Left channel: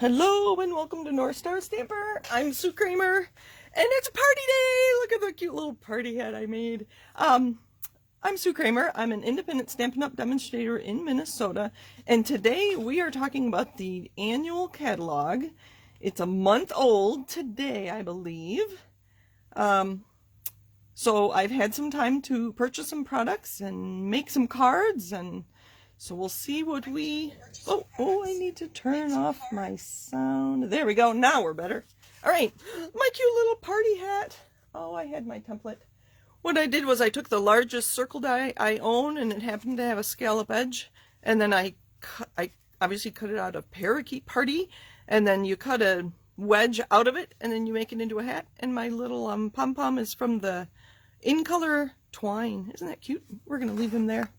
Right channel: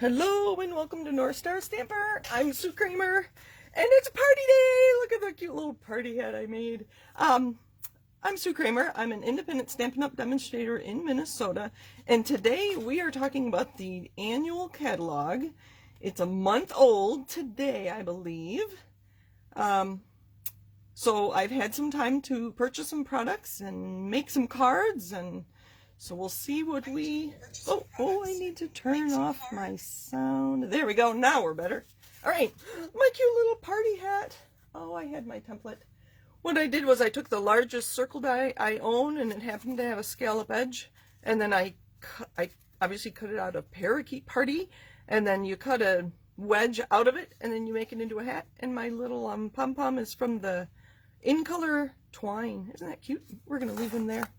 Hello and welcome to North Star Stamper. I'm Sue Kramer and it's a party day. Look at the cute little party hat I made. I'm Sue Kramer. I'm an independent Stampin' Up! Demonstrator in Minnesota, and today we are talking about the annual catalog. It's a month old today, I believe. So I've had some time to purchase some products and make some cards, and so we'll see what we... Oh, I need to turn off my sound. There we go. Now we're better. All right, my cute little party hat. Oh, I had my template. What I did was I took the largest circle die I own, and it happened to have a scallop edge, and then I obviously cut it out of parakeet party, and then you cut a wedge out of it, and then you make it into a hat. And my little pom-pom is from the In Color twine. Isn't that cute? We're gonna leave him there.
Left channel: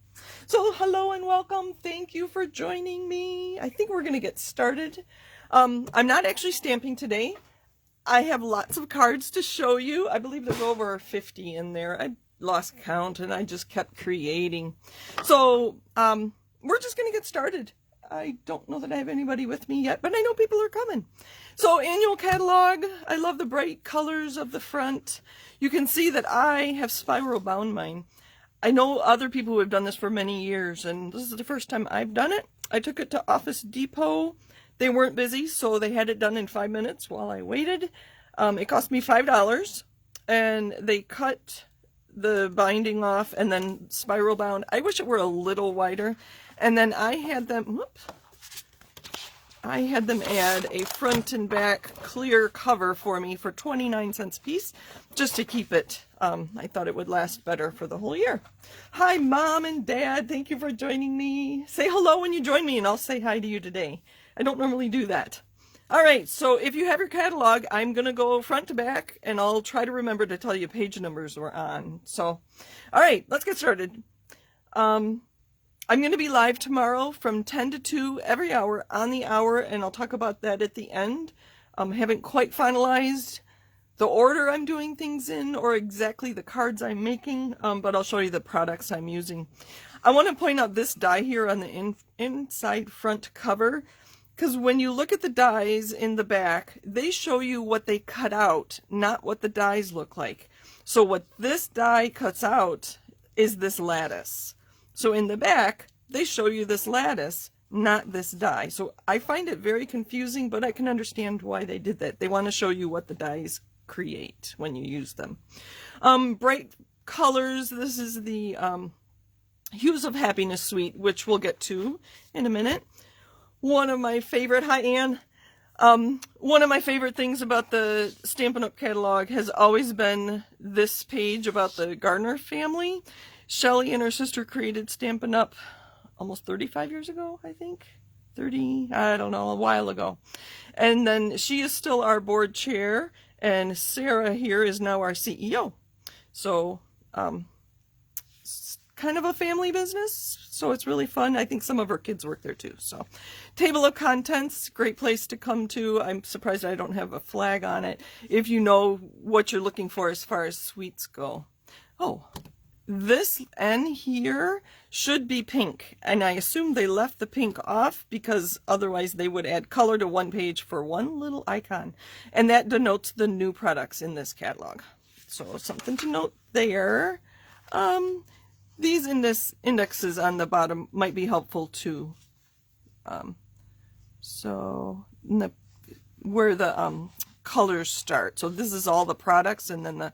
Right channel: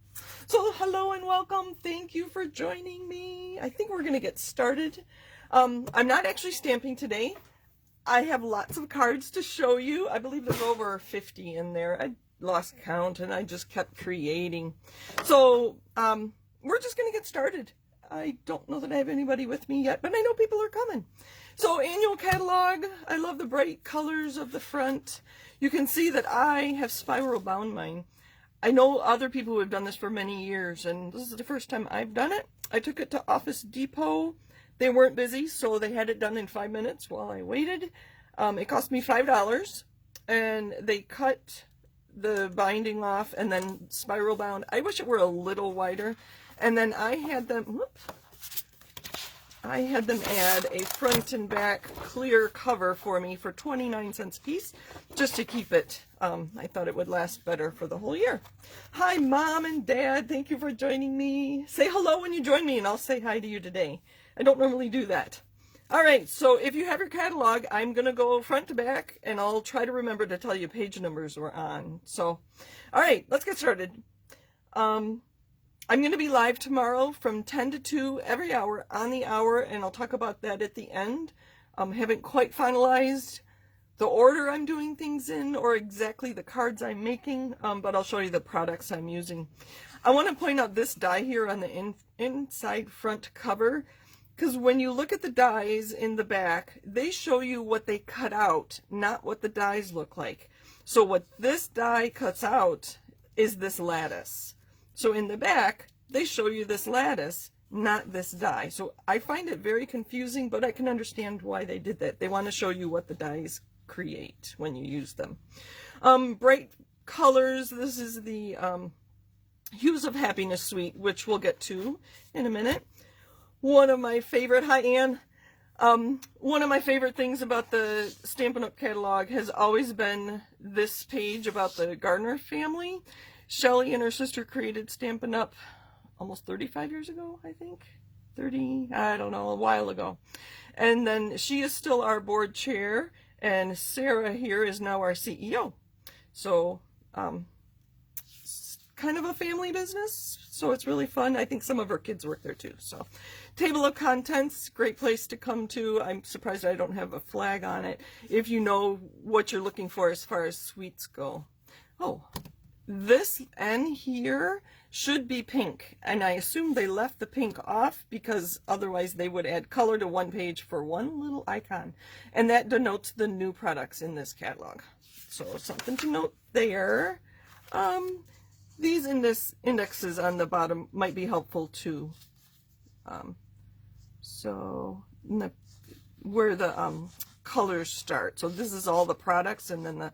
So hello and welcome. Thank you for joining me. I think we're gonna get started. I'm not actually stamping today. I have lots of cards to show you. I believe there's over 50 in there. I lost count and I just kept creating. So we're just gonna get started. I don't know that I have anybody with me yet, but I know people are coming. So annual catalog. I love the bright colors of the front. You can see that I have spiral bound mine. I know other people who have done this for many years, and this is the first time I've done it. I took it to Office Depot. They weren't busy, so they had it done in 5 minutes while I waited. It cost me $5, and they cut the binding off and then spiral bound. I wish it were a little wider. And then I had them, add a front and back clear cover for me for 29 cents a piece, just to keep it. I thought it would last better for the whole year. Hi, Mom and Dad. Thank you for joining me. Say hello when you join me, and I'll say hi to you today. I don't normally do that. All right, so if you have your catalog, I'm going to go front to back, and I'll try to remember to tell you page numbers we're on. So, all right, let's get started. I'm going to be live tomorrow from 10 to 2 every hour on the hour, and I'll talk about that at the end. Haven't quite finalized the order I'm doing things in or exactly the cards I'm making, but I'll show you the products I'm using. I want to point out this die here on the inside front cover, because when you look at the dies in the back, they show you what they cut out, not what the dies look like. So what this die cuts out is this lattice. So in the back, they show you this lattice, not this die. So I find it very confusing, but I can understand why they did that. They want to show you what the dies create when you use them. Bright colors. This is the Hues of Happiness suite, which we'll get to in a minute. One of my favorite, hi Anne. One of my favorite things about the Stampin' Up! Catalog has always been this page about the Gardner family. Shelly and her sister created Stampin' Up! Almost 35 years ago, I think. 30, I don't know, a while ago. And then she is still our board chair, and Sarah here is now our CEO. So, it's kind of a family business, so it's really fun. I think some of her kids work there too. So, table of contents, great place to come to. I'm surprised I don't have a flag on it if you know what you're looking for as far as sweets go. Oh, this N here should be pink, and I assume they left the pink off because otherwise they would add color to one page for one little icon, and that denotes the new products in this catalog. So something to note there. These indexes on the bottom might be helpful too. So where the colors start. So this is all the products, and then the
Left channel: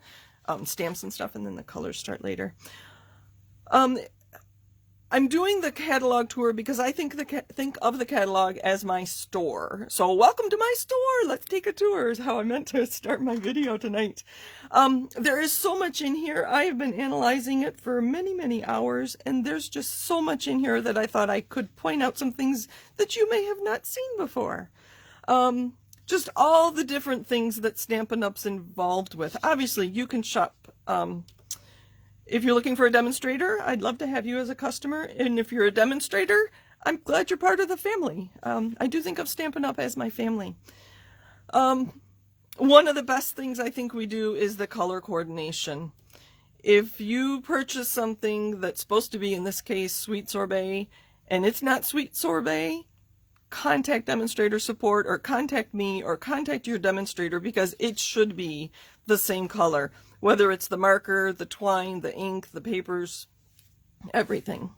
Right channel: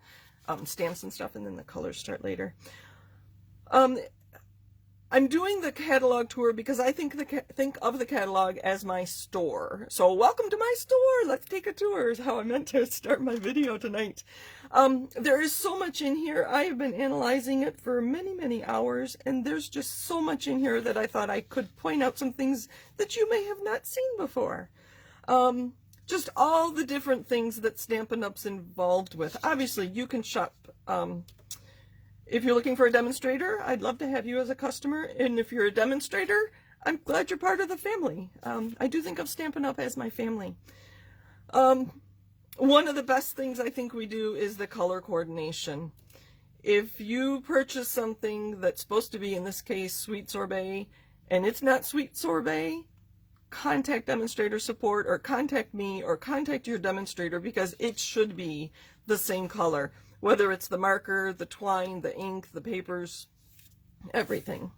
stamps and stuff, and then the colors start later. I'm doing the catalog tour because I think of the catalog as my store. So welcome to my store. Let's take a tour is how I meant to start my video tonight. There is so much in here. I have been analyzing it for many, many hours, and there's just so much in here that I thought I could point out some things that you may have not seen before. Just all the different things that Stampin' Up's involved with. Obviously, you can shop. If you're looking for a demonstrator, I'd love to have you as a customer. And if you're a demonstrator, I'm glad you're part of the family. I do think of Stampin' Up as my family. One of the best things I think we do is the color coordination. If you purchase something that's supposed to be, in this case, sweet sorbet, and it's not sweet sorbet, contact demonstrator support or contact me or contact your demonstrator, because it should be the same color, whether it's the marker, the twine, the ink, the papers, everything.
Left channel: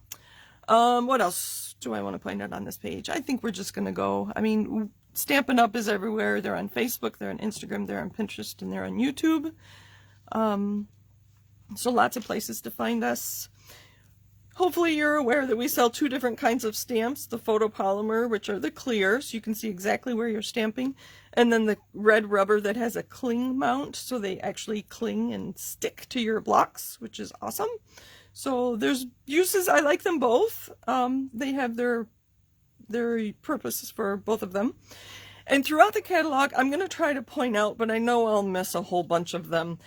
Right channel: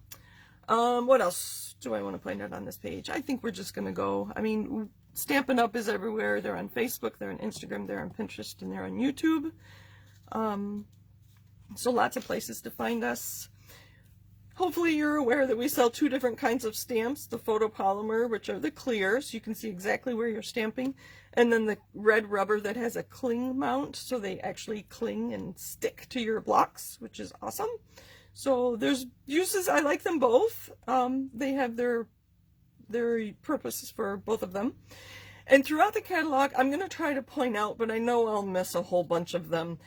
What else do I want to point out on this page? I think we're just going to go, I mean, Stampin' Up! Is everywhere. They're on Facebook, they're on Instagram, they're on Pinterest, and they're on YouTube. So lots of places to find us. Hopefully you're aware that we sell two different kinds of stamps, the photopolymer, which are the clear, so you can see exactly where you're stamping, and then the red rubber that has a cling mount, so they actually cling and stick to your blocks, which is awesome. So there's uses. I like them both. They have their purposes for both of them. And throughout the catalog, I'm going to try to point out, but I know I'll miss a whole bunch of them.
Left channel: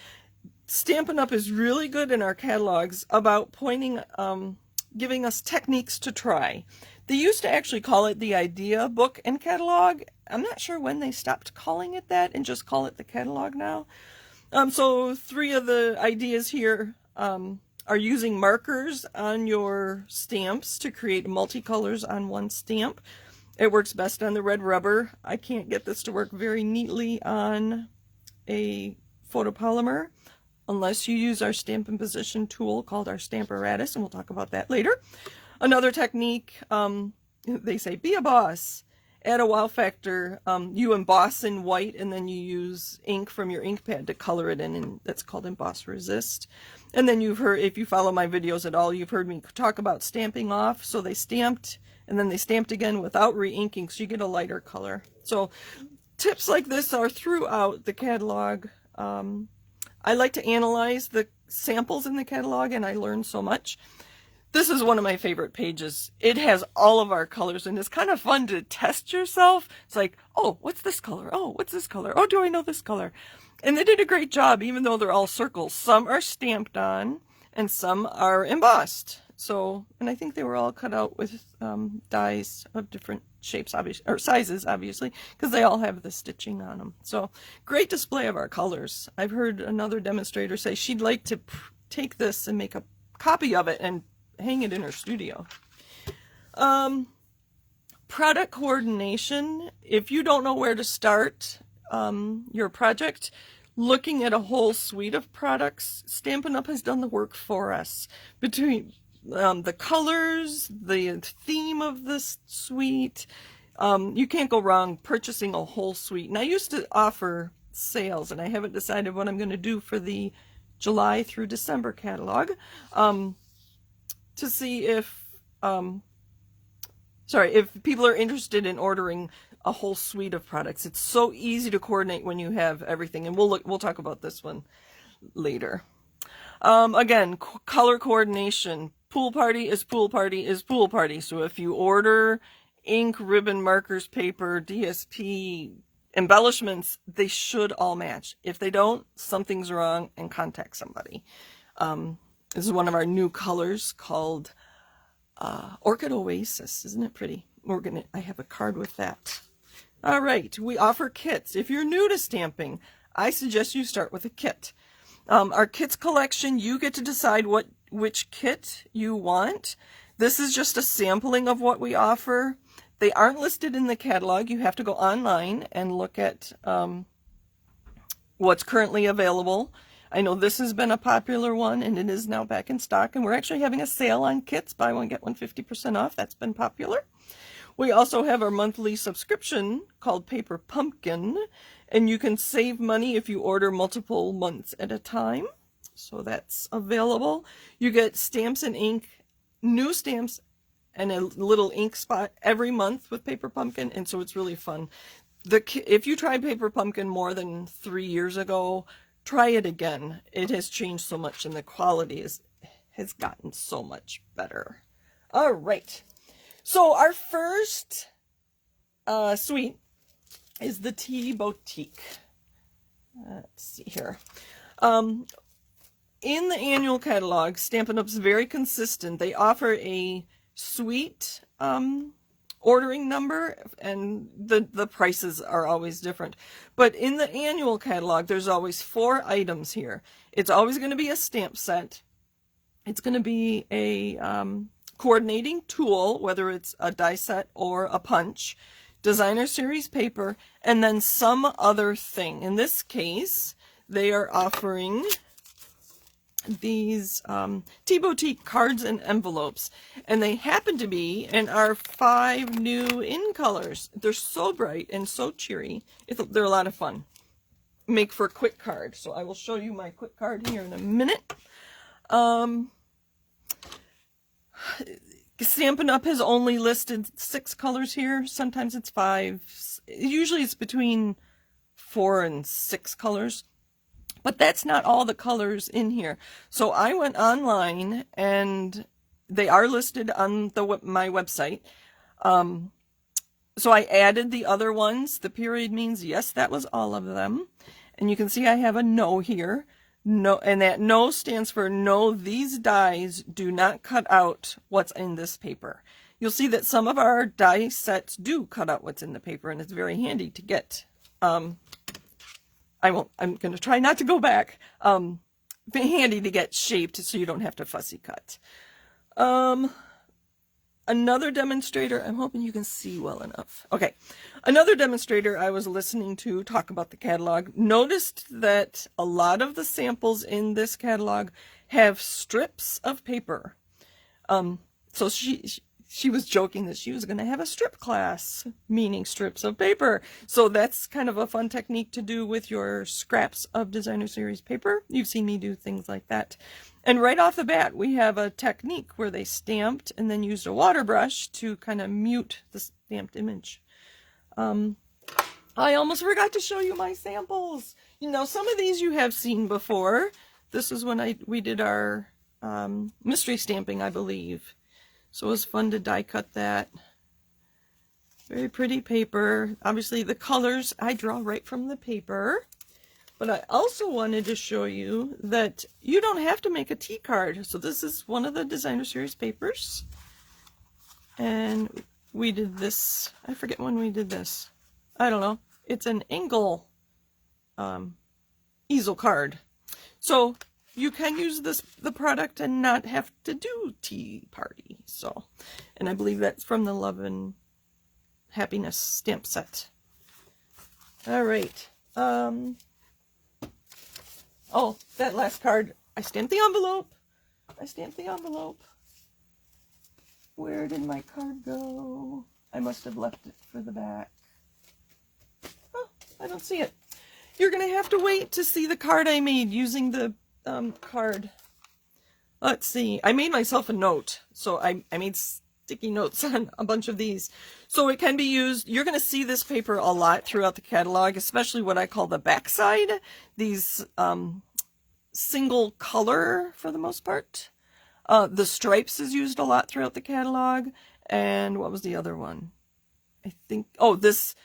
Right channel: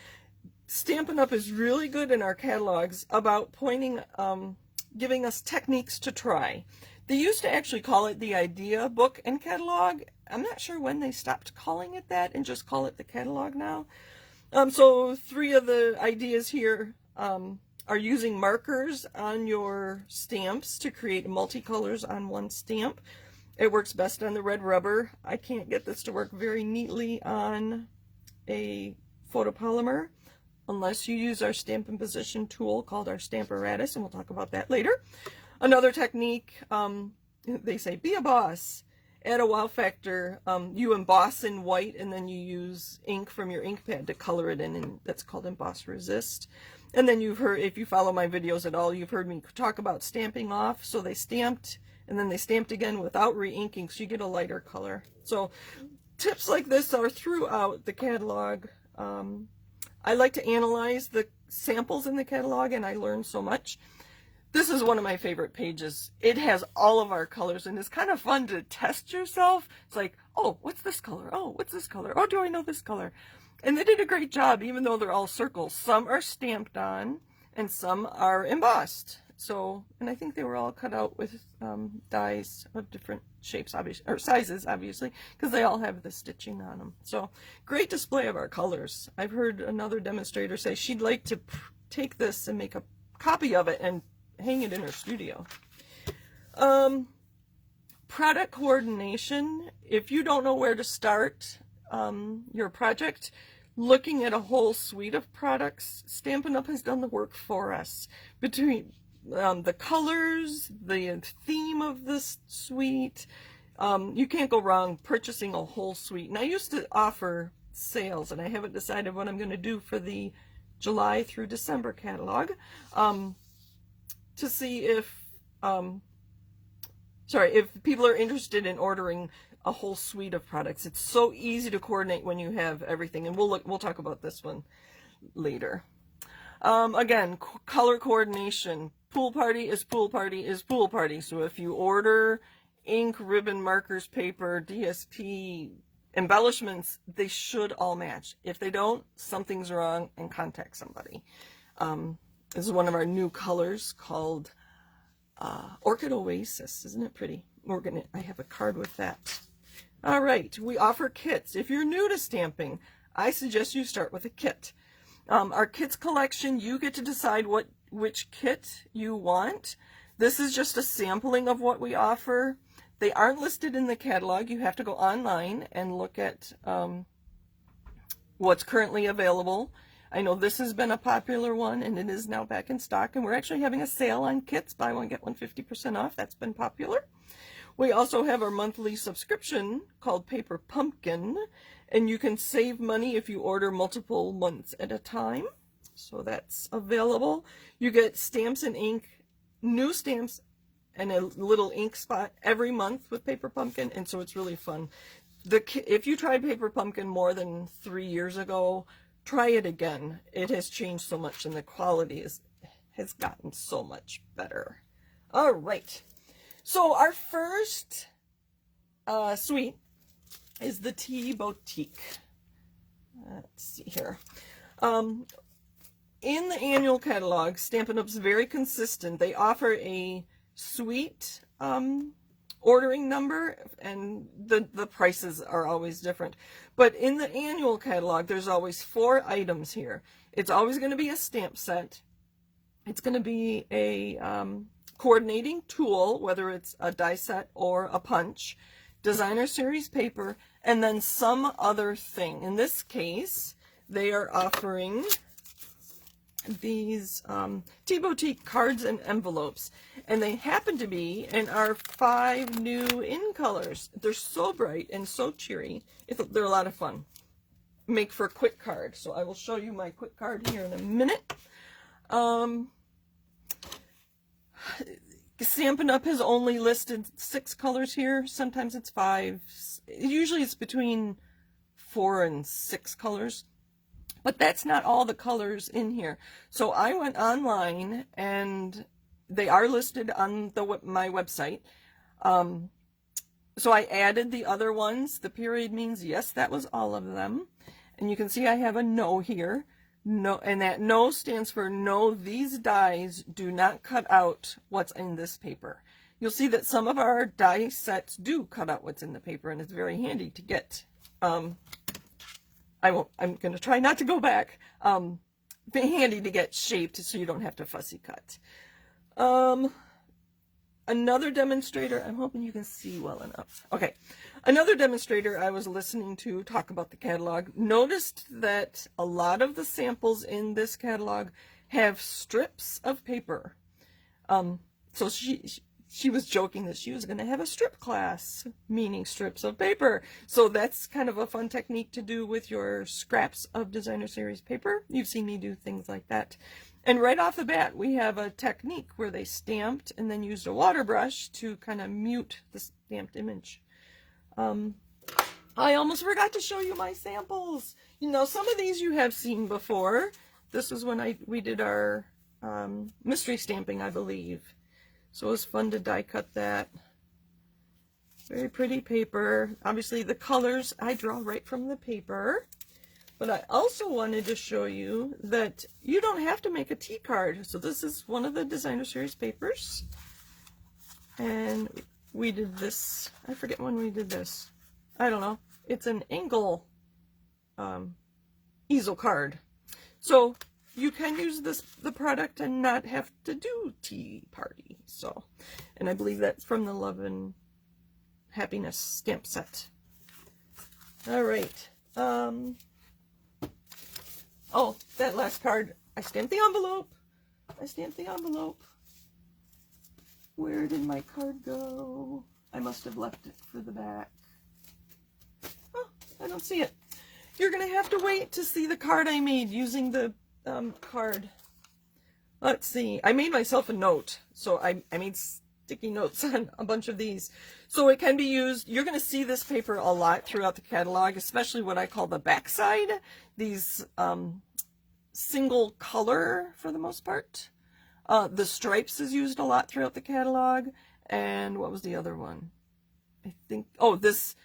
Stampin' Up! Is really good in our catalogs about pointing, giving us techniques to try. They used to actually call it the idea book and catalog. I'm not sure when they stopped calling it that and just call it the catalog now. So 3 of the ideas here are using markers on your stamps to create multicolors on one stamp. It works best on the red rubber. I can't get this to work very neatly on a photopolymer unless you use our Stampin' Position tool called our Stamparatus, and we'll talk about that later. Another technique, they say, be a boss. Add a wow factor. You emboss in white, and then you use ink from your ink pad to color it in, and that's called Emboss Resist. And then you've heard, if you follow my videos at all, you've heard me talk about stamping off. So they stamped, and then they stamped again without re-inking, so you get a lighter color. So tips like this are throughout the catalog. I like to analyze the samples in the catalog, and I learn so much. This is one of my favorite pages. It has all of our colors, and it's kind of fun to test yourself. It's like, oh, what's this color? Oh, what's this color? Oh, do I know this color? And they did a great job, even though they're all circles. Some are stamped on, and some are embossed. So, and I think they were all cut out with dies of different shapes, obviously, or sizes, obviously, because they all have the stitching on them. So, great display of our colors. I've heard another demonstrator say she'd like to take this and make a copy of it and hang it in her studio. Product coordination. If you don't know where to start your project, looking at a whole suite of products, Stampin' Up! Has done the work for us. Between the colors, the theme of this suite, you can't go wrong purchasing a whole suite. And I used to offer sales, and I haven't decided what I'm going to do for the July through December catalog, to see if if people are interested in ordering a whole suite of products. It's so easy to coordinate when you have everything, and we'll talk about this one later. Again, color coordination. Pool party is pool party is pool party. So if you order ink, ribbon, markers, paper, DSP, embellishments, they should all match. If they don't, something's wrong, and contact somebody. This is one of our new colors called Orchid Oasis. Isn't it pretty? I have a card with that. All right, we offer kits. If you're new to stamping, I suggest you start with a kit. Our kits collection, you get to decide which kit you want. This is just a sampling of what we offer. They aren't listed in the catalog. You have to go online and look at what's currently available. I know this has been a popular one, and it is now back in stock, and we're actually having a sale on kits. Buy one, get one 50% off. That's been popular. We also have our monthly subscription called Paper Pumpkin, and you can save money if you order multiple months at a time. So that's available. You get stamps and ink, new stamps, and a little ink spot every month with Paper Pumpkin, and so it's really fun. If you tried Paper Pumpkin more than 3 years ago, try it again. It has changed so much, and the quality has gotten so much better. All right. So our first suite is the Tea Boutique. Let's see here. In the annual catalog, Stampin' Up's very consistent. They offer a suite ordering number, and the prices are always different. But in the annual catalog, there's always 4 items here. It's always going to be a stamp set. It's going to be a coordinating tool, whether it's a die set or a punch. designer series paper, and then some other thing. In this case, they are offering these Tea Boutique cards and envelopes, and they happen to be in our 5 new in colors. They're so bright and so cheery. They're a lot of fun. Make for a quick card. So I will show you my quick card here in a minute. Stampin' Up! Has only listed 6 colors here. Sometimes it's 5. Usually it's between 4 and 6 colors. But that's not all the colors in here. So I went online, and they are listed on my website. So I added the other ones. The period means yes, that was all of them. And you can see I have a no here. No, and that no stands for no, these dies do not cut out what's in this paper. You'll see that some of our die sets do cut out what's in the paper, and it's very handy to get. I'm going to try not to go back. Be handy to get shaped so you don't have to fussy cut. Another demonstrator, I'm hoping you can see well enough. Okay, another demonstrator I was listening to talk about the catalog noticed that a lot of the samples in this catalog have strips of paper. So she was joking that she was going to have a strip class, meaning strips of paper. So that's kind of a fun technique to do with your scraps of designer series paper. You've seen me do things like that. And right off the bat, we have a technique where they stamped and then used a water brush to kind of mute the stamped image. I almost forgot to show you my samples. You know, some of these you have seen before. This is when we did our mystery stamping, I believe. So it was fun to die cut that. Very pretty paper. Obviously the colors I draw right from the paper. But I also wanted to show you that you don't have to make a tea card. So this is one of the designer series papers. And we did this, I forget when we did this. I don't know. It's an angle easel card. So you can use the product and not have to do tea party. So, and I believe that's from the Love and Happiness stamp set. All right. Oh, that last card. I stamped the envelope. Where did my card go? I must have left it for the back. Oh, I don't see it. You're gonna have to wait to see the card I made using the card. Let's see. I made myself a note, so I made sticky notes on a bunch of these, so it can be used. You're going to see this paper a lot throughout the catalog, especially what I call the backside. These single color for the most part. The stripes is used a lot throughout the catalog. And what was the other one? I think, oh, this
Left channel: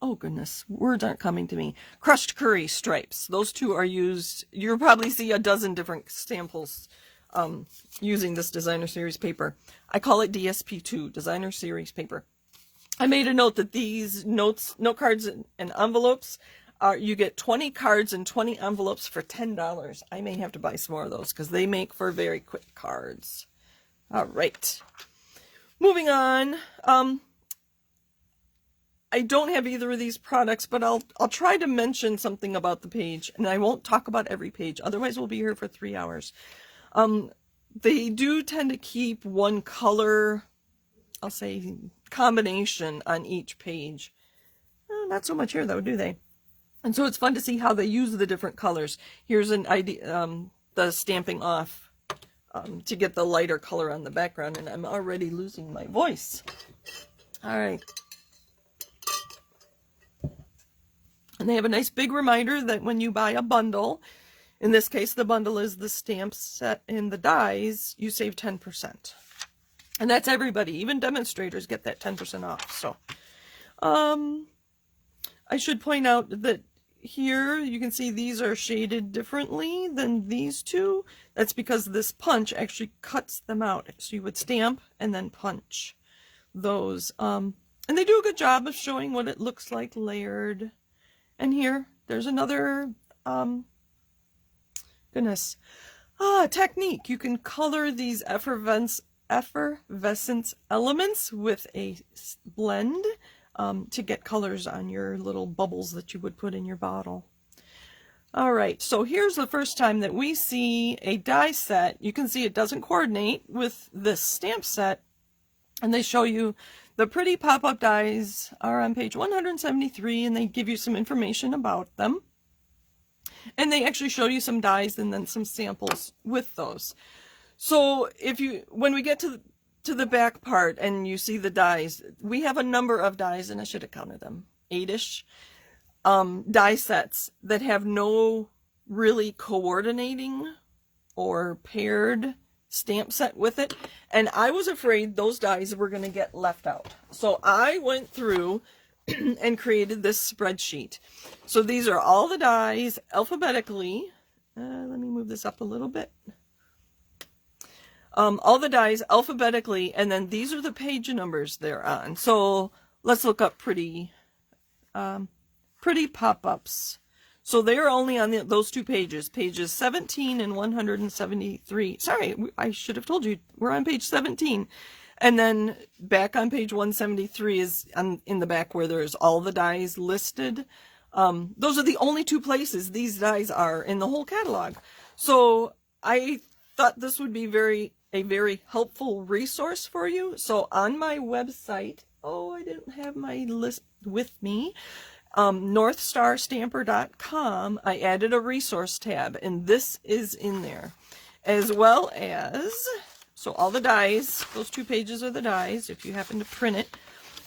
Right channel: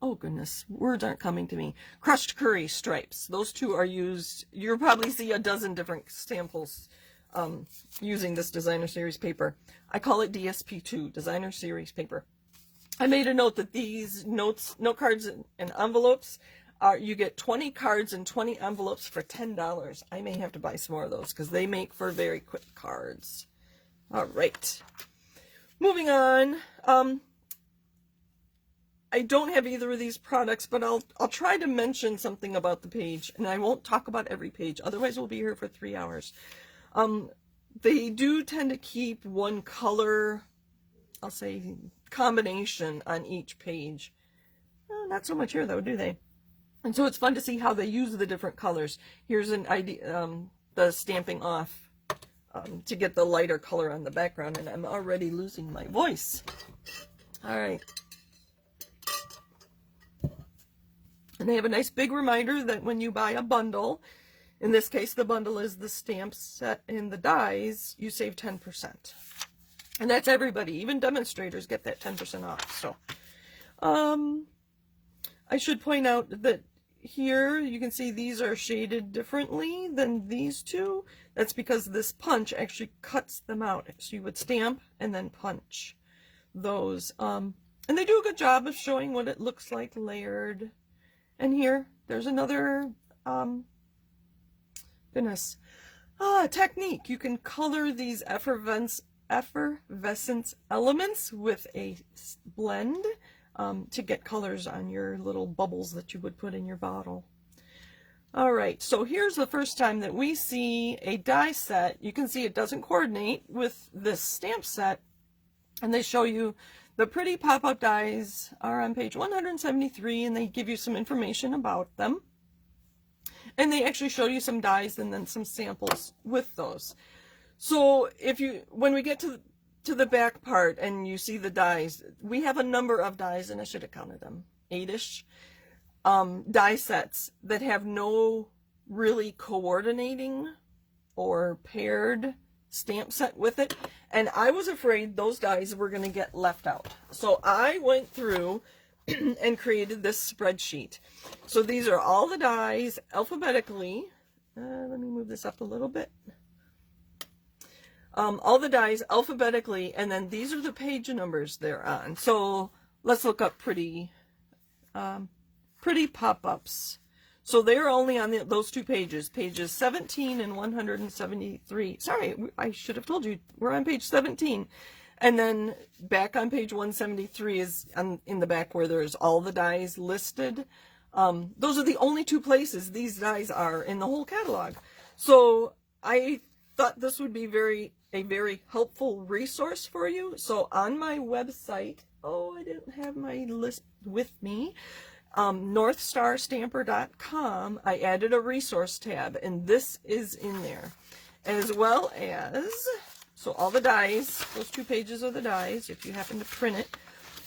oh goodness, words aren't coming to me. Crushed curry stripes. Those two are used. You'll probably see a dozen different samples using this designer series paper. I call it DSP2, designer series paper. I made a note that these note cards and envelopes, you get 20 cards and 20 envelopes for $10. I may have to buy some more of those because they make for very quick cards. All right. Moving on. I don't have either of these products, but I'll try to mention something about the page, and I won't talk about every page. Otherwise, we'll be here for 3 hours. They do tend to keep one color, I'll say, combination on each page. Not so much here, though, do they? And so it's fun to see how they use the different colors. Here's an idea, the stamping off to get the lighter color on the background, and I'm already losing my voice. All right. And they have a nice big reminder that when you buy a bundle, in this case the bundle is the stamp set and the dies, you save 10%. And that's everybody, even demonstrators get that 10% off. So I should point out that here you can see these are shaded differently than these two. That's because this punch actually cuts them out. So you would stamp and then punch those. And they do a good job of showing what it looks like layered. And here, there's another, technique. You can color these effervescent effervescence elements with a blend to get colors on your little bubbles that you would put in your bottle. All right, so here's the first time that we see a die set. You can see it doesn't coordinate with this stamp set, and they show you the pretty pop-up dies are on page 173, and they give you some information about them. And they actually show you some dies and then some samples with those. So when we get to the back part and you see the dies, we have a number of dies, and I should have counted them, 8-ish die sets that have no really coordinating or paired stamp set with it, and I was afraid those dies were going to get left out. So I went through and created this spreadsheet. So these are all the dies alphabetically. Let me move this up a little bit. All the dies alphabetically, and then these are the page numbers they're on. So let's look up pretty pop-ups. So they're only on those two pages, pages 17 and 173. Sorry, I should have told you, we're on page 17. And then back on page 173 is in the back where there's all the dies listed. Those are the only two places these dies are in the whole catalog. So I thought this would be a very helpful resource for you. So on my website, I didn't have my list with me, northstarstamper.com, I added a resource tab, and this is in there, as well as, so all the dies, those two pages are the dies, if you happen to print it.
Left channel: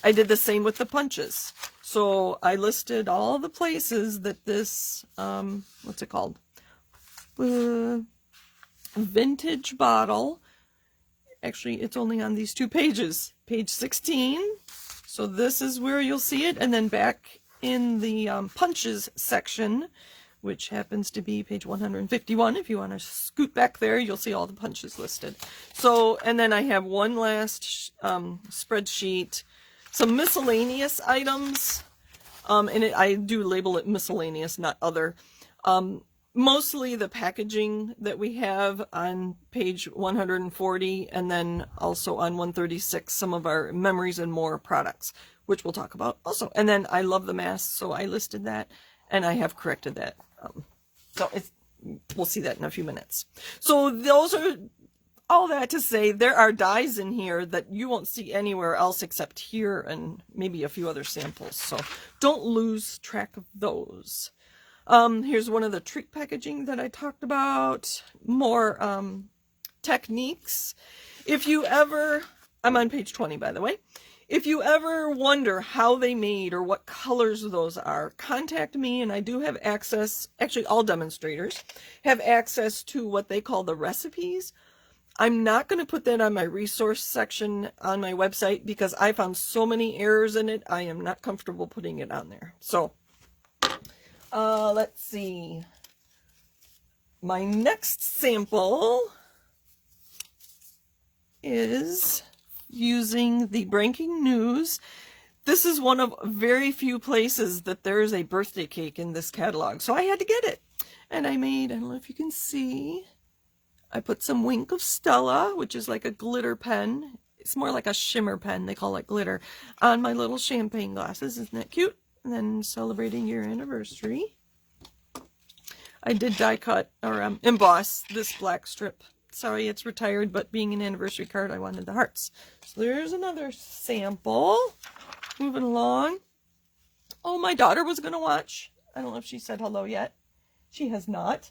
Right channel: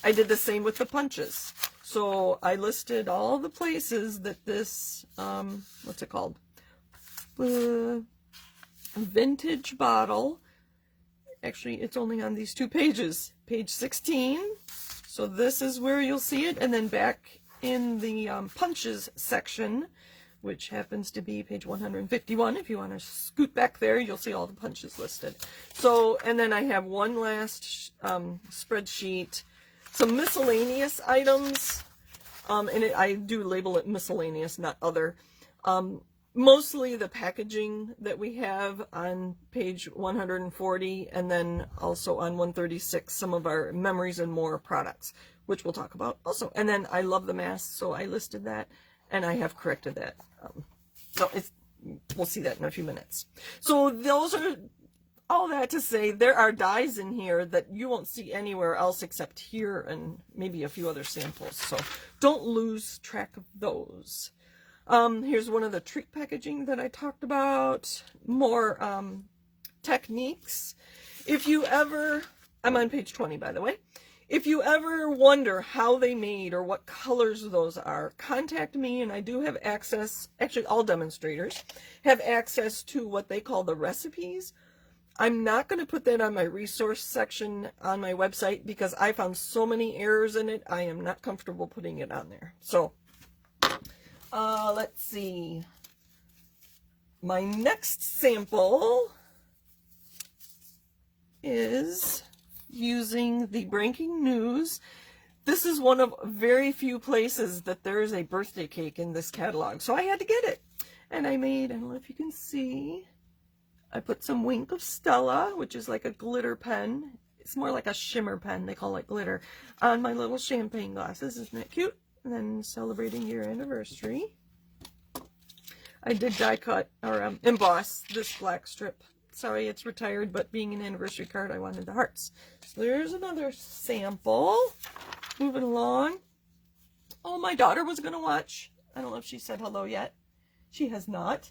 I did the same with the punches. So I listed all the places that this, what's it called? Vintage bottle. Actually, it's only on these two pages. Page 16. So this is where you'll see it. And then back in the punches section, which happens to be page 151. If you want to scoot back there, you'll see all the punches listed. So, and then I have one last spreadsheet, some miscellaneous items, and I do label it miscellaneous, not other. Mostly the packaging that we have on page 140, and then also on 136, some of our Memories and More products, which we'll talk about also. And then I love the masks, so I listed that, and I have corrected that. We'll see that in a few minutes. So those are all that to say, there are dies in here that you won't see anywhere else except here and maybe a few other samples. So don't lose track of those. Here's one of the treat packaging that I talked about. More techniques. If you ever, I'm on page 20 by the way. If you ever wonder how they made or what colors those are, contact me, and I do have access, actually all demonstrators have access to what they call the recipes. I'm not going to put that on my resource section on my website because I found so many errors in it. I am not comfortable putting it on there. So let's see. My next sample is using the Breaking News. This is one of very few places that there is a birthday cake in this catalog, so I had to get it. And I made, I don't know if you can see, I put some Wink of Stella, which is like a glitter pen. It's more like a shimmer pen, they call it glitter, on my little champagne glasses. Isn't that cute? And then celebrating your anniversary. I did die cut or emboss this black strip. Sorry, it's retired, but being an anniversary card, I wanted the hearts. So there's another sample. Moving along. Oh, my daughter was going to watch. I don't know if she said hello yet. She has not.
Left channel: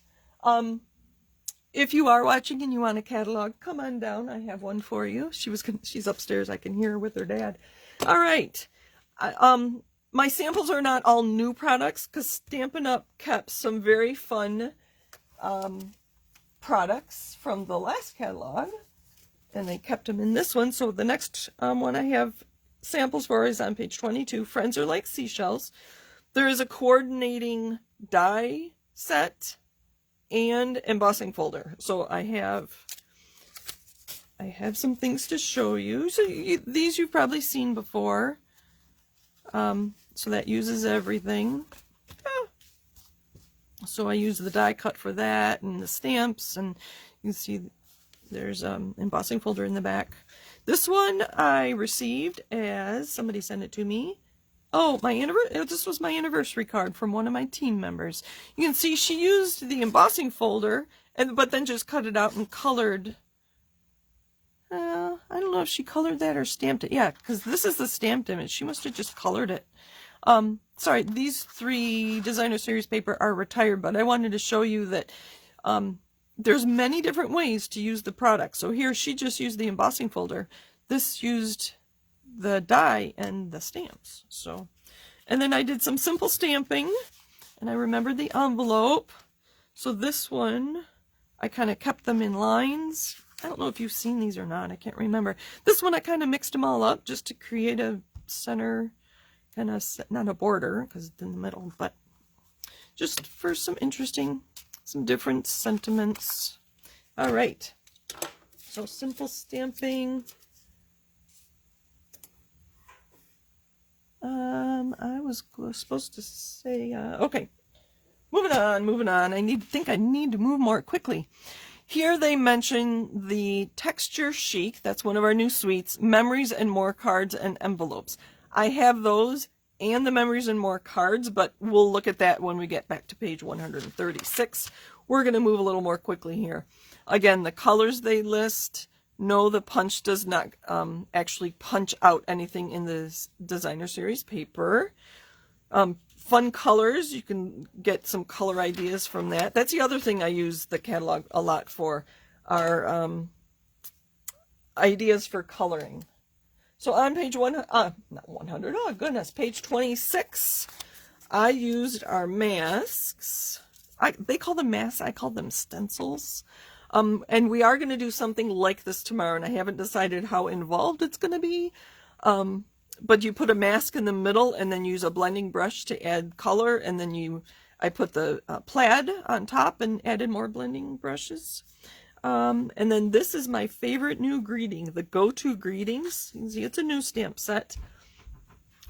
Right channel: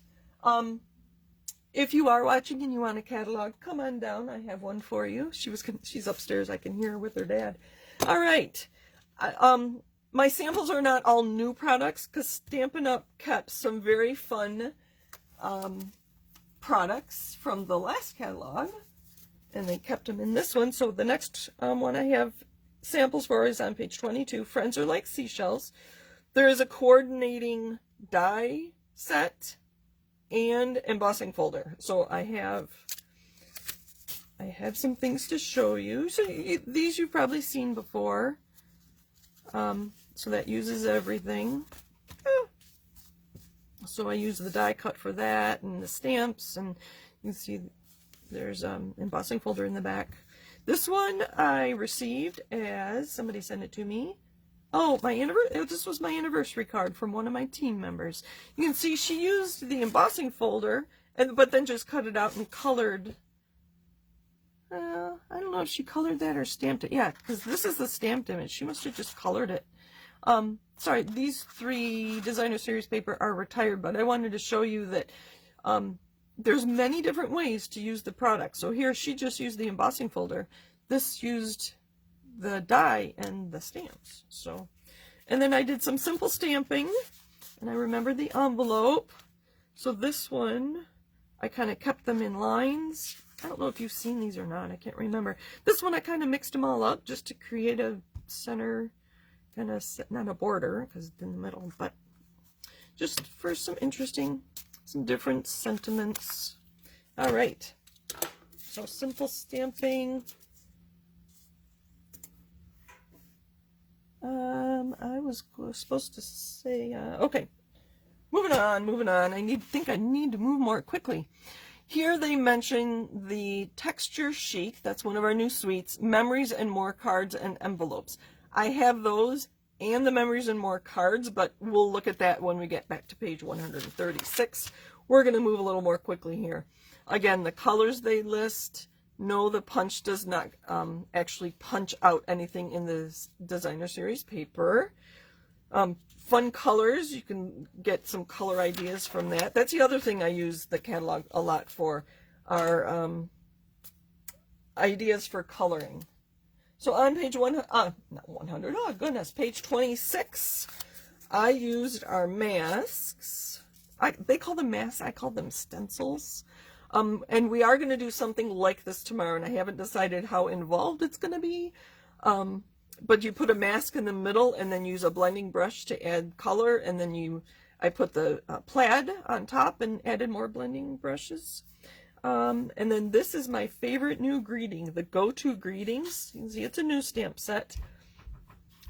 If you are watching and you want a catalog, come on down. I have one for you. She's upstairs. I can hear her with her dad. All right. My samples are not all new products because Stampin' Up! Kept some very fun products from the last catalog, and they kept them in this one. So the next one I have samples for is on page 22. Friends Are Like Seashells. There is a coordinating die set and embossing folder. So I have some things to show you. So these you've probably seen before. So that uses everything. So I use the die cut for that and the stamps, and you can see There's embossing folder in the back. This one I received as somebody sent it to me. Oh, this was my anniversary card from one of my team members. You can see she used the embossing folder, but then just cut it out and colored. I don't know if she colored that or stamped it. Yeah, because this is the stamped image. She must have just colored it. Sorry, these 3 designer series paper are retired, but I wanted to show you that there's many different ways to use the product. So here she just used the embossing folder. This used the die and the stamps. So, and then I did some simple stamping, and I remembered the envelope. So this one, I kind of kept them in lines. I don't know if you've seen these or not. I can't remember. This one I kind of mixed them all up just to create a center, kind of, not a border because it's in the middle, but just for some different sentiments. All right. So simple stamping. I was supposed to say, okay, moving on. I think I need to move more quickly. Here they mention the texture chic. That's one of our new suites. Memories and more cards and envelopes. I have those and the memories and more cards, but we'll look at that when we get back to page 136. We're going to move a little more quickly here. Again, the colors they list. No, the punch does not actually punch out anything in this designer series paper. Fun colors, you can get some color ideas from that. That's the other thing I use the catalog a lot for, are ideas for coloring. So on page page 26, I used our masks. They call them masks, I call them stencils. And we are going to do something like this tomorrow, and I haven't decided how involved it's going to be. But you put a mask in the middle and then use a blending brush to add color, and then I put the plaid on top and added more blending brushes. And then this is my favorite new greeting, the Go-To Greetings. You can see it's a new stamp set.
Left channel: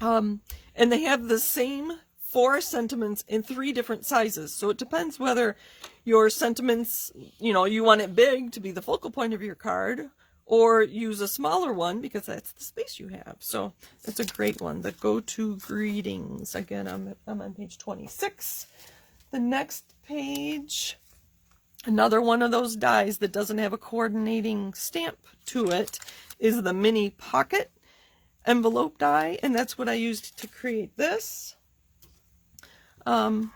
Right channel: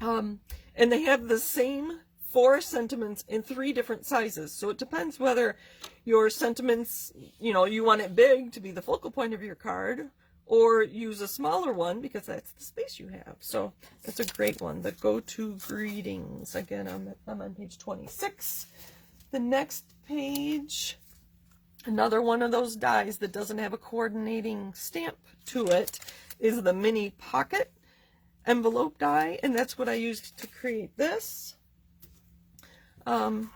And they have the same 4 sentiments in 3 different sizes. So it depends whether your sentiments, you want it big to be the focal point of your card, or use a smaller one because that's the space you have. So it's a great one, the Go-To Greetings. Again, I'm on page 26. The next page, another one of those dies that doesn't have a coordinating stamp to it, is the mini pocket envelope die, and that's what I used to create this. And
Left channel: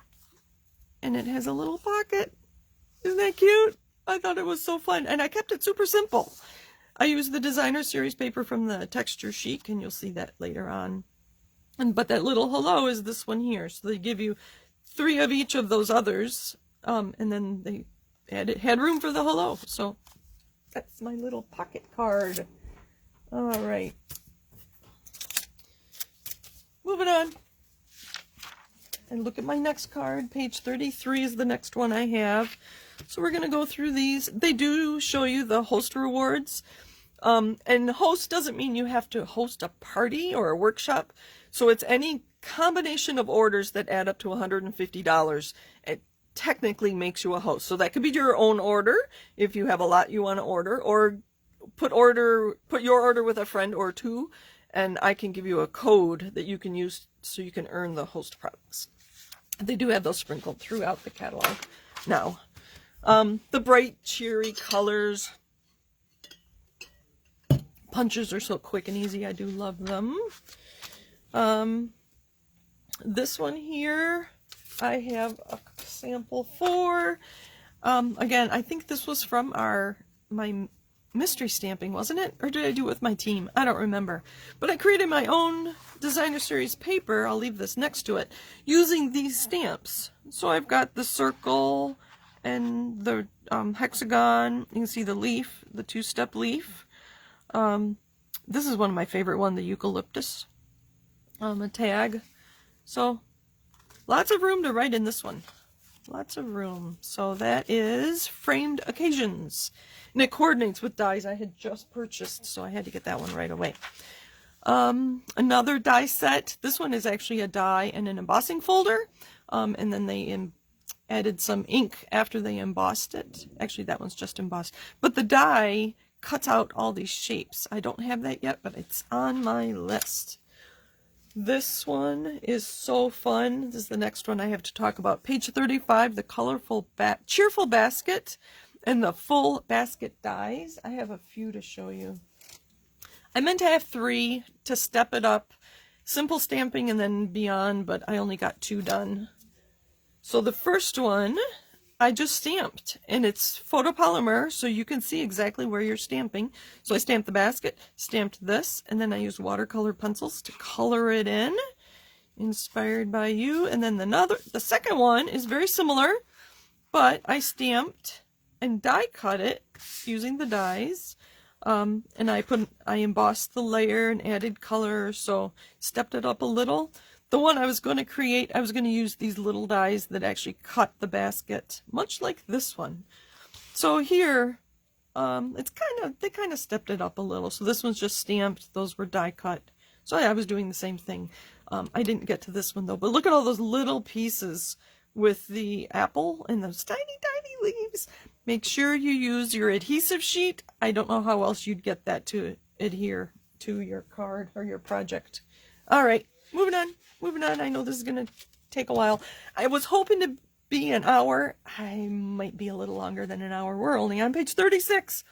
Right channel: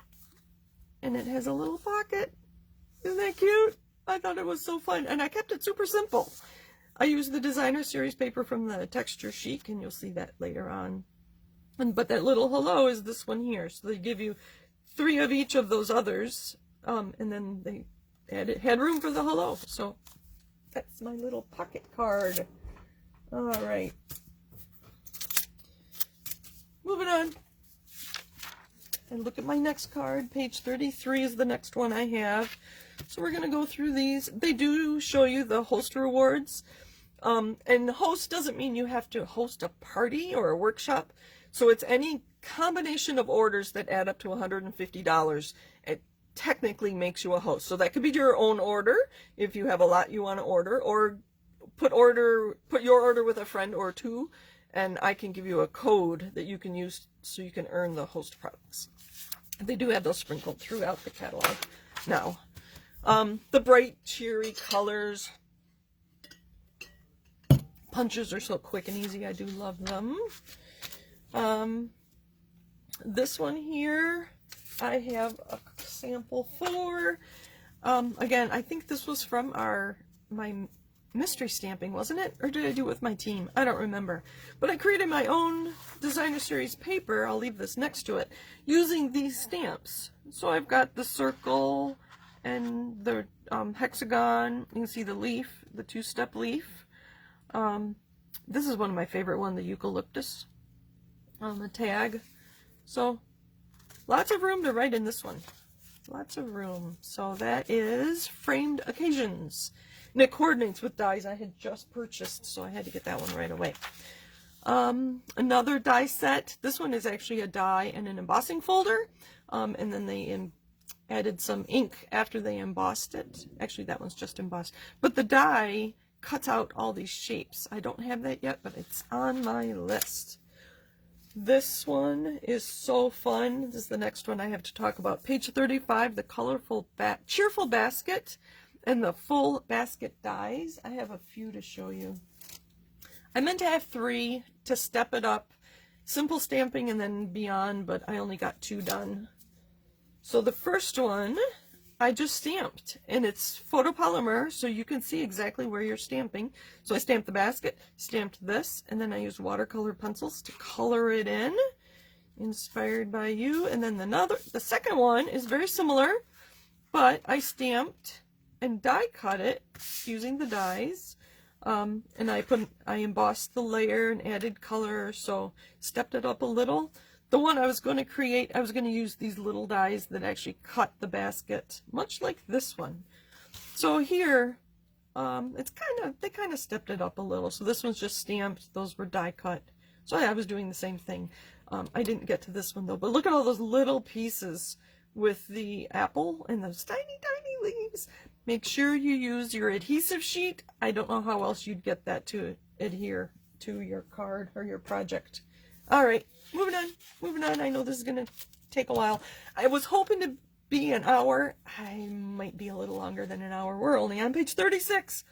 it has a little pocket. Isn't that cute? I thought it was so fun, and I kept it super simple. I used the designer series paper from the Texture Chic, and you'll see that later on. But that little hello is this one here. So they give you 3 of each of those others, and then they had room for the hello. So that's my little pocket card. All right. Moving on. And look at my next card. Page 33 is the next one I have. So we're going to go through these. They do show you the host rewards. And host doesn't mean you have to host a party or a workshop. So it's any combination of orders that add up to $150. It technically makes you a host. So that could be your own order if you have a lot you want to order, or put your order with a friend or 2, and I can give you a code that you can use so you can earn the host products. They do have those sprinkled throughout the catalog now. The bright, cheery colors. Punches are so quick and easy. I do love them. This one here, I have a sample for. Again, I think this was from my mystery stamping, wasn't it? Or did I do it with my team? I don't remember. But I created my own designer series paper. I'll leave this next to it, using these stamps. So I've got the circle and the hexagon. You can see the leaf, the 2-step leaf. This is one of my favorite ones, the eucalyptus. A tag. So lots of room to write in this one. Lots of room. So that is Framed Occasions. And it coordinates with dies I had just purchased, so I had to get that one right away. Another die set. This one is actually a die and an embossing folder. And then they added some ink after they embossed it. Actually, that one's just embossed. But the die cuts out all these shapes. I don't have that yet, but it's on my list. This one is so fun. This is the next one I have to talk about. Page 35, the colorful, cheerful basket and the full basket dies. I have a few to show you. I meant to have 3 to step it up. Simple stamping and then beyond, but I only got 2 done. So the first one I just stamped, and it's photopolymer, so you can see exactly where you're stamping. So I stamped the basket, stamped this, and then I used watercolor pencils to color it in, inspired by you. And then the second one is very similar, but I stamped and die cut it using the dies. And I embossed the layer and added color, so stepped it up a little. The one I was going to create, I was going to use these little dies that actually cut the basket, much like this one. So here, they kind of stepped it up a little. So this one's just stamped, those were die cut. So yeah, I was doing the same thing. I didn't get to this one though, but look at all those little pieces with the apple and those tiny, tiny leaves. Make sure you use your adhesive sheet. I don't know how else you'd get that to adhere to your card or your project. All right, moving on. I know this is going to take a while. I was hoping to be an hour. I might be a little longer than an hour. We're only on page 36.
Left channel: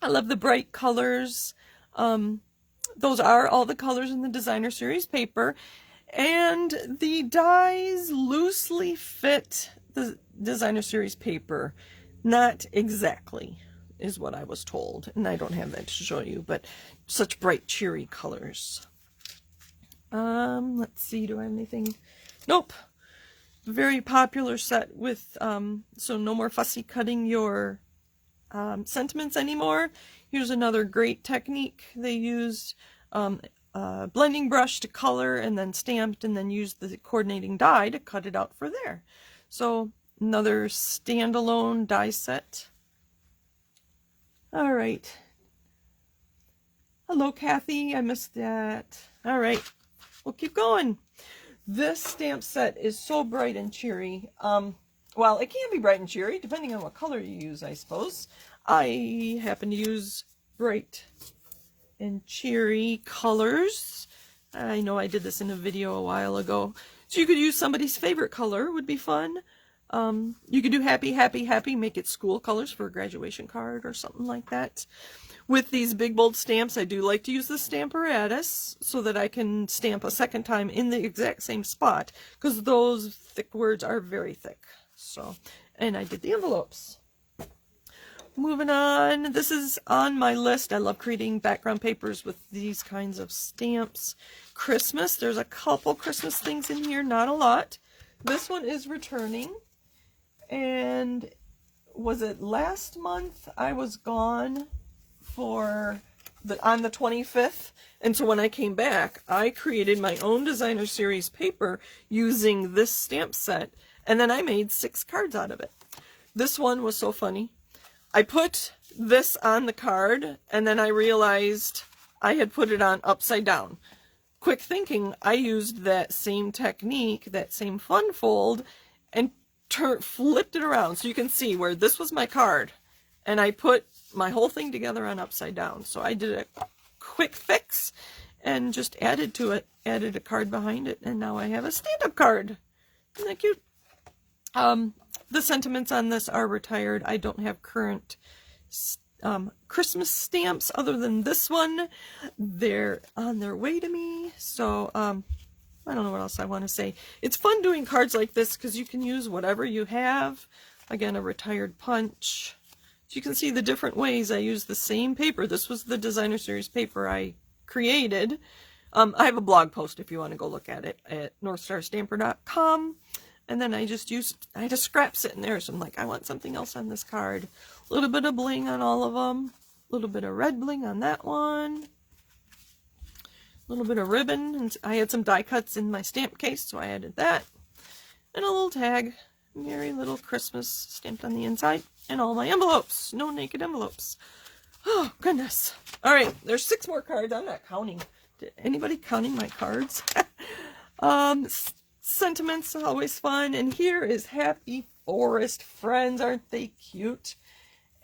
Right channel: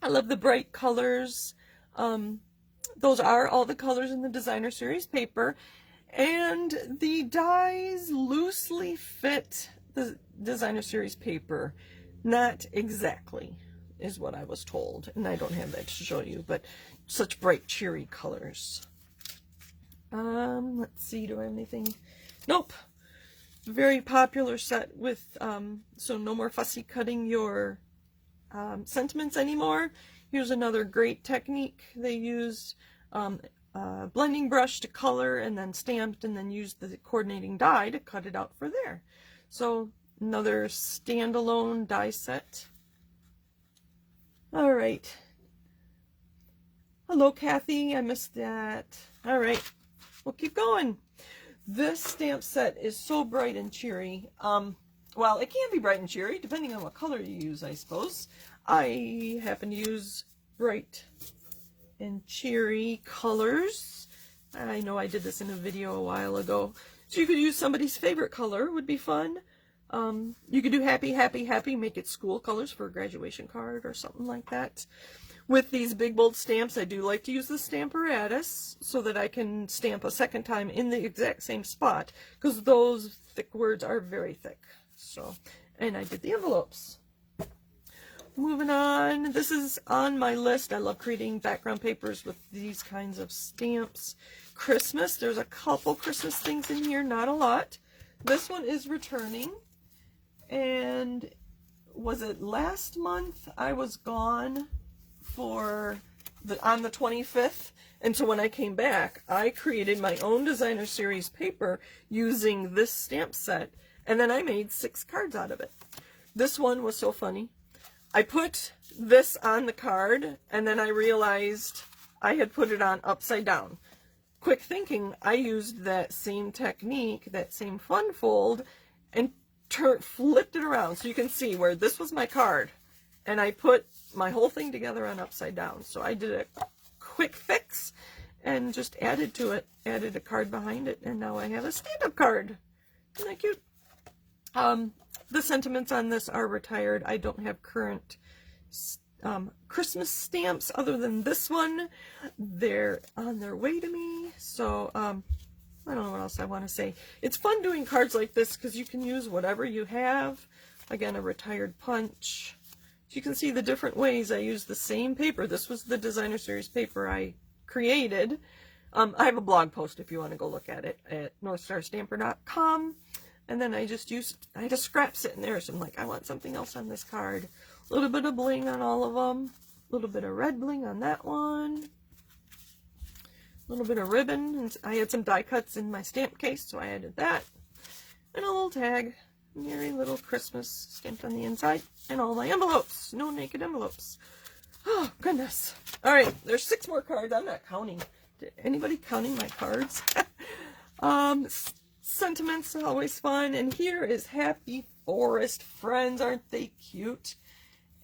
I love the bright colors. Those are all the colors in the designer series paper. And the dies loosely fit the designer series paper. Not exactly, is what I was told. And I don't have that to show you, but such bright, cheery colors. Let's see, do I have anything? Nope. Very popular set with, so no more fussy cutting your sentiments anymore. Here's another great technique. They used a blending brush to color and then stamped and then used the coordinating die to cut it out for there. So another standalone die set. All right. Hello, Kathy. I missed that. All right. We'll keep going. This stamp set is so bright and cheery. Well, it can be bright and cheery, depending on what color you use, I suppose. I happen to use bright and cheery colors. I know I did this in a video a while ago. So you could use somebody's favorite color, would be fun. You could do happy, happy, happy, make it school colors for a graduation card or something like that. With these big bold stamps, I do like to use the Stamparatus so that I can stamp a second time in the exact same spot, because those thick words are very thick. So, and I did the envelopes. Moving on, this is on my list. I love creating background papers with these kinds of stamps. Christmas, there's a couple Christmas things in here, not a lot. This one is returning, and was it last month I was gone on the 25th, and so when I came back, I created my own designer series paper using this stamp set, and then I made 6 cards out of it. This one was so funny. I put this on the card, and then I realized I had put it on upside down. Quick thinking, I used that same technique, that same fun fold, and flipped it around so you can see where this was my card, and I put my whole thing together on upside down. So I did a quick fix and just added to it, added a card behind it, and now I have a stand-up card. Isn't that cute? The sentiments on this are retired. I don't have current Christmas stamps other than this one. They're on their way to me. So I don't know what else I want to say. It's fun doing cards like this because you can use whatever you have. Again, a retired punch. So you can see the different ways I use the same paper. This was the designer series paper I created. I have a blog post if you want to go look at it at northstarstamper.com. And then I had a scrap sitting there, so I'm like, I want something else on this card. A little bit of bling on all of them. A little bit of red bling on that one. A little bit of ribbon. And I had some die cuts in my stamp case, so I added that. And a little tag. Merry little Christmas stamped on the inside. And all my envelopes. No naked envelopes. Oh, goodness. All right, there's 6 more cards. I'm not counting. Anybody counting my cards? sentiments, always fun. And here is Happy Forest Friends. Aren't they cute?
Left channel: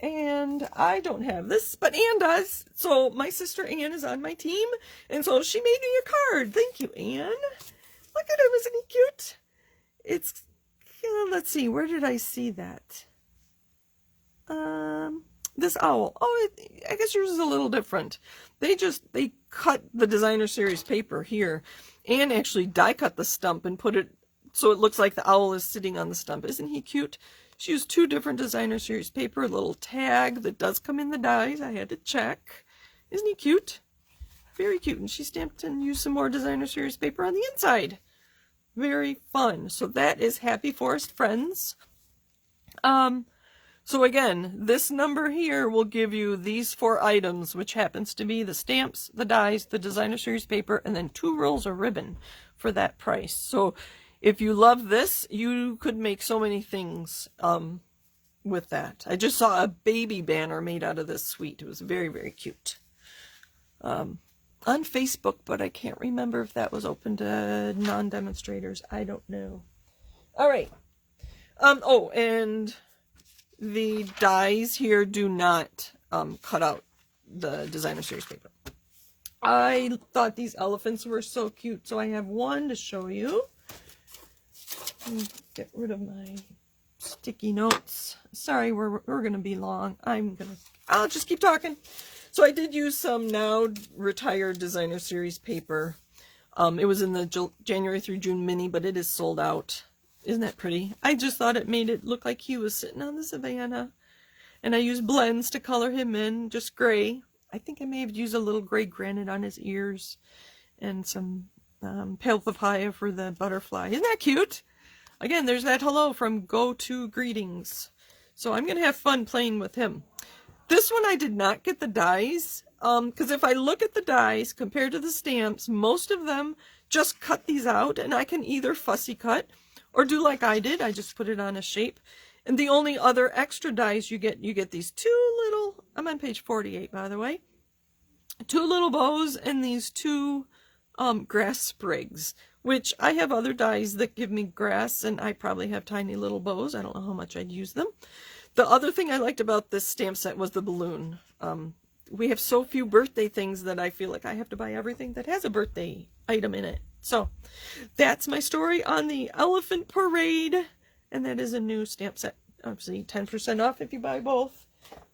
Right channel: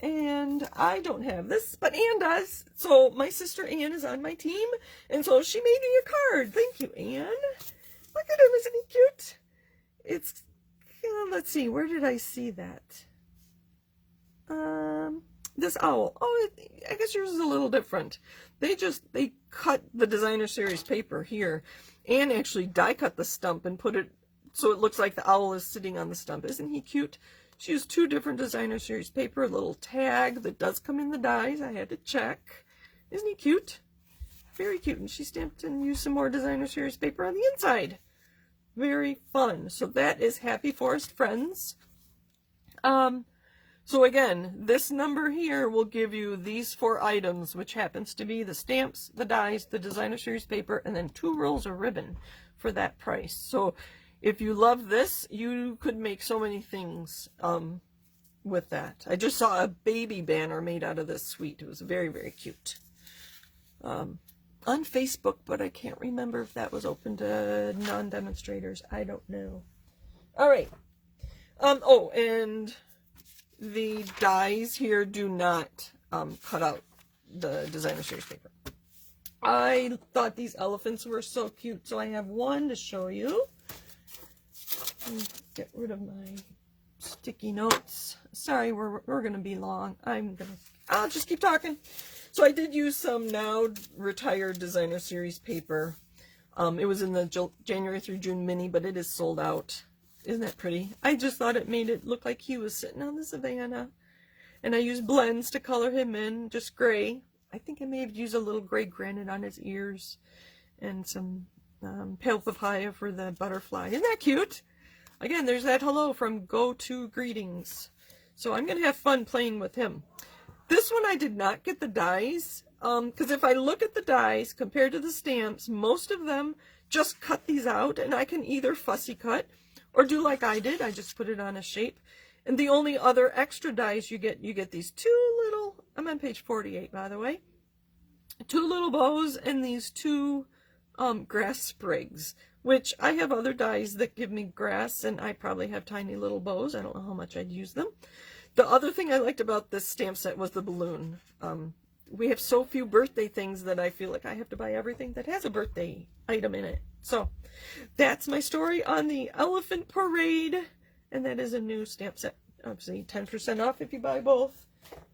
And I don't have this, but Anne does. So my sister Anne is on my team, and so she made me a card. Thank you, Anne. Look at him, isn't he cute? It's, let's see, where did I see that? This owl. Oh, I guess yours is a little different. They cut the designer series paper here, and actually die cut the stump and put it so it looks like the owl is sitting on the stump. Isn't he cute? She used 2 different designer series paper, a little tag that does come in the dies. I had to check. Isn't he cute? Very cute. And she stamped and used some more designer series paper on the inside. Very fun. So that is Happy Forest Friends. So again, this number here will give you these 4 items, which happens to be the stamps, the dies, the designer series paper, and then 2 rolls of ribbon for that price. So if you love this, you could make so many things with that. I just saw a baby banner made out of this suite. It was very, very cute. On Facebook, but I can't remember if that was open to non-demonstrators. I don't know. All right. Oh, and the dies here do not cut out the designer series paper. I thought these elephants were so cute, so I have one to show you. Get rid of my sticky notes. Sorry, we're going to be long. I'll just keep talking. So I did use some now retired designer series paper. It was in the January through June mini, but it is sold out. Isn't that pretty? I just thought it made it look like he was sitting on the savannah. And I used blends to color him in, just gray. I think I may have used a little gray granite on his ears and some pale papaya for the butterfly. Isn't that cute? Again, there's that hello from Go To Greetings. So I'm going to have fun playing with him. This one I did not get the dies, because if I look at the dies compared to the stamps, most of them just cut these out, and I can either fussy cut or do like I did. I just put it on a shape. And the only other extra dies you get these 2 little, I'm on page 48 by the way, 2 little bows and these 2 grass sprigs, which I have other dies that give me grass, and I probably have tiny little bows. I don't know how much I'd use them. The other thing I liked about this stamp set was the balloon. We have so few birthday things that I feel like I have to buy everything that has a birthday item in it. So that's my story on the Elephant Parade, and that is a new stamp set. Obviously 10% off if you buy both.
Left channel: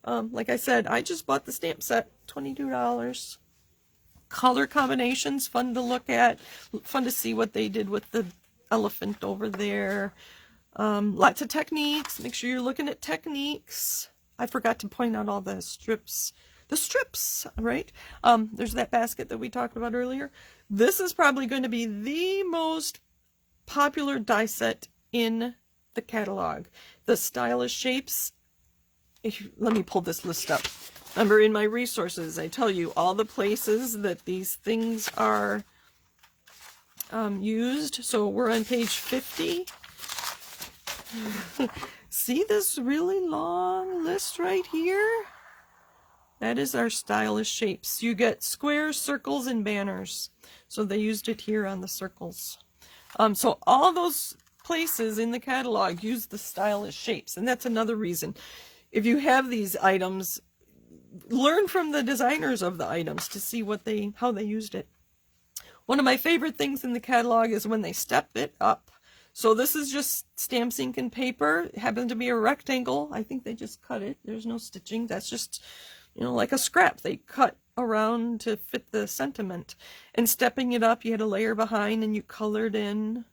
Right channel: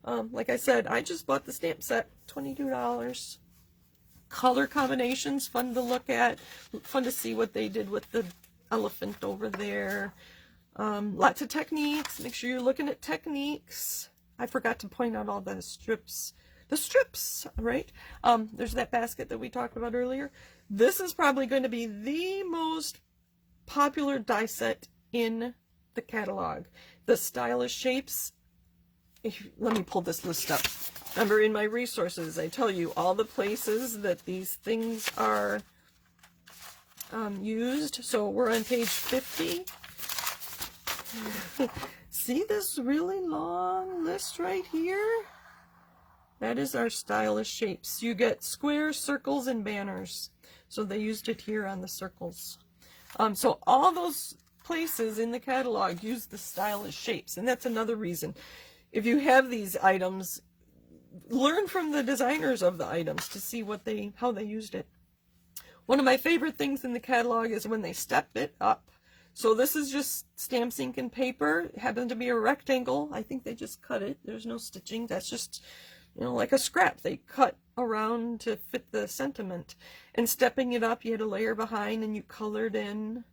Like I said, I just bought the stamp set, $22. Color combinations, fun to look at, fun to see what they did with the elephant over there. Lots of techniques. Make sure you're looking at techniques. I forgot to point out all the strips. The strips, right? There's that basket that we talked about earlier. This is probably going to be the most popular die set in the catalog. The stylish shapes. Let me pull this list up. Remember, in my resources, I tell you all the places that these things are used. So we're on page 50. See this really long list right here? That is our stylish shapes. You get squares, circles, and banners. So they used it here on the circles. So all those places in the catalog use the stylish shapes. And that's another reason. If you have these items, learn from the designers of the items to see how they used it. One of my favorite things in the catalog is when they step it up. So this is just stamps, ink, and paper. It happens to be a rectangle. I think they just cut it. There's no stitching. That's just, like a scrap. They cut around to fit the sentiment. And stepping it up, you had a layer behind and you colored in.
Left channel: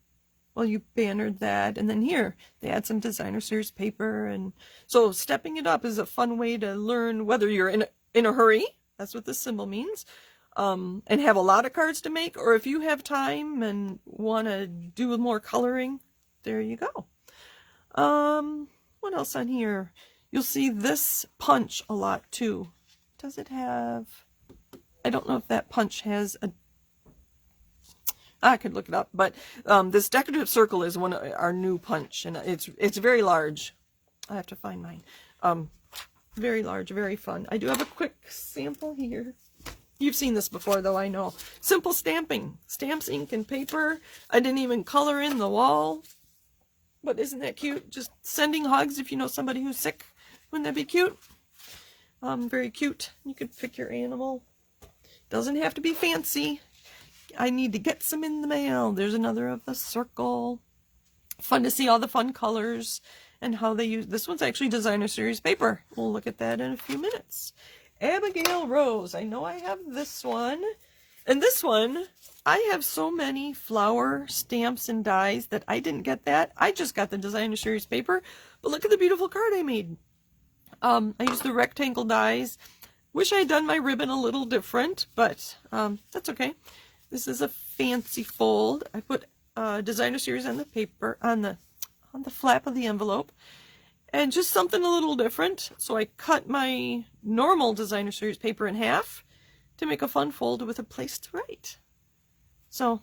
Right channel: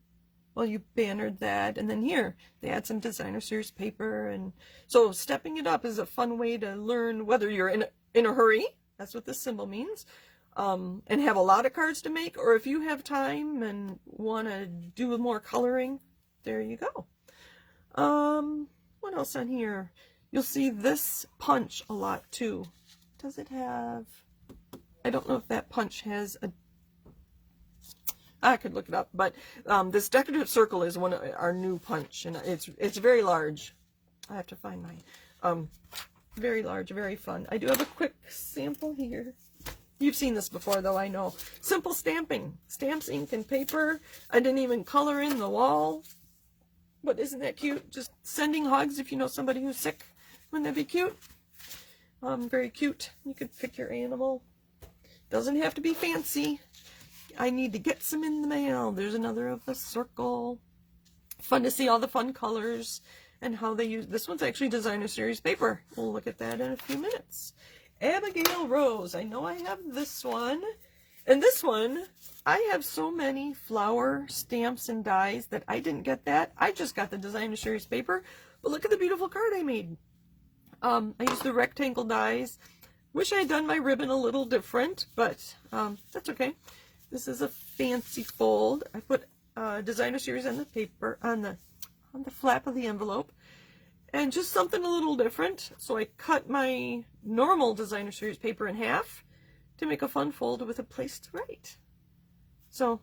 Well, you bannered that. And then here, they add some designer series paper. And so stepping it up is a fun way to learn whether you're in a hurry. That's what this symbol means. And have a lot of cards to make, or if you have time and want to do more coloring, there you go. What else on here? You'll see this punch a lot too. Does it have, I don't know if that punch has a, I could look it up, but this decorative circle is one of our new punch, and it's very large. I have to find mine. Very large, very fun. I do have a quick sample here. You've seen this before, though, I know. Simple stamping. Stamps, ink, and paper. I didn't even color in the wall. But isn't that cute? Just sending hugs if you know somebody who's sick. Wouldn't that be cute? Very cute. You could pick your animal. Doesn't have to be fancy. I need to get some in the mail. There's another of the circle. Fun to see all the fun colors and how they use. This one's actually designer series paper. We'll look at that in a few minutes. Abigail Rose. I know I have this one. And this one, I have so many flower stamps and dies that I didn't get that. I just got the designer series paper. But look at the beautiful card I made. I used the rectangle dies. Wish I had done my ribbon a little different, but that's okay. This is a fancy fold. I put designer series on the paper, on the flap of the envelope, and just something a little different. So I cut my normal designer series paper in half to make a fun fold with a place to write. So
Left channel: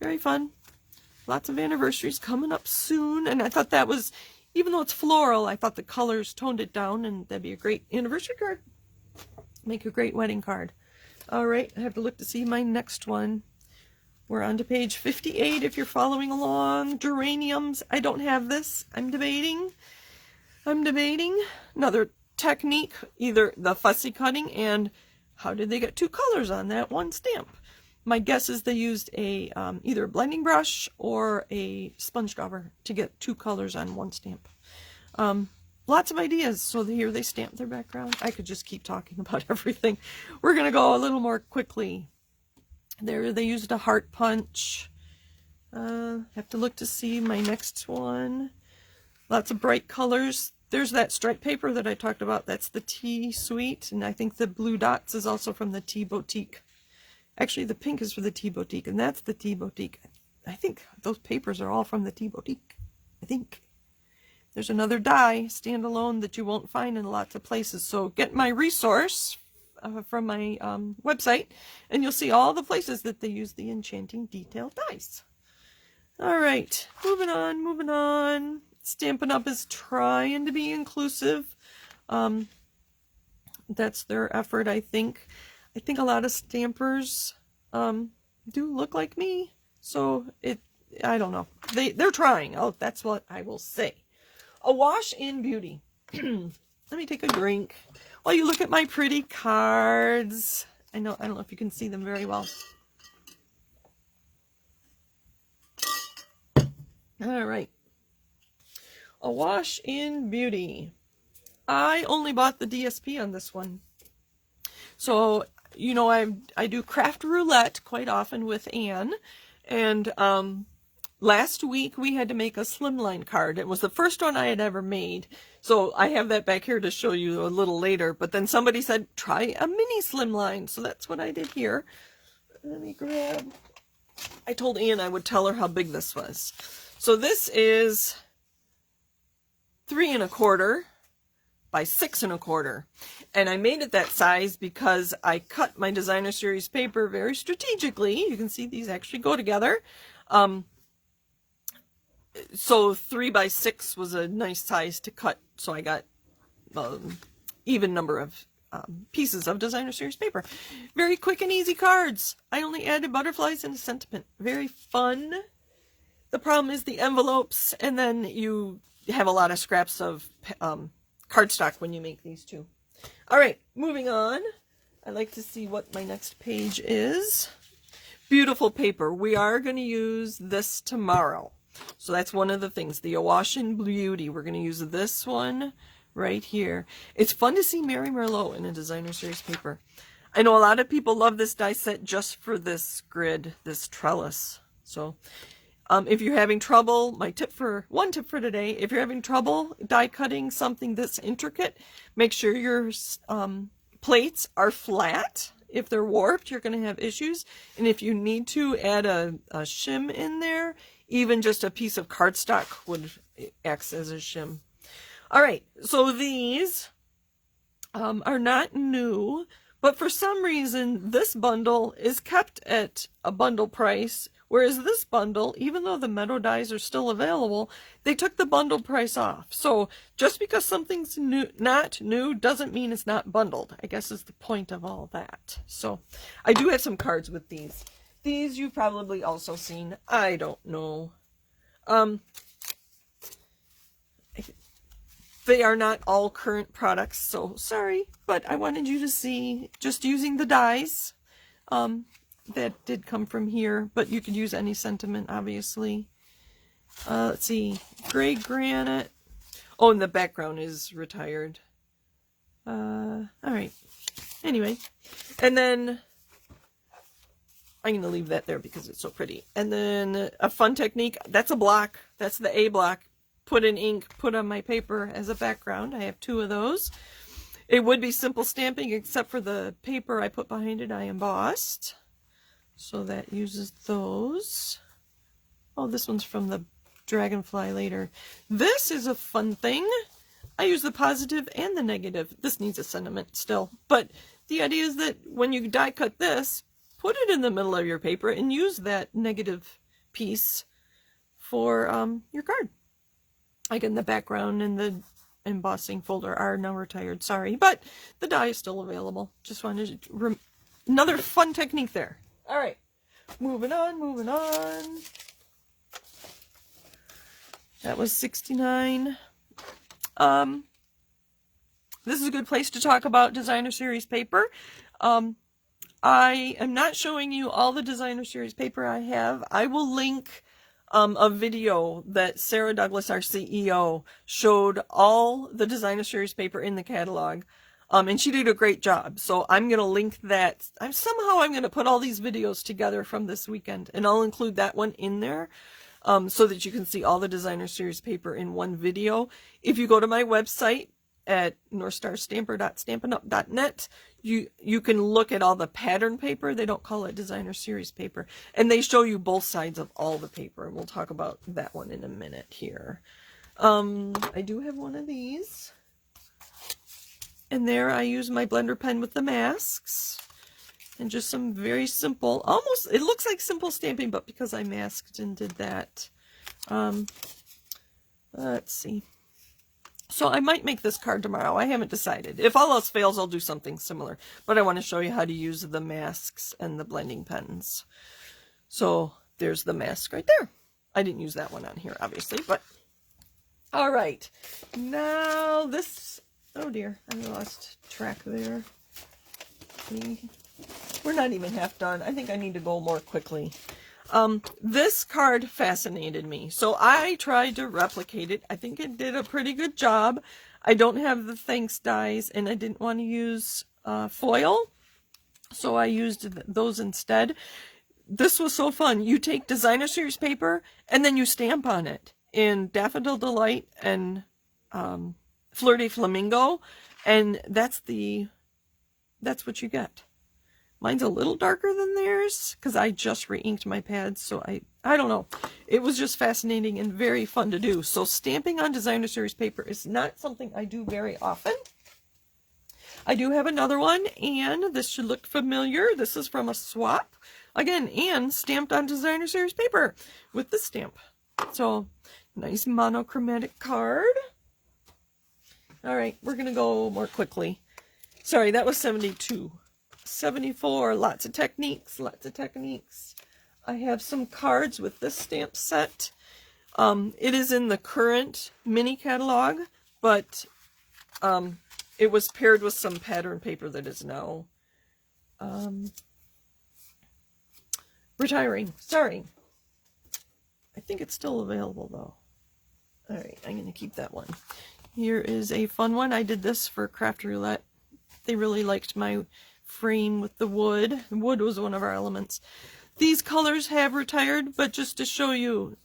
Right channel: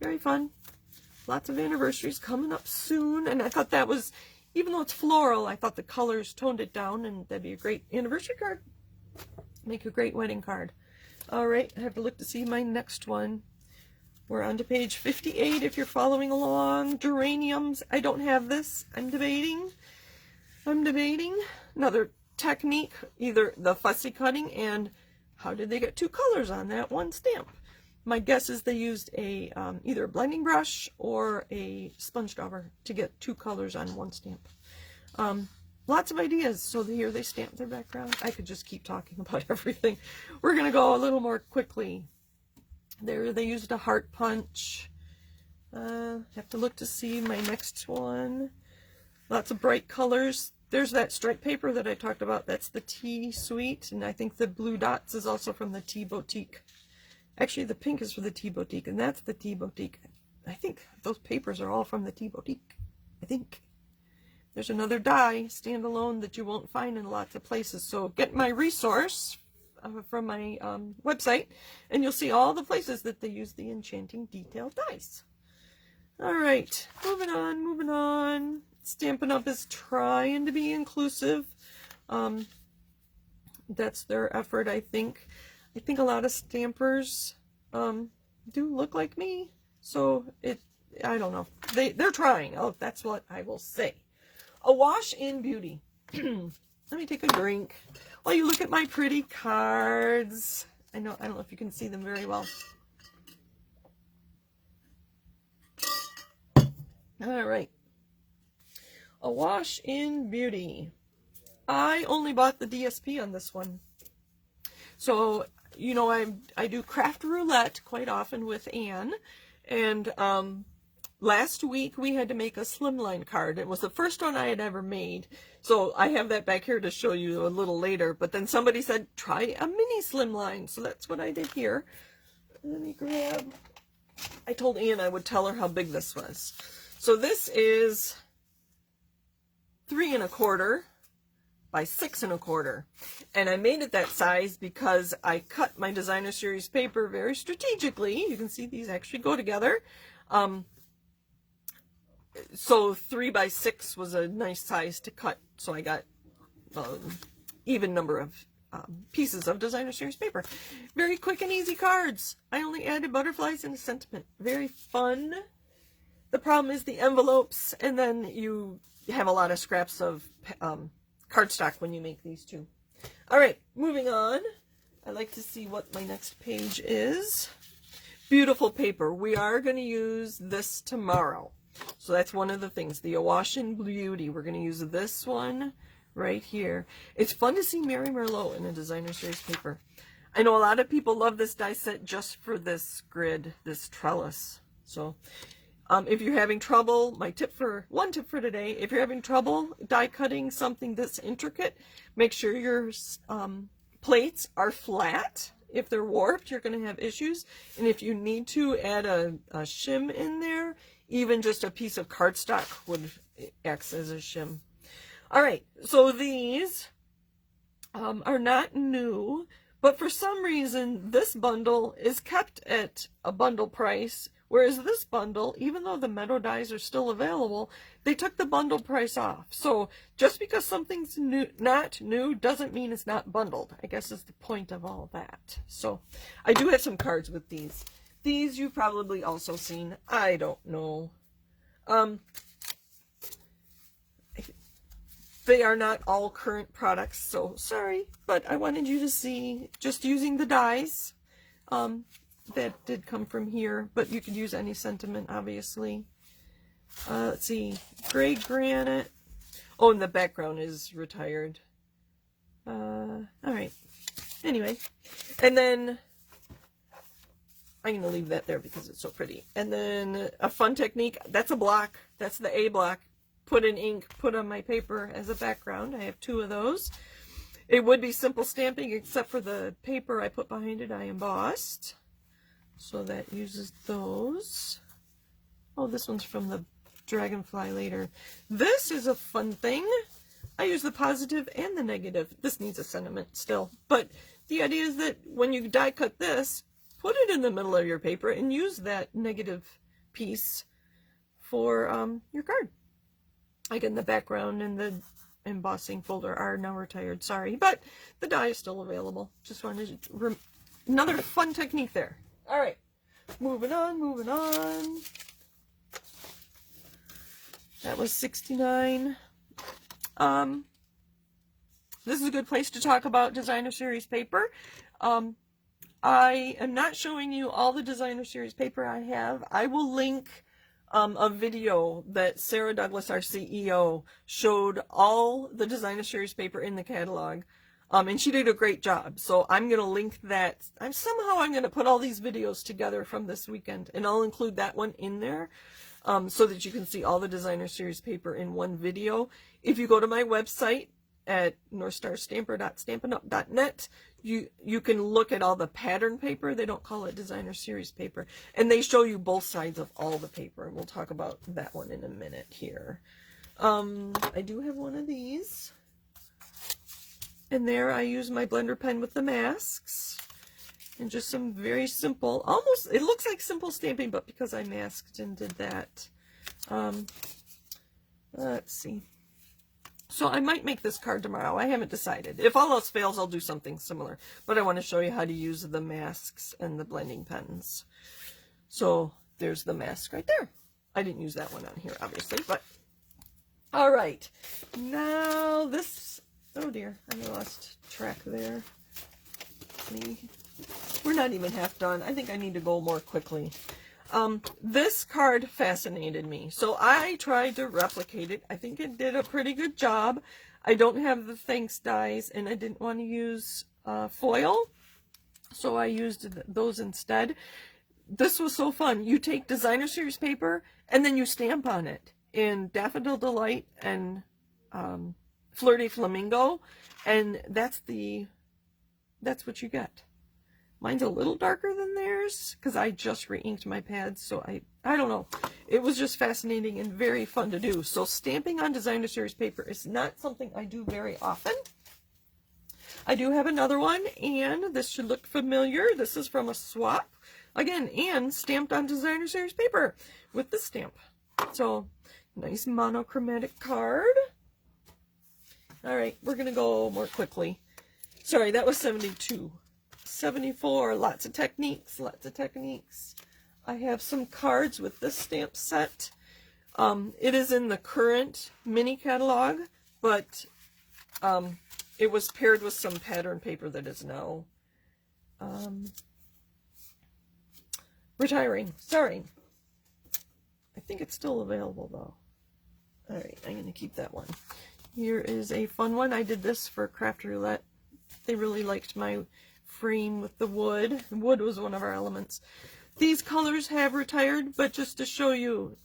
very fun. Lots of anniversaries coming up soon, and I thought that was, even though it's floral, I thought the colors toned it down, and that'd be a great anniversary card. Make a great wedding card. All right, I have to look to see my next one. We're on to page 58 if you're following along. Geraniums. I don't have this. I'm debating. Another technique, either the fussy cutting and how did they get two colors on that one stamp? My guess is they used a either a blending brush or a sponge scrubber to get two colors on one stamp. Lots of ideas. So here they stamp their background. I could just keep talking about everything. We're going to go a little more quickly. There they used a heart punch. Have to look to see my next one. Lots of bright colors. There's that stripe paper that I talked about. That's the Tea Suite. And I think the blue dots is also from the Tea Boutique. Actually, the pink is for the Tea Boutique, and that's the Tea Boutique. I think those papers are all from the Tea Boutique. I think. There's another die, standalone, that you won't find in lots of places. So get my resource from my website, and you'll see all the places that they use the enchanting detail dies. All right, moving on. Stampin' Up! Is trying to be inclusive. That's their effort, I think. I think a lot of stampers do look like me, so I don't know. They're trying. Oh, that's what I will say. Awash in beauty. Let me take a drink while you look at my pretty cards. I don't know if you can see them very well. All right. Awash in beauty. I only bought the DSP on this one. So, you know, I do craft roulette quite often with Anne, and last week we had to make a slimline card. It was the first one I had ever made, so I have that back here to show you a little later, but then somebody said try a mini slimline, so that's what I did here. Let me grab, I told Anne I would tell her how big this was. So this is 3 1/4 by 6 1/4, and I made it that size because I cut my designer series paper very strategically. You can see these actually go together. So 3 by 6 was a nice size to cut, so I got even number of pieces of designer series paper. Very quick and easy cards. I only added butterflies and a sentiment. Very fun. The problem is the envelopes, and then you have a lot of scraps of cardstock when you make these too. All right, moving on. I like to see what my next page is. Beautiful paper. We are going to use this tomorrow. So that's one of the things, the Awash in Beauty. We're going to use this one right here. It's fun to see Mary Merlot in a designer series paper. I know a lot of people love this die set just for this grid, this trellis. So if you're having trouble, one tip for today, if you're having trouble die cutting something this intricate, make sure your plates are flat. If they're warped, you're going to have issues. And if you need to add a shim in there, even just a piece of cardstock would act as a shim. All right, so these are not new, but for some reason, this bundle is kept at a bundle price Whereas this bundle, even though the metal dies are still available, they took the bundle price off. So just because something's new, not new, doesn't mean it's not bundled, I guess is the point of all that. So I do have some cards with these. These you've probably also seen. I don't know. They are not all current products, so sorry, but I wanted you to see just using the dies. That did come from here, but you could use any sentiment, obviously. Let's see, gray granite. Oh, and the background is retired. All right. Anyway, and then I'm going to leave that there because it's so pretty. And then a fun technique, that's a block. That's the A block. Put in ink, put on my paper as a background. I have 2 of those. It would be simple stamping, except for the paper I put behind it, I embossed. So that uses those. Oh, this one's from the Dragonfly later. This is a fun thing. I use the positive and the negative. This needs a sentiment still. But the idea is that when you die cut this, put it in the middle of your paper and use that negative piece for your card. Like in the background and the embossing folder are now retired, sorry, but the die is still available. Just wanted to another fun technique there. All right, moving on. That was 69. This is a good place to talk about designer series paper. I am not showing you all the designer series paper I have. I will link a video that Sarah Douglas, our CEO, showed all the designer series paper in the catalog, and she did a great job. So I'm going to link that. I'm going to put all these videos together from this weekend, and I'll include that one in there so that you can see all the designer series paper in one video. If you go to my website at northstarstamper.stampinup.net, you can look at all the pattern paper. They don't call it designer series paper, and they show you both sides of all the paper, and we'll talk about that one in a minute here. I do have one of these, and there I use my blender pen with the masks and just some very simple, almost, it looks like simple stamping, but because I masked and did that. Let's see. So I might make this card tomorrow. I haven't decided. If all else fails, I'll do something similar. But I want to show you how to use the masks and the blending pens. So there's the mask right there. I didn't use that one on here, obviously, but all right. Now this, oh dear, I lost track there. We're not even half done. I think I need to go more quickly. This card fascinated me, so I tried to replicate it. I think it did a pretty good job. I don't have the thanks dies, and I didn't want to use foil, so I used those instead. This was so fun. You take designer series paper, and then you stamp on it in Daffodil Delight and Fleur de Flamingo, and that's what you get. Mine's a little darker than theirs because I just re-inked my pads, so I don't know. It was just fascinating and very fun to do. So stamping on designer series paper is not something I do very often. I do have another one, and this should look familiar. This is from a swap. Again, and stamped on designer series paper with the stamp. So nice monochromatic card. All right, we're going to go more quickly. Sorry, that was 72. 74, lots of techniques. I have some cards with this stamp set. It is in the current mini catalog, but it was paired with some pattern paper that is now retiring. Sorry. I think it's still available though. All right, I'm going to keep that one. Here is a fun one. I did this for Craft Roulette. They really liked my frame with the wood. Wood was one of our elements. These colors have retired, but just to show you,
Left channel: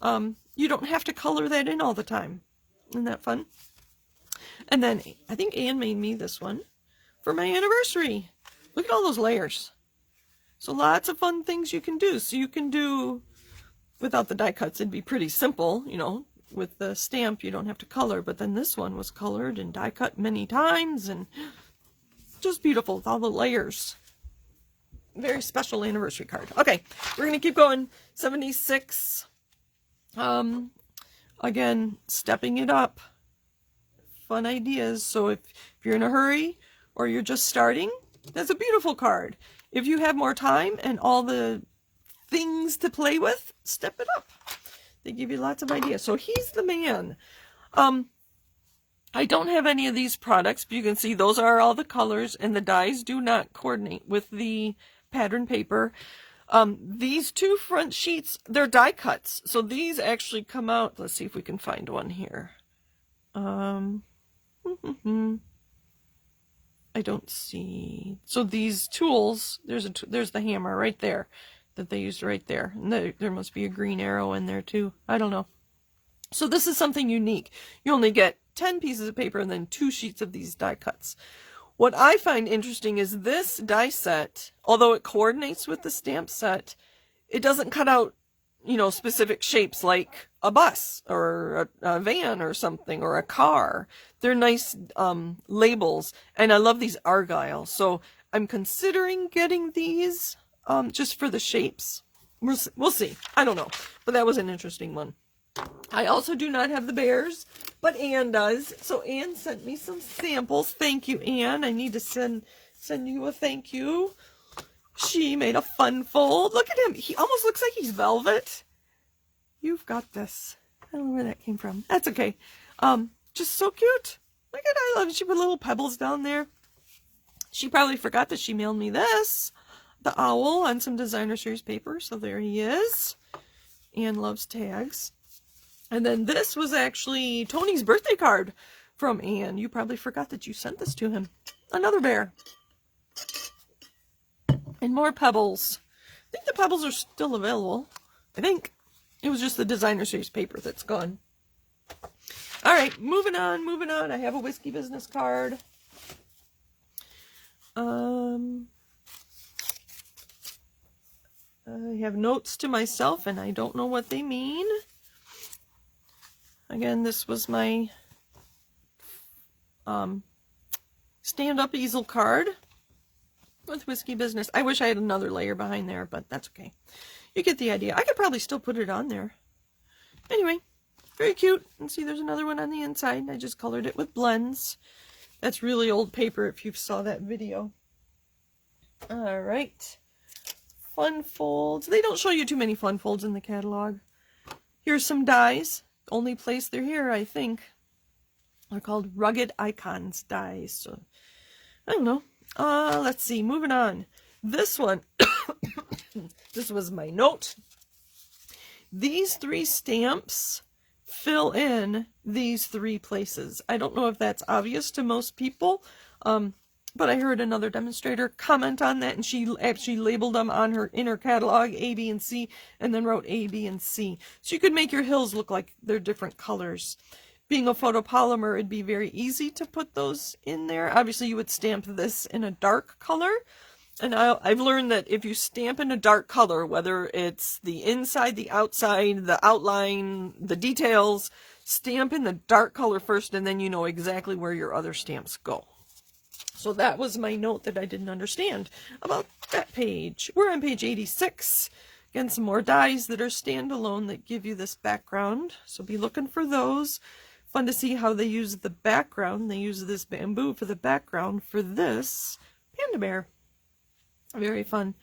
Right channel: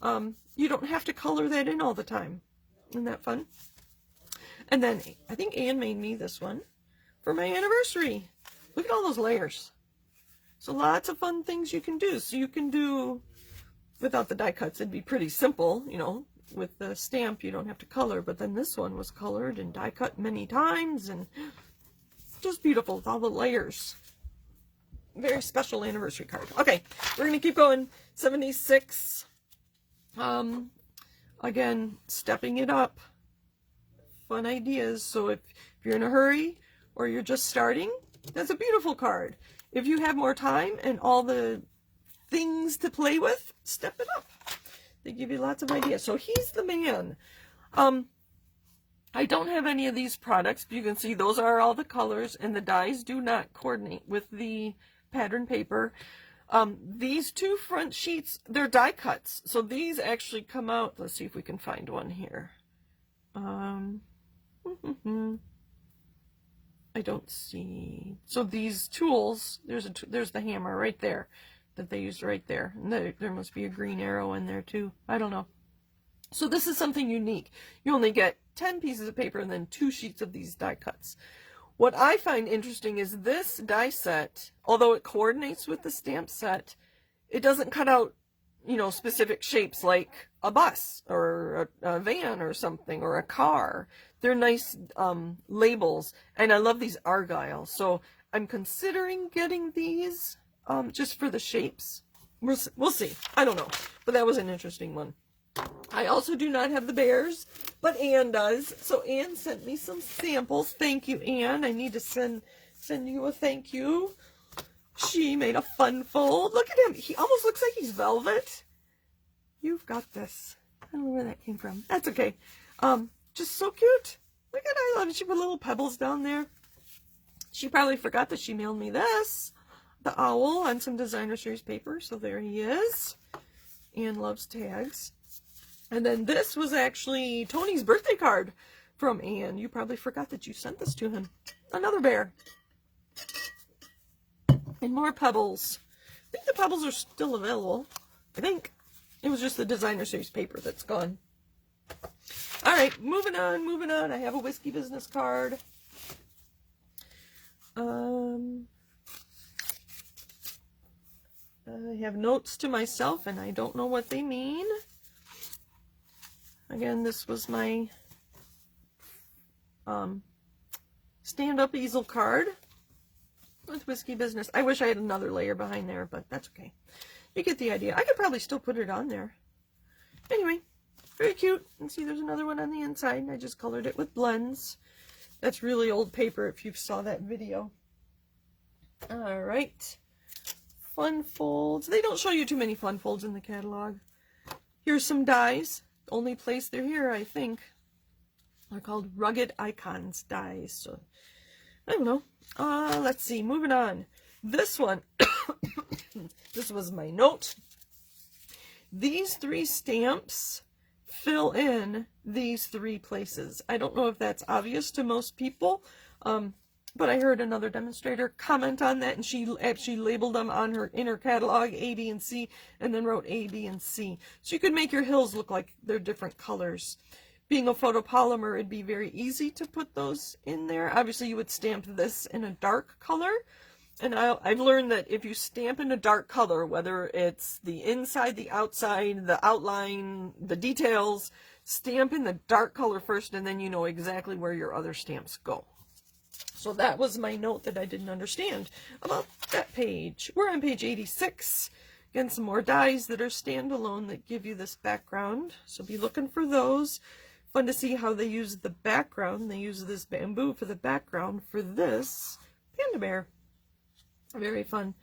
you don't have to color that in all the time. Isn't that fun? And then I think Anne made me this one for my anniversary. Look at all those layers. So lots of fun things you can do. So you can do, without the die cuts, it'd be pretty simple, you know. With the stamp, you don't have to color, but then this one was colored and die cut many times, and just beautiful with all the layers. very special anniversary card. Okay, we're going to keep going. 76. Again, stepping it up. Fun ideas. So if you're in a hurry or you're just starting, that's a beautiful card. If you have more time and all the things to play with, step it up. They give you lots of ideas. So he's the man. I don't have any of these products, but you can see those are all the colors, and the dies do not coordinate with the pattern paper. These two front sheets, they're die cuts. So these actually come out. Let's see if we can find one here. I don't see. So these tools, there's the hammer right there that they used right there. And there must be a green arrow in there too. I don't know. So this is something unique. You only get 10 pieces of paper and then 2 sheets of these die cuts. What I find interesting is this die set, although it coordinates with the stamp set, it doesn't cut out, you know, specific shapes like a bus or a van or something, or a car. They're nice labels, and I love these argyle. So I'm considering getting these just for the shapes. We'll see. I don't know, but that was an interesting one. I also do not have the bears, but Anne does. So Anne sent me some samples. Thank you, Anne. I need to send you a thank you. She made a fun fold. Look at him. He almost looks like he's velvet. You've got this. I don't know where that came from. That's okay. Just so cute. Look at I love it. She put little pebbles down there. She probably forgot that she mailed me this. The owl on some designer series paper. So there he is. Anne loves tags. And then this was actually Tony's birthday card from Anne. You probably forgot that you sent this to him. Another bear. And more pebbles. I think the pebbles are still available. I think. It was just the designer series paper that's gone. All right, moving on, moving on. I have a whiskey business card. I have notes to myself, and I don't know what they mean. Again, this was my stand-up easel card with whiskey business. I wish I had another layer behind there, but that's okay. You get the idea. I could probably still put it on there. Anyway, very cute. And see, there's another one on the inside. I just colored it with blends. That's really old paper if you saw that video. All right. Fun folds. They don't show you too many fun folds in the catalog. Here's some dies. Only place they're here, I think. They're called Rugged Icons dies. So, I don't know. Let's see. Moving on. This one. This was my note. These 3 stamps fill in these 3 places. I don't know if that's obvious to most people, but I heard another demonstrator comment on that, and she actually labeled them on her inner catalog, A, B, and C, and then wrote A, B, and C. So you could make your hills look like they're different colors. Being a photopolymer, it'd be very easy to put those in there. Obviously, you would stamp this in a dark color. And I've learned that if you stamp in a dark color, whether it's the inside, the outside, the outline, the details, stamp in the dark color first, and then you know exactly where your other stamps go. So that was my note that I didn't understand about that page. We're on page 86. Again, some more dies that are standalone that give you this background. So be looking for those. Fun to see how they use the background. They use this bamboo for the background for this panda bear. Very fun.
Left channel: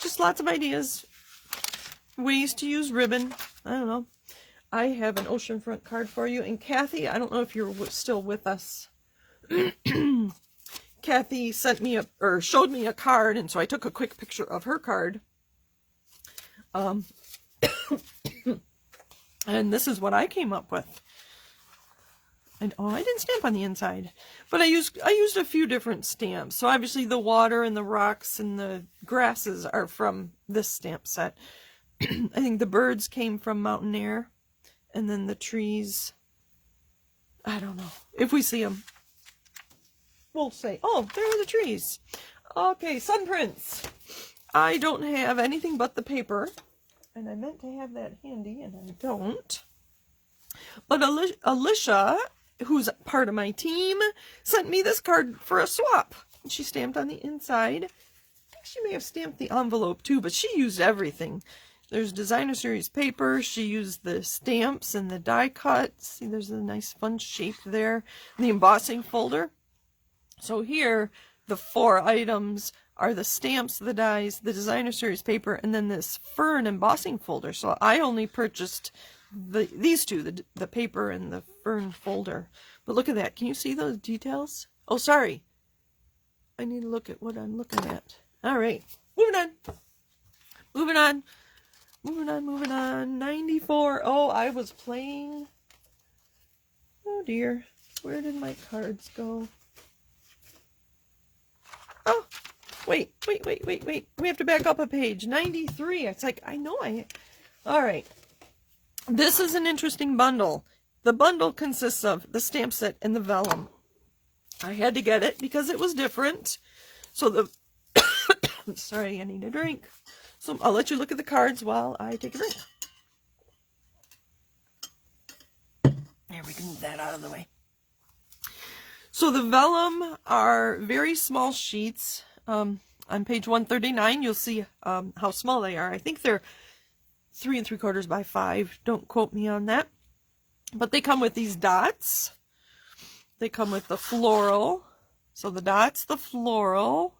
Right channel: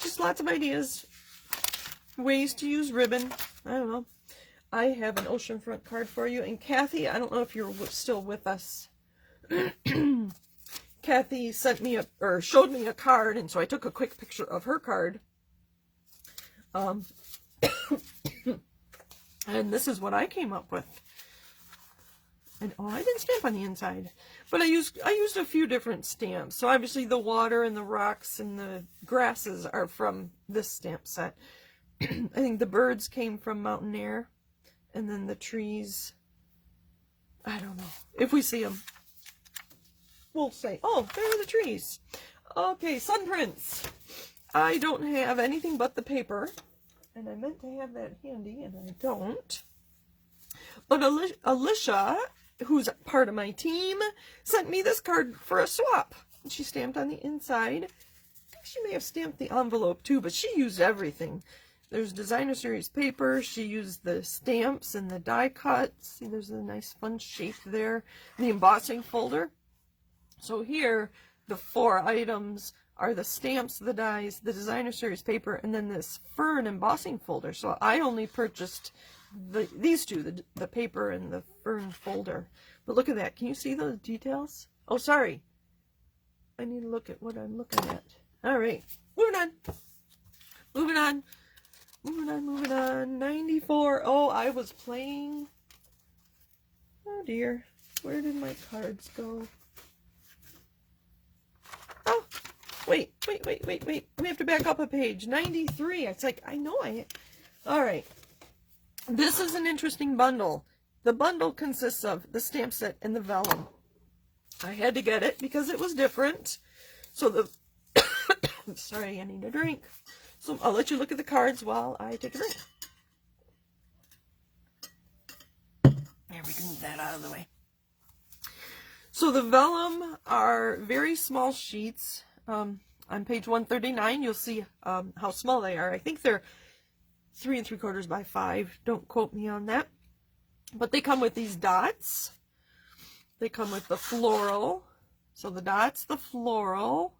Just lots of ideas. Ways to use ribbon. I don't know. I have an oceanfront card for you. And Kathy, I don't know if you're still with us. Kathy sent me showed me a card, and so I took a quick picture of her card. And this is what I came up with. And oh, I didn't stamp on the inside, but I used a few different stamps. So obviously the water and the rocks and the grasses are from this stamp set. I think the birds came from Mountain Air, and then the trees, I don't know. If we see them, we'll say, oh, there are the trees. Okay, sun prints. I don't have anything but the paper, and I meant to have that handy, and I don't. But Alicia, who's part of my team, sent me this card for a swap. She stamped on the inside think she may have stamped the envelope too, but she used everything. There's designer series paper. She used the stamps and the die cuts. See, there's a nice fun shape there. The embossing folder. So here, the 4 items are the stamps, the dies, the designer series paper, and then this fern embossing folder. So I only purchased these two, the paper and the fern folder. But look at that. Can you see those details? Oh, sorry. I need to look at what I'm looking at. All right. Moving on. Moving on. Moving on, moving on. 94. Oh, I was playing. Oh, dear. Where did my cards go? Oh, wait. We have to back up a page. 93. It's like, I know I... All right. This is an interesting bundle. The bundle consists of the stamp set and the vellum. I had to get it because it was different. So the... Sorry, I need a drink. So I'll let you look at the cards while I take a drink. There, we can move that out of the way. So the vellum are very small sheets. On page 139, you'll see how small they are. I think they're 3 3/4 by 5. Don't quote me on that. But they come with these dots. They come with the floral. So the dots, the floral.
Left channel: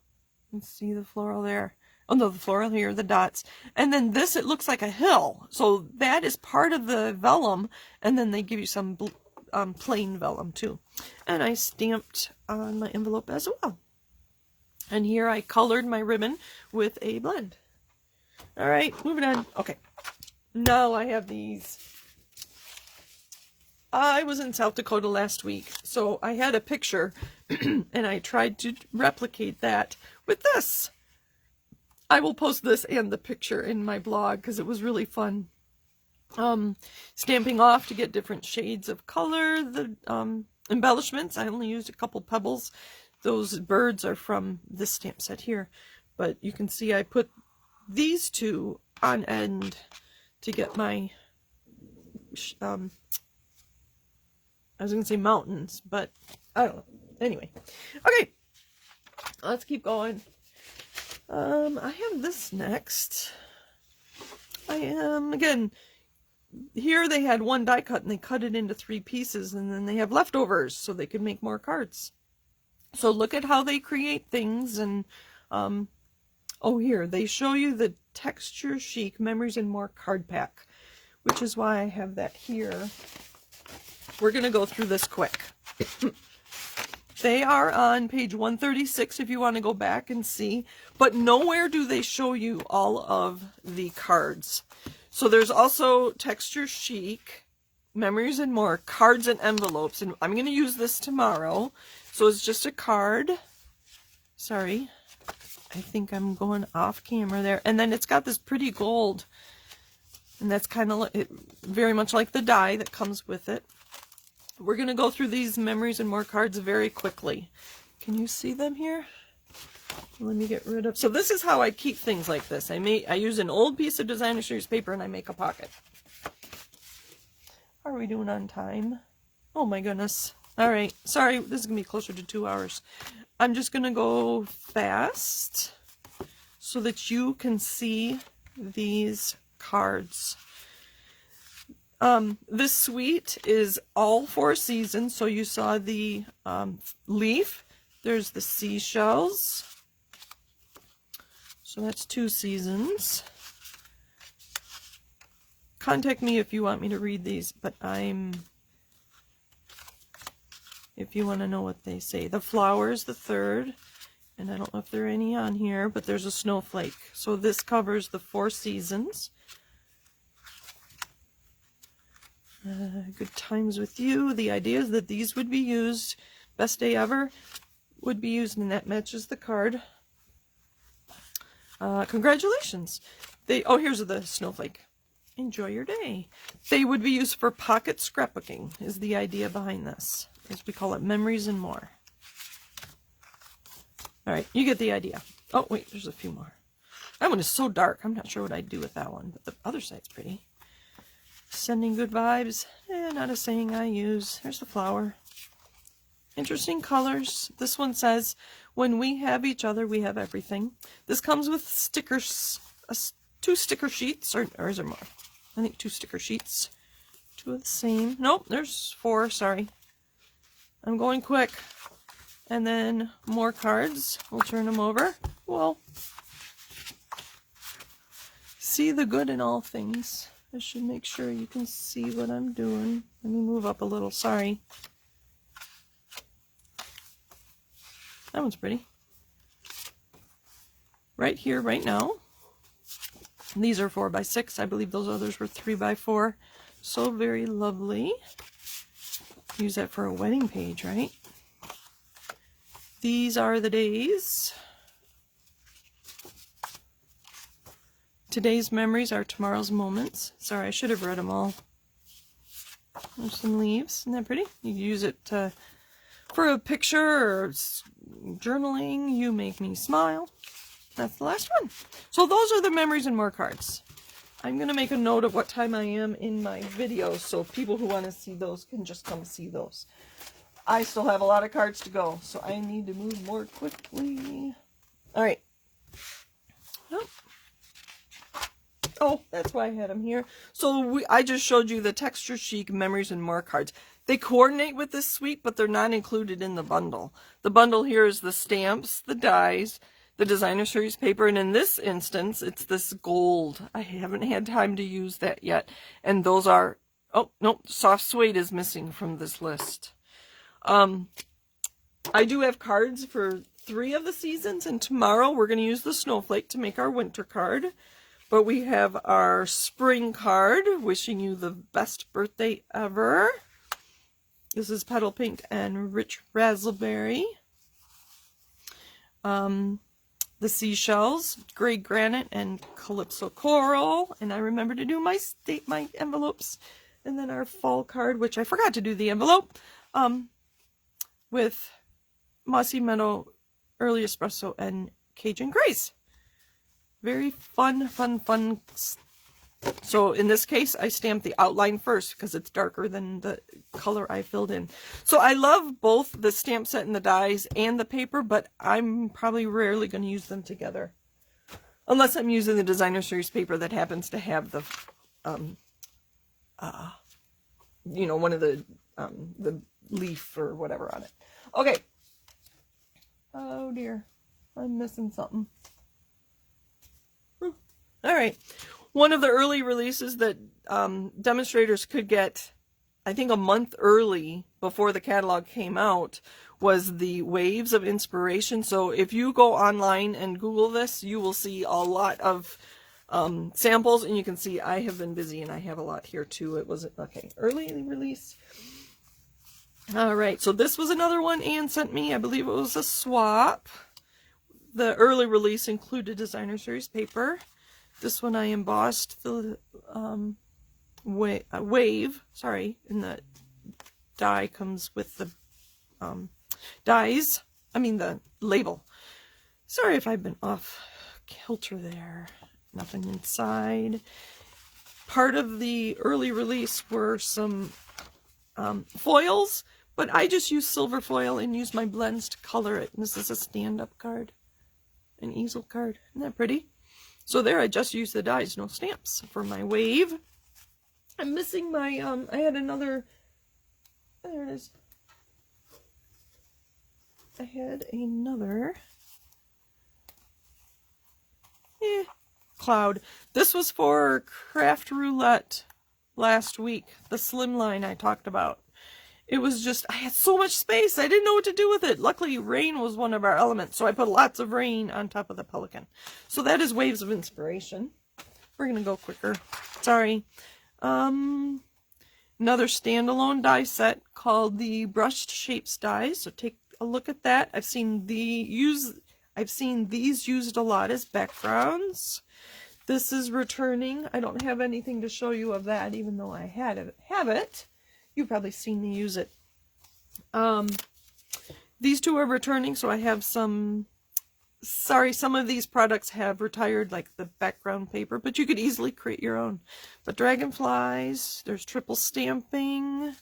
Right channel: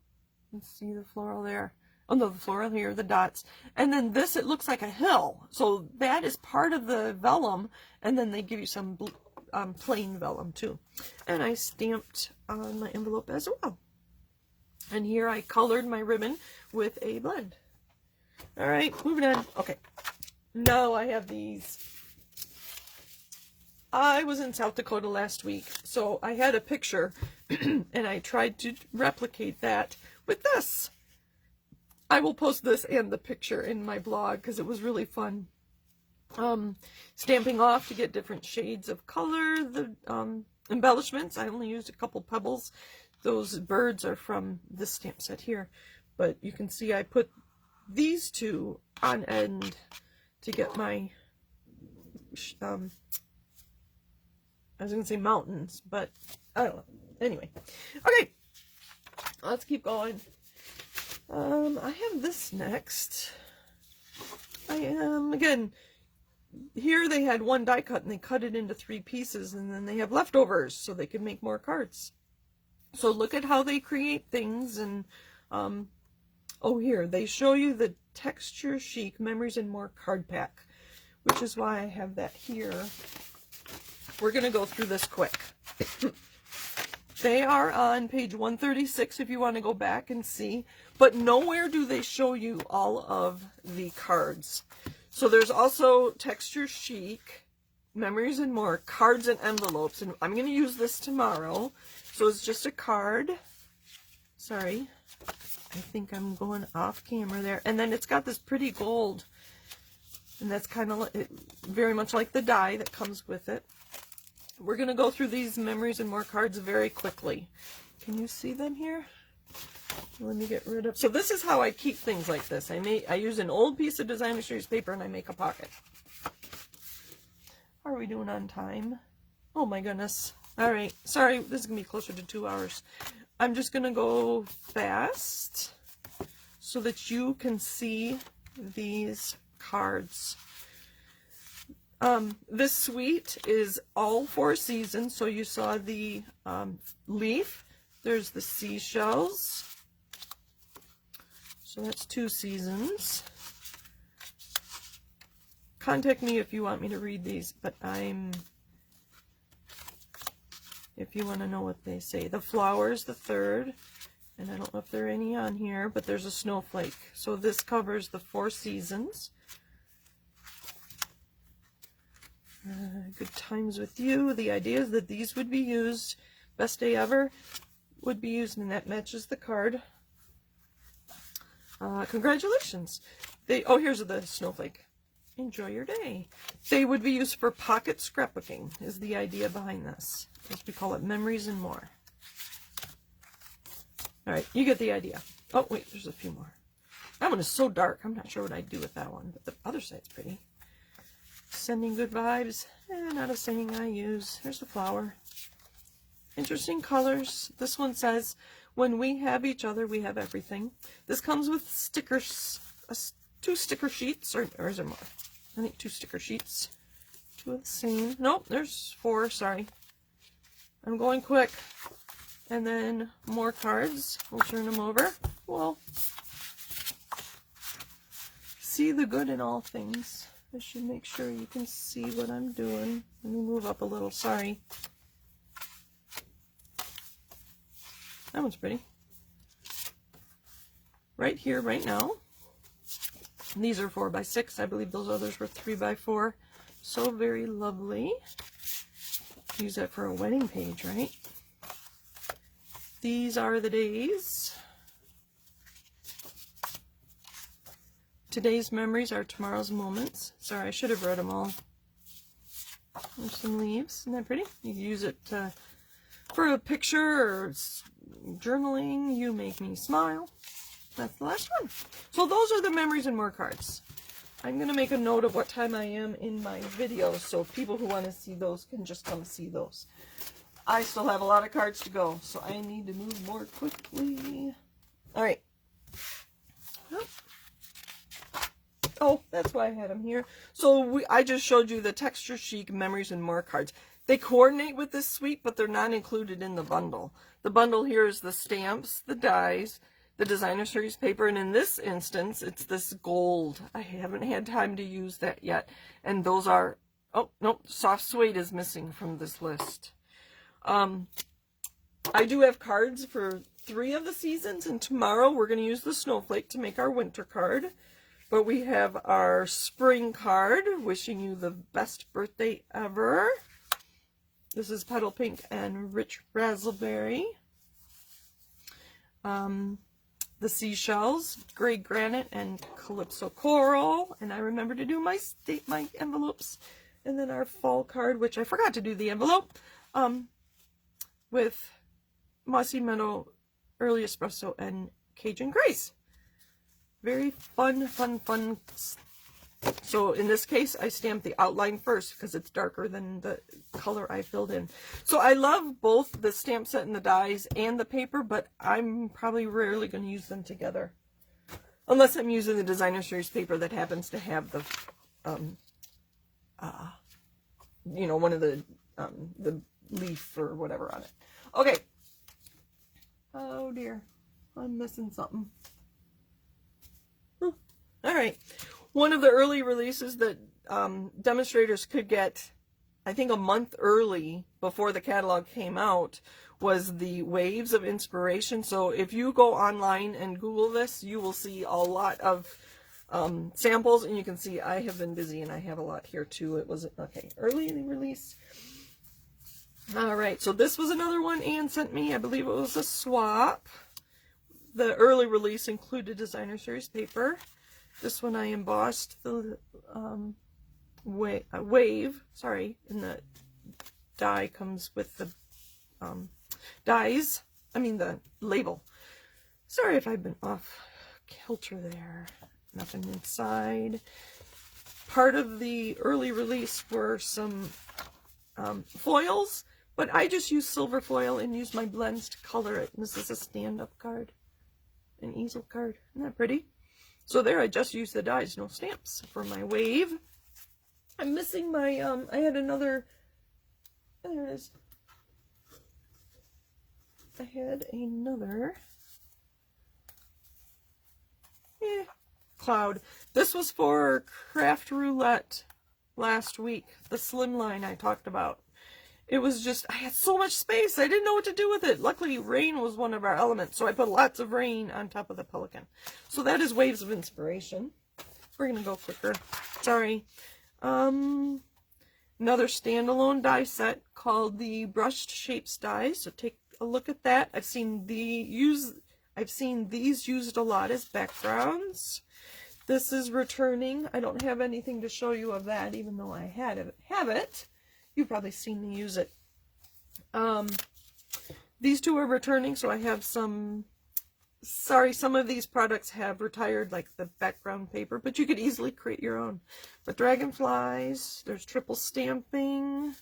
Let's see the floral there. Oh no, the floral here, the dots. And then this, it looks like a hill. So that is part of the vellum. And then they give you some plain vellum too. And I stamped on my envelope as well. And here I colored my ribbon with a blend. All right, moving on. Okay, now I have these. I was in South Dakota last week, so I had a picture and I tried to replicate that with this. I will post this and the picture in my blog because it was really fun. Stamping off to get different shades of color. The embellishments, I only used a couple pebbles. Those birds are from this stamp set here. But you can see I put these two on end to get my, I was going to say mountains, but I don't know. Anyway. Okay. Let's keep going. I have this next. Again, here they had 1 die cut and they cut it into 3 pieces and then they have leftovers so they could make more cards. So look at how they create things and, oh here, they show you the Texture Chic Memories and More card pack, which is why I have that here. We're going to go through this quick. They are on page 136 if you want to go back and see, but nowhere do they show you all of the cards. So there's also Texture Chic, Memories and More, cards and envelopes, and I'm going to use this tomorrow. So it's just a card. Sorry, I think I'm going off camera there. And then it's got this pretty gold, and that's kind of very much like the die that comes with it. We're going to go through these Memories and More cards very quickly. Can you see them here? Let me get rid of... So this is how I keep things like this. I use an old piece of designer series paper and I make a pocket. How are we doing on time? Oh my goodness. All right. Sorry, this is going to be closer to 2 hours. I'm just going to go fast so that you can see these cards. This suite is all 4 seasons. So you saw the leaf. There's the seashells. So that's 2 seasons. Contact me if you want me to read these, but if you want to know what they say. The flowers, the 3rd, and I don't know if there are any on here, but there's a snowflake. So this covers the 4 seasons. Good times with you. The idea is that these would be used, best day ever would be used, and that matches the card. Congratulations. Oh, here's the snowflake. Enjoy your day. They would be used for pocket scrapbooking is the idea behind this. As we call it, Memories and More. All right, you get the idea. Oh, wait, there's a few more. That one is so dark. I'm not sure what I'd do with that one, but the other side's pretty. Sending good vibes. Not a saying I use. There's the flower. Interesting colors. This one says, When we have each other, we have everything. This comes with stickers, 2 sticker sheets, or is there more? I think 2 sticker sheets. 2 of the same. Nope, there's 4, sorry. I'm going quick. And then more cards. We'll turn them over. Whoa. See the good in all things. I should make sure you can see what I'm doing. Let me move up a little, sorry. That one's pretty. Right here, right now. These are 4x6. I believe those others were 3x4. So very lovely. Use that for a wedding page, right? These are the days. Today's memories are tomorrow's moments. Sorry, I should have read them all. There's some leaves. Isn't that pretty? You can use it for a picture or journaling. You make me smile. That's the last one. So those are the memories and more cards. I'm going to make a note of what time I am in my videos, so people who want to see those can just come see those. I still have a lot of cards to go, so I need to move more quickly. All right. Oh, that's why I had them here. So I just showed you the Texture Chic Memories and More cards. They coordinate with this suite, but they're not included in the bundle. The bundle here is the stamps, the dies, the designer series paper, and in this instance, it's this gold. I haven't had time to use that yet. And those are, oh, no, soft suede is missing from this list. I do have cards for 3 of the seasons, and tomorrow we're going to use the snowflake to make our winter card. But we have our spring card, wishing you the best birthday ever. This is Petal Pink and Rich Raspberry. The seashells, gray granite and calypso coral. And I remember to do my envelopes. And then our fall card, which I forgot to do the envelope, with Mossy Meadow, Early Espresso, and Cajun Grace. Very fun, fun, fun. So in this case, I stamped the outline first because it's darker than the color I filled in. So I love both the stamp set and the dies and the paper, but I'm probably rarely going to use them together. Unless I'm using the designer series paper that happens to have the, you know, one of the leaf or whatever on it. Okay. Oh dear. I'm missing something. All right. One of the early releases that demonstrators could get, I think a month early before the catalog came out, was the Waves of Inspiration. So if you go online and Google this, you will see a lot of samples, and you can see I have been busy and I have a lot here too. It was, okay, early release. All right, so this was another one Anne sent me. I believe it was a swap. The early release included designer series paper. This one I embossed the wave, sorry, and the die comes with the dies, I mean the label. Sorry if I've been off kilter there. Nothing inside. Part of the early release were some foils, but I just used silver foil and used my blends to color it. And this is a stand-up card, an easel card. Isn't that pretty? So there, I just used the dies, no stamps for my wave. I'm missing my, I had another, there it is. I had another, cloud. This was for Craft Roulette last week, the slimline I talked about. It was just, I had so much space, I didn't know what to do with it. Luckily, rain was one of our elements, so I put lots of rain on top of the pelican. So that is Waves of Inspiration. We're going to go quicker. Sorry. Another standalone die set called the Brushed Shapes dies. So take a look at that. I've seen these used a lot as backgrounds. This is returning. I don't have anything to show you of that, even though I have it. You've probably seen me use it. These two are returning, so I have some, sorry, some of these products have retired, like the background paper, but you could easily create your own. But dragonflies, there's triple stamping.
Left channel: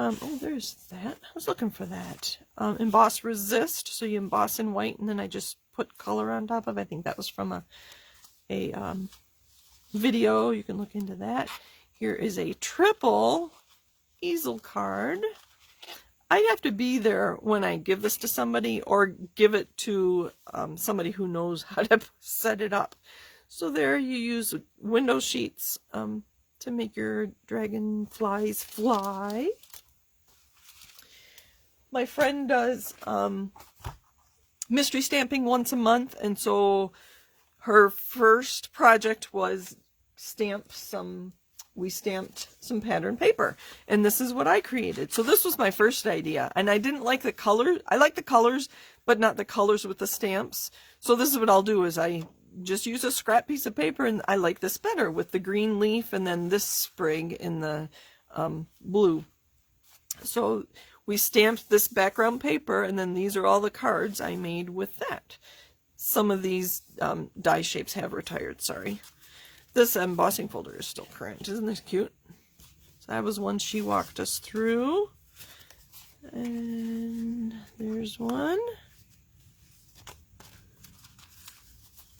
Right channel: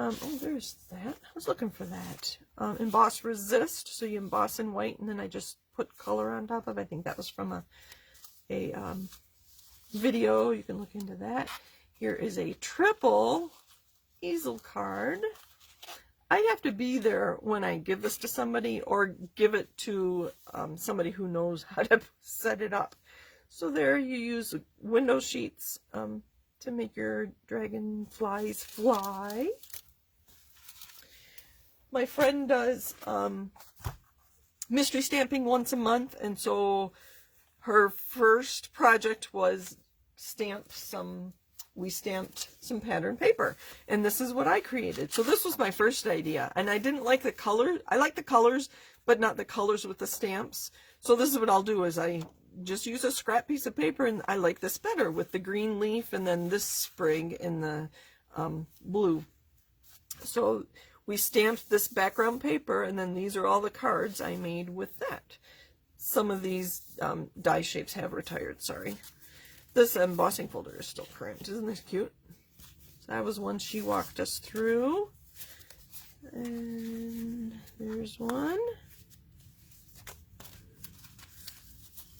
Oh, there's that. I was looking for that. Emboss Resist. So you emboss in white, and then I just put color on top of it. I think that was from a video. You can look into that. Here is a triple easel card. I have to be there when I give this to somebody or give it to somebody who knows how to set it up. So there you use window sheets to make your dragonflies fly. My friend does mystery stamping once a month, and so her first project was we stamped some pattern paper, and this is what I created. So this was my first idea, and I didn't like the color. I like the colors, but not the colors with the stamps. So this is what I'll do, is I just use a scrap piece of paper, and I like this better with the green leaf and then this sprig in the blue. So we stamped this background paper, and then these are all the cards I made with that. Some of these die shapes have retired, sorry. This embossing folder is still current. Isn't this cute? So that was one she walked us through. And there's one.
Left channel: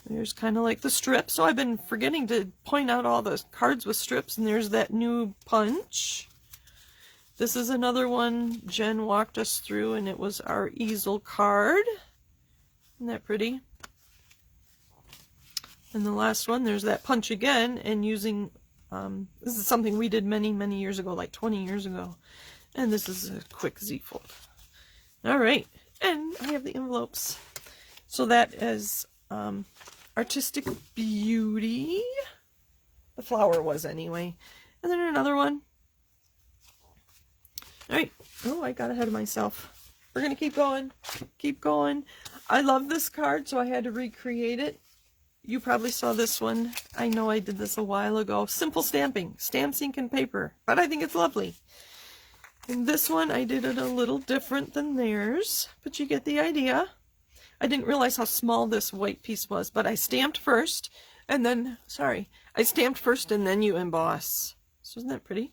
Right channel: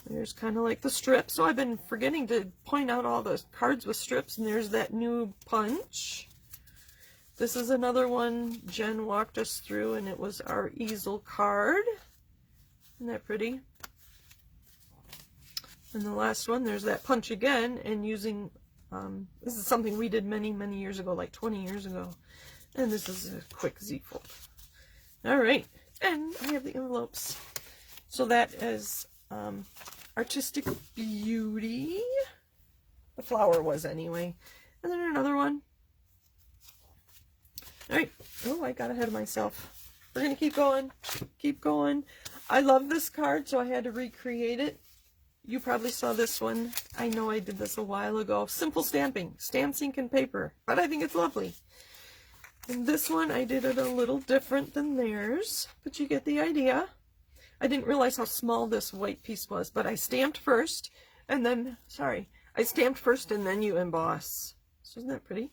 There's kind of like the strip. So I've been forgetting to point out all the cards with strips. And there's that new punch. This is another one Jen walked us through, and it was our easel card. Isn't that pretty? And the last one, there's that punch again, and using, this is something we did many, many years ago, like 20 years ago. And this is a quick Z-fold. All right, and I have the envelopes. So that is Artistic Beauty. The flower was anyway. And then another one. All right. Oh, I got ahead of myself. We're going to keep going. Keep going. I love this card, so I had to recreate it. You probably saw this one. I know I did this a while ago. Simple stamping. Stamps, ink, and paper. But I think it's lovely. And this one, I did it a little different than theirs. But you get the idea. I didn't realize how small this white piece was. But I stamped first. And then, sorry. I stamped first and then you emboss. So isn't that pretty?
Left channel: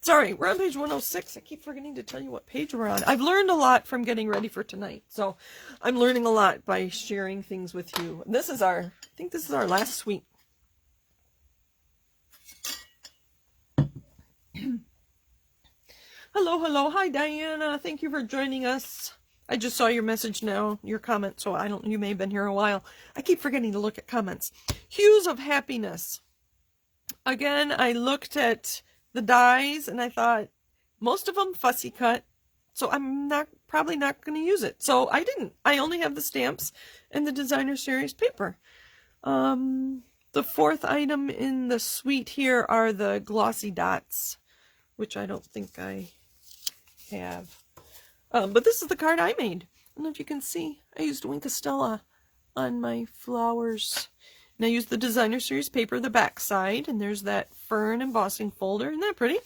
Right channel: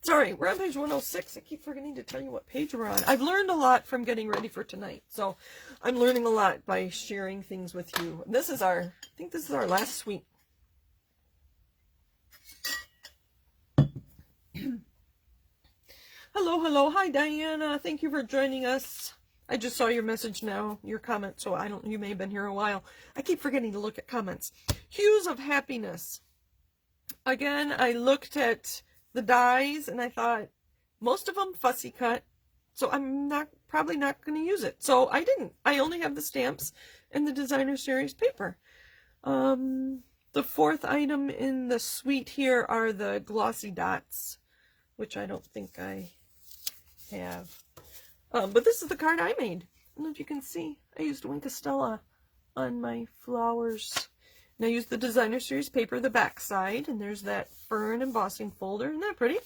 Sorry, we're on page 106. I keep forgetting to tell you what page we're on. I've learned a lot from getting ready for tonight. So I'm learning a lot by sharing things with you. This is I think this is our last suite. Hello, hello. Hi, Diana. Thank you for joining us. I just saw your message now, your comment, so you may have been here a while. I keep forgetting to look at comments. Hues of Happiness. Again, I looked at the dies and I thought most of them fussy cut, so I'm probably not going to use it. So I didn't. I only have the stamps and the designer series paper. The fourth item in the suite here are the glossy dots, which I don't think I have. But this is the card I made. I don't know if you can see. I used Winkastella on my flowers. And I used the designer series paper, the back side, and there's that fern embossing folder. Isn't that pretty?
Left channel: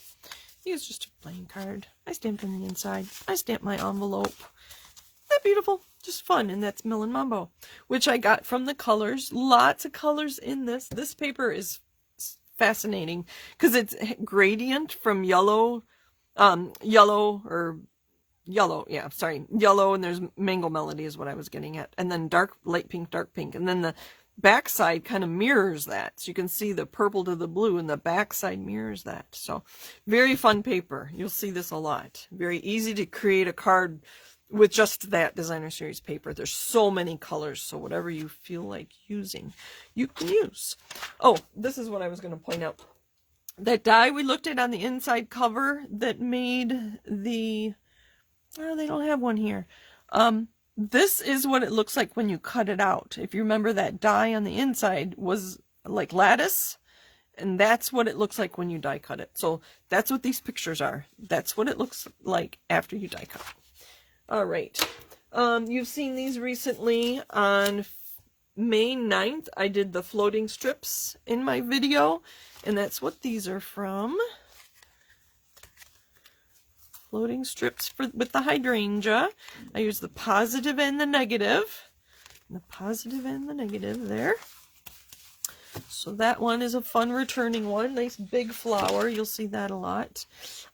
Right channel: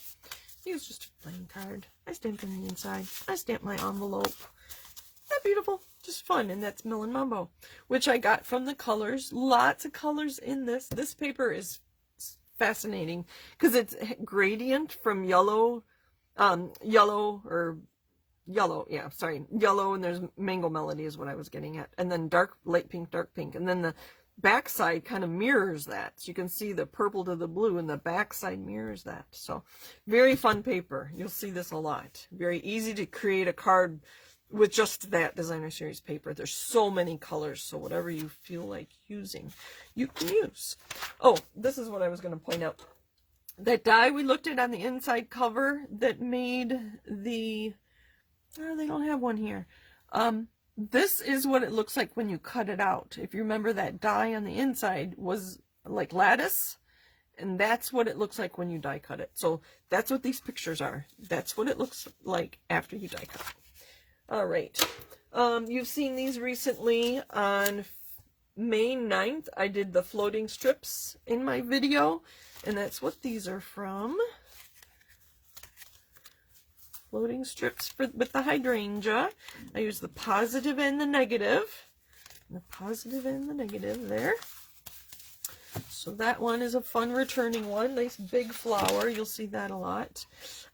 It's just a plain card. I stamped on the inside. I stamped my envelope. Isn't that beautiful? Just fun. And that's Melon Mambo, which I got from the colors. Lots of colors in this. This paper is fascinating because it's gradient from yellow, yellow, and there's Mango Melody is what I was getting at. And then dark, light pink, dark pink. And then the backside kind of mirrors that. So you can see the purple to the blue, and the backside mirrors that. So very fun paper. You'll see this a lot. Very easy to create a card with just that designer series paper. There's so many colors, so whatever you feel like using, you can use. Oh, this is what I was going to point out. That die we looked at on the inside cover that made the... Oh, they don't have one here. This is what it looks like when you cut it out. If you remember, that die on the inside was like lattice, and that's what it looks like when you die cut it. So that's what these pictures are. That's what it looks like after you die cut. All right. You've seen these recently. On May 9th, I did the floating strips in my video, and that's what these are from. Floating strips with the hydrangea. I use the positive and the negative. The positive and the negative there. So that one is a fun returning one. Nice big flower. You'll see that a lot.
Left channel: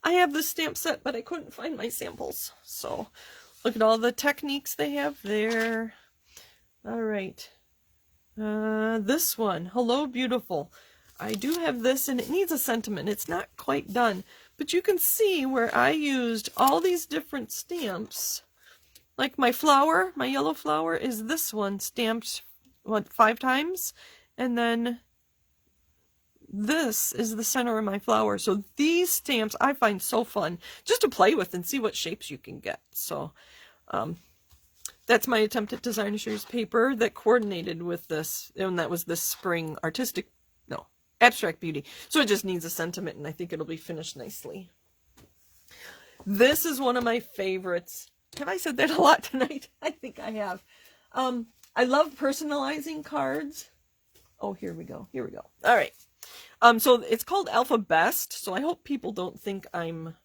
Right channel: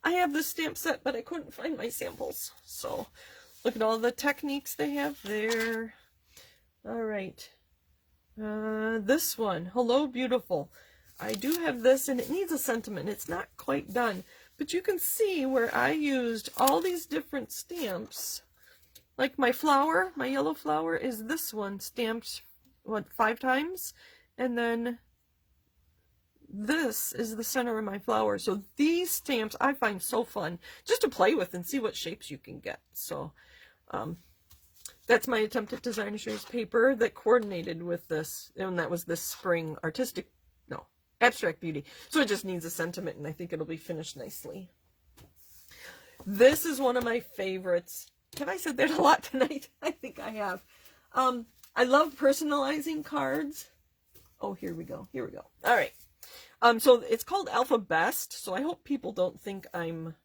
I have this stamp set, but I couldn't find my samples. So look at all the techniques they have there. All right. This one, Hello Beautiful. I do have this, and it needs a sentiment. It's not quite done. But you can see where I used all these different stamps. Like my flower, my yellow flower, is this one stamped, what, 5 times? And then this is the center of my flower. So these stamps I find so fun just to play with and see what shapes you can get. So that's my attempt at Designer Series paper that coordinated with this. And that was this spring Abstract Beauty. So it just needs a sentiment, and I think it'll be finished nicely. This is one of my favorites. Have I said that a lot tonight? I think I have. I love personalizing cards. Oh, here we go. Here we go. All right. So it's called Alphabest. So I hope people don't think I'm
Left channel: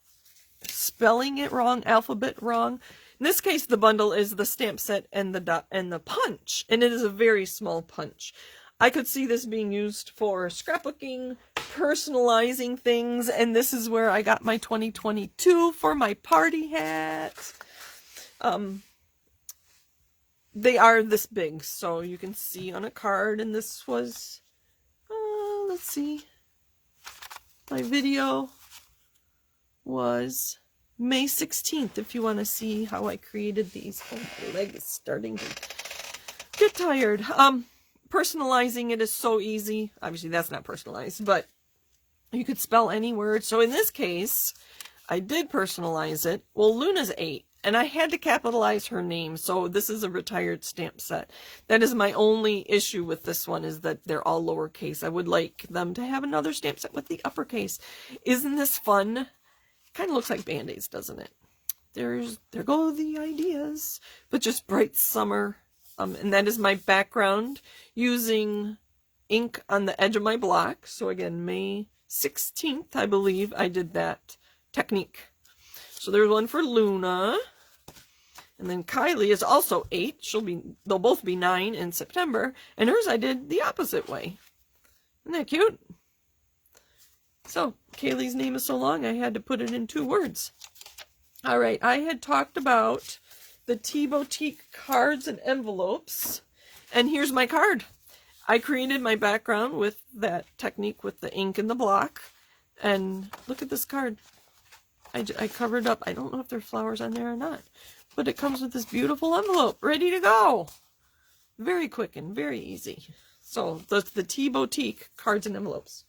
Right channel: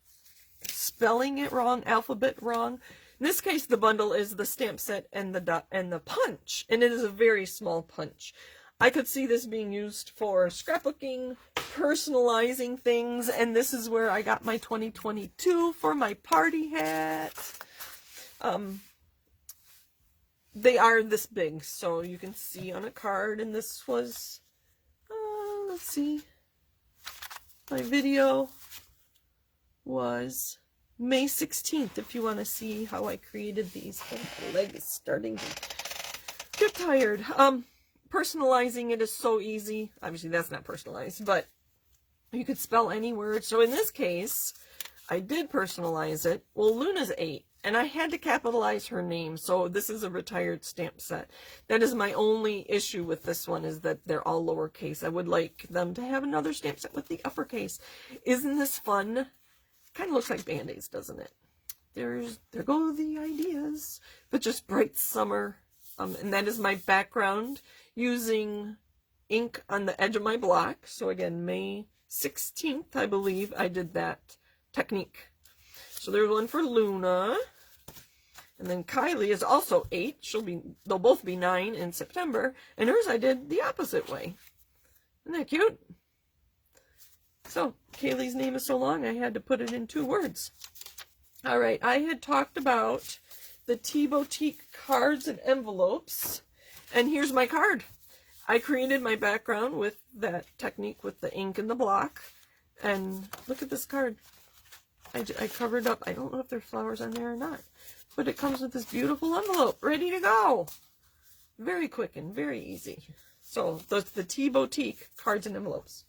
spelling it wrong, alphabet wrong. In this case, the bundle is the stamp set and the punch, and it is a very small punch. I could see this being used for scrapbooking, personalizing things, and this is where I got my 2022 for my party hat. They are this big, so you can see on a card, and this was, let's see, my video was May 16th, if you want to see how I created these. Oh, my leg is starting to get tired. Personalizing it is so easy. Obviously, that's not personalized, but you could spell any word. So in this case, I did personalize it. Well, Luna's 8, and I had to capitalize her name, so this is a retired stamp set. That is my only issue with this one, is that they're all lowercase. I would like them to have another stamp set with the uppercase. Isn't this fun? Kind of looks like Band-Aids, doesn't it? There go the ideas. But just bright summer. And that is my background using ink on the edge of my block. So again, May 16th, I believe, I did that technique. So there's one for Luna. And then Kylie is also 8. They'll both be 9 in September. And hers I did the opposite way. Isn't that cute? So Kaylee's name is so long, I had to put it in 2 words. All right, I had talked about the Tea Boutique cards and envelopes, and here's my card. I created my background with that technique with the ink and the block, and look at this card. I covered up. I don't know if there are flowers on there or not, but it comes with this beautiful envelope ready to go. Very quick and very easy. So that's the Tea Boutique cards and envelopes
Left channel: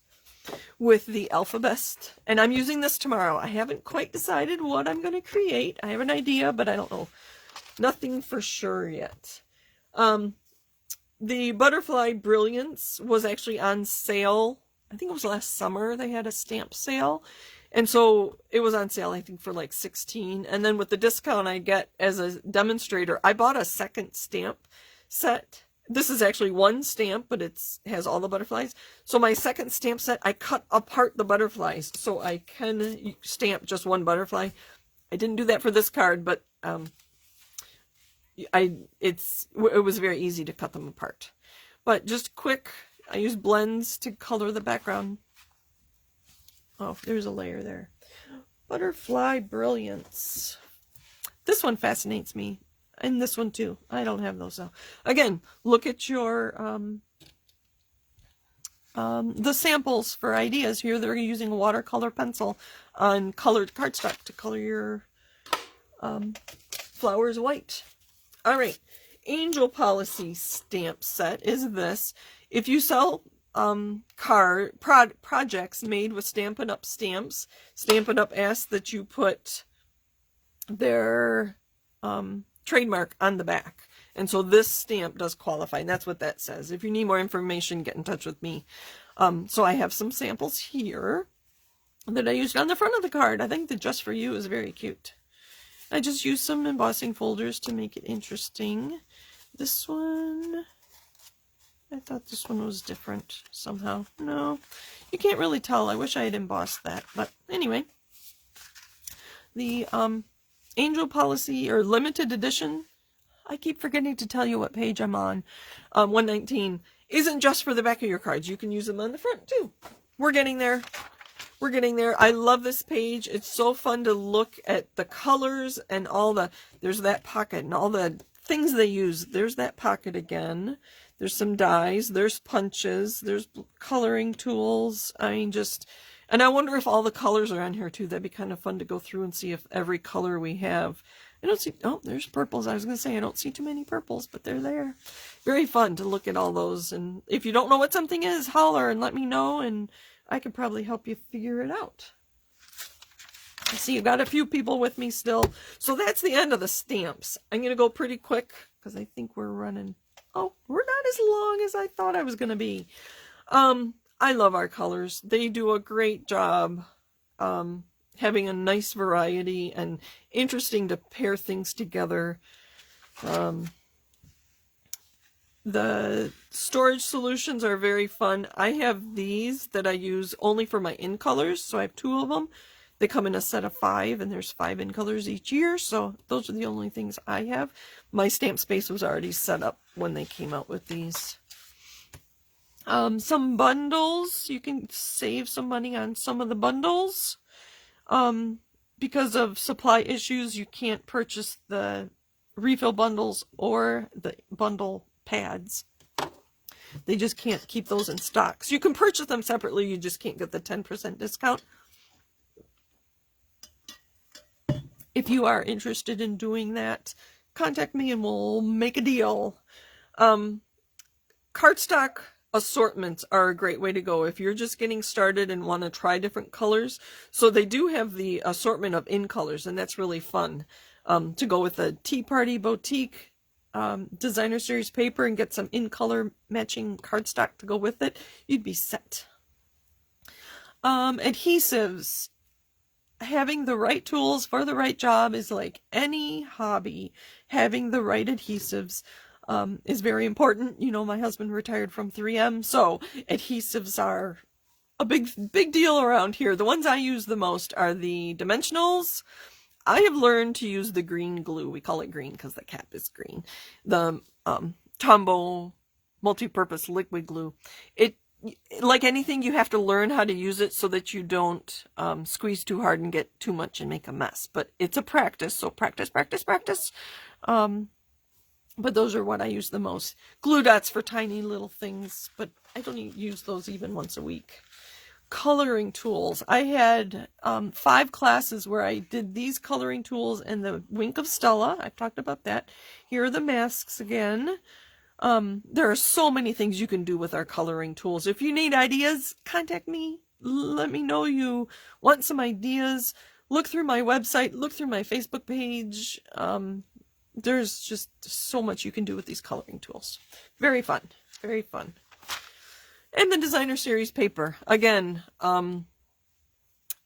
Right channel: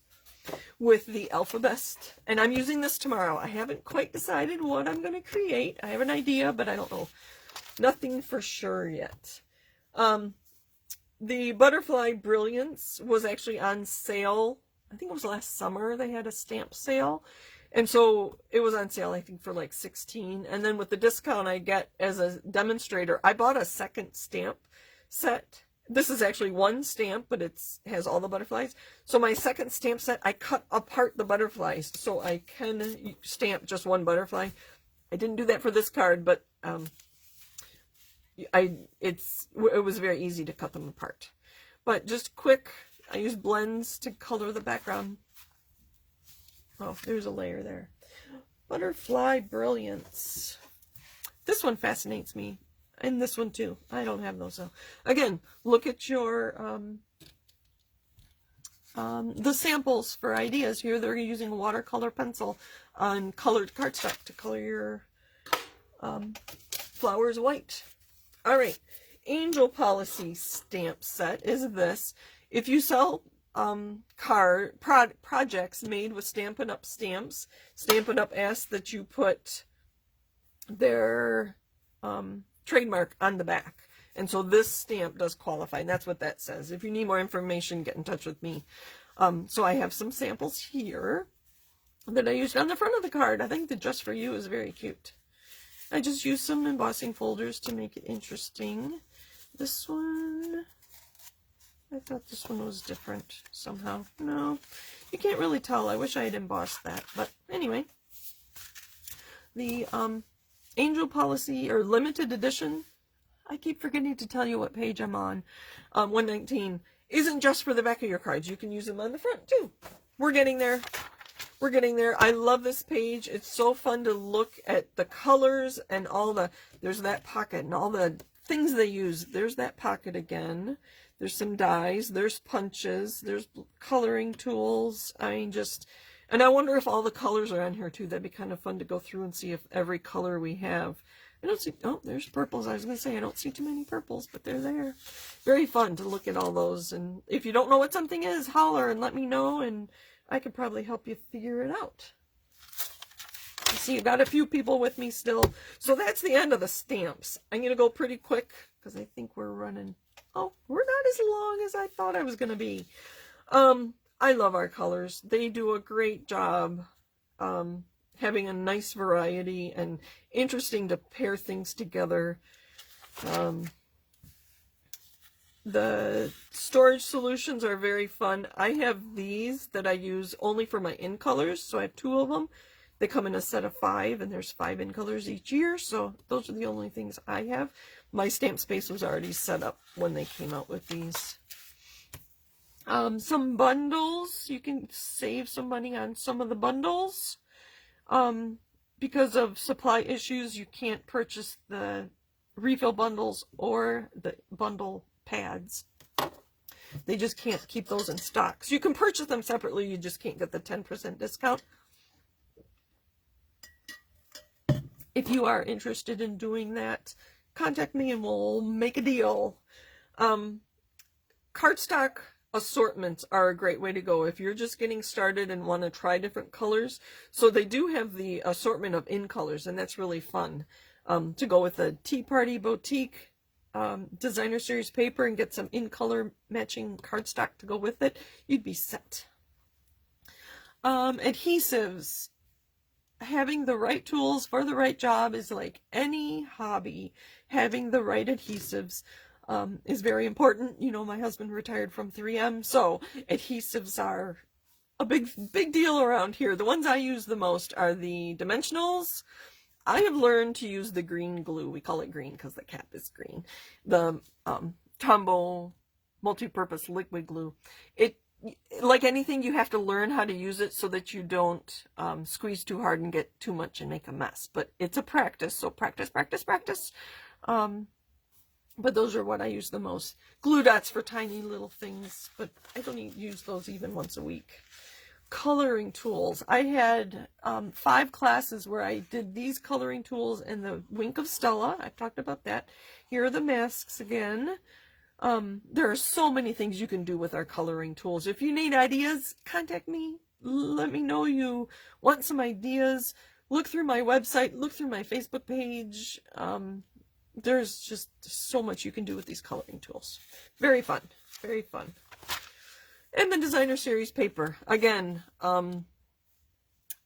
with the Alphabest, and I'm using this tomorrow. I haven't quite decided what I'm going to create. I have an idea, but I don't know. Nothing for sure yet. The Butterfly Brilliance was actually on sale. I think it was last summer. They had a stamp sale. And so it was on sale, I think, for like $16. And then with the discount I get as a demonstrator, I bought a second stamp set. This is actually one stamp, but it has all the butterflies. So my second stamp set, I cut apart the butterflies so I can stamp just one butterfly. I didn't do that for this card, but it was very easy to cut them apart. But just quick, I use blends to color the background. Oh, there's a layer there. Butterfly Brilliance. This one fascinates me. And this one too. I don't have those. So again, look at your the samples for ideas. Here they're using a watercolor pencil on colored cardstock to color your flowers white. All right, Angel Policy stamp set is this. If you sell projects made with Stampin' Up stamps, Stampin' Up asks that you put their trademark on the back. And so this stamp does qualify, and that's what that says. If you need more information, get in touch with me. So I have some samples here that I used on the front of the card. I think the Just For You is very cute. I just used some embossing folders to make it interesting. This one, I thought this one was different somehow. No, you can't really tell. I wish I had embossed that, but anyway. The Angel Policy, or limited edition, I keep forgetting to tell you what page I'm on, 119. isn't just for the back of your cards. You can use them on the front too. We're getting there. We're getting there. I love this page. It's so fun to look at the colors and all the, there's that pocket and all the things they use. There's that pocket again. There's some dies. There's punches. There's coloring tools. I mean, just, and I wonder if all the colors are on here too. That'd be kind of fun to go through and see if every color we have. I don't see, oh, there's purples. I was going to say, I don't see too many purples, but they're there. Very fun to look at all those. And if you don't know what something is, holler and let me know, and I could probably help you figure it out. I see you've got a few people with me still. So that's the end of the stamps. I'm going to go pretty quick because I think we're running. Oh, we're not as long as I thought I was going to be. I love our colors. They do a great job. Having a nice variety and interesting to pair things together. The storage solutions are very fun. I have these that I use only for my in colors, so I have 2 of them. They come in a set of 5, and there's 5 in colors each year, so those are the only things I have. My stamp space was already set up when they came out with these. Some bundles, you can save some money on some of the bundles. Because of supply issues, you can't purchase the refill bundles or the bundle pads. They just can't keep those in stock. So you can purchase them separately, you just can't get the 10% discount. If you are interested in doing that, contact me and we'll make a deal. Cardstock assortments are a great way to go if you're just getting started and want to try different colors. So they do have the assortment of in colors, and that's really fun to go with a Tea Party Boutique designer series paper and get some in color matching cardstock to go with it. You'd be set. Adhesives. Having the right tools for the right job is like any hobby. Having the right adhesives is very important. You know, my husband retired from 3M, so adhesives are a big deal around here. The ones I use the most are the dimensionals. I have learned to use the green glue. We call it green because the cap is green. The Tombow multi-purpose liquid glue. It, like anything, you have to learn how to use it so that you don't squeeze too hard and get too much and make a mess. But it's a practice, so practice, practice, practice. But those are what I use the most. Glue dots for tiny little things, but I don't use those even once a week. Coloring tools. I had 5 classes where I did these coloring tools and the Wink of Stella. I've talked about that. Here are the masks again. There are so many things you can do with our coloring tools. If you need ideas, contact me. Let me know you want some ideas. Look through my website. Look through my Facebook page. There's just so much you can do with these coloring tools. Very fun. Very fun. And the designer series paper. Again,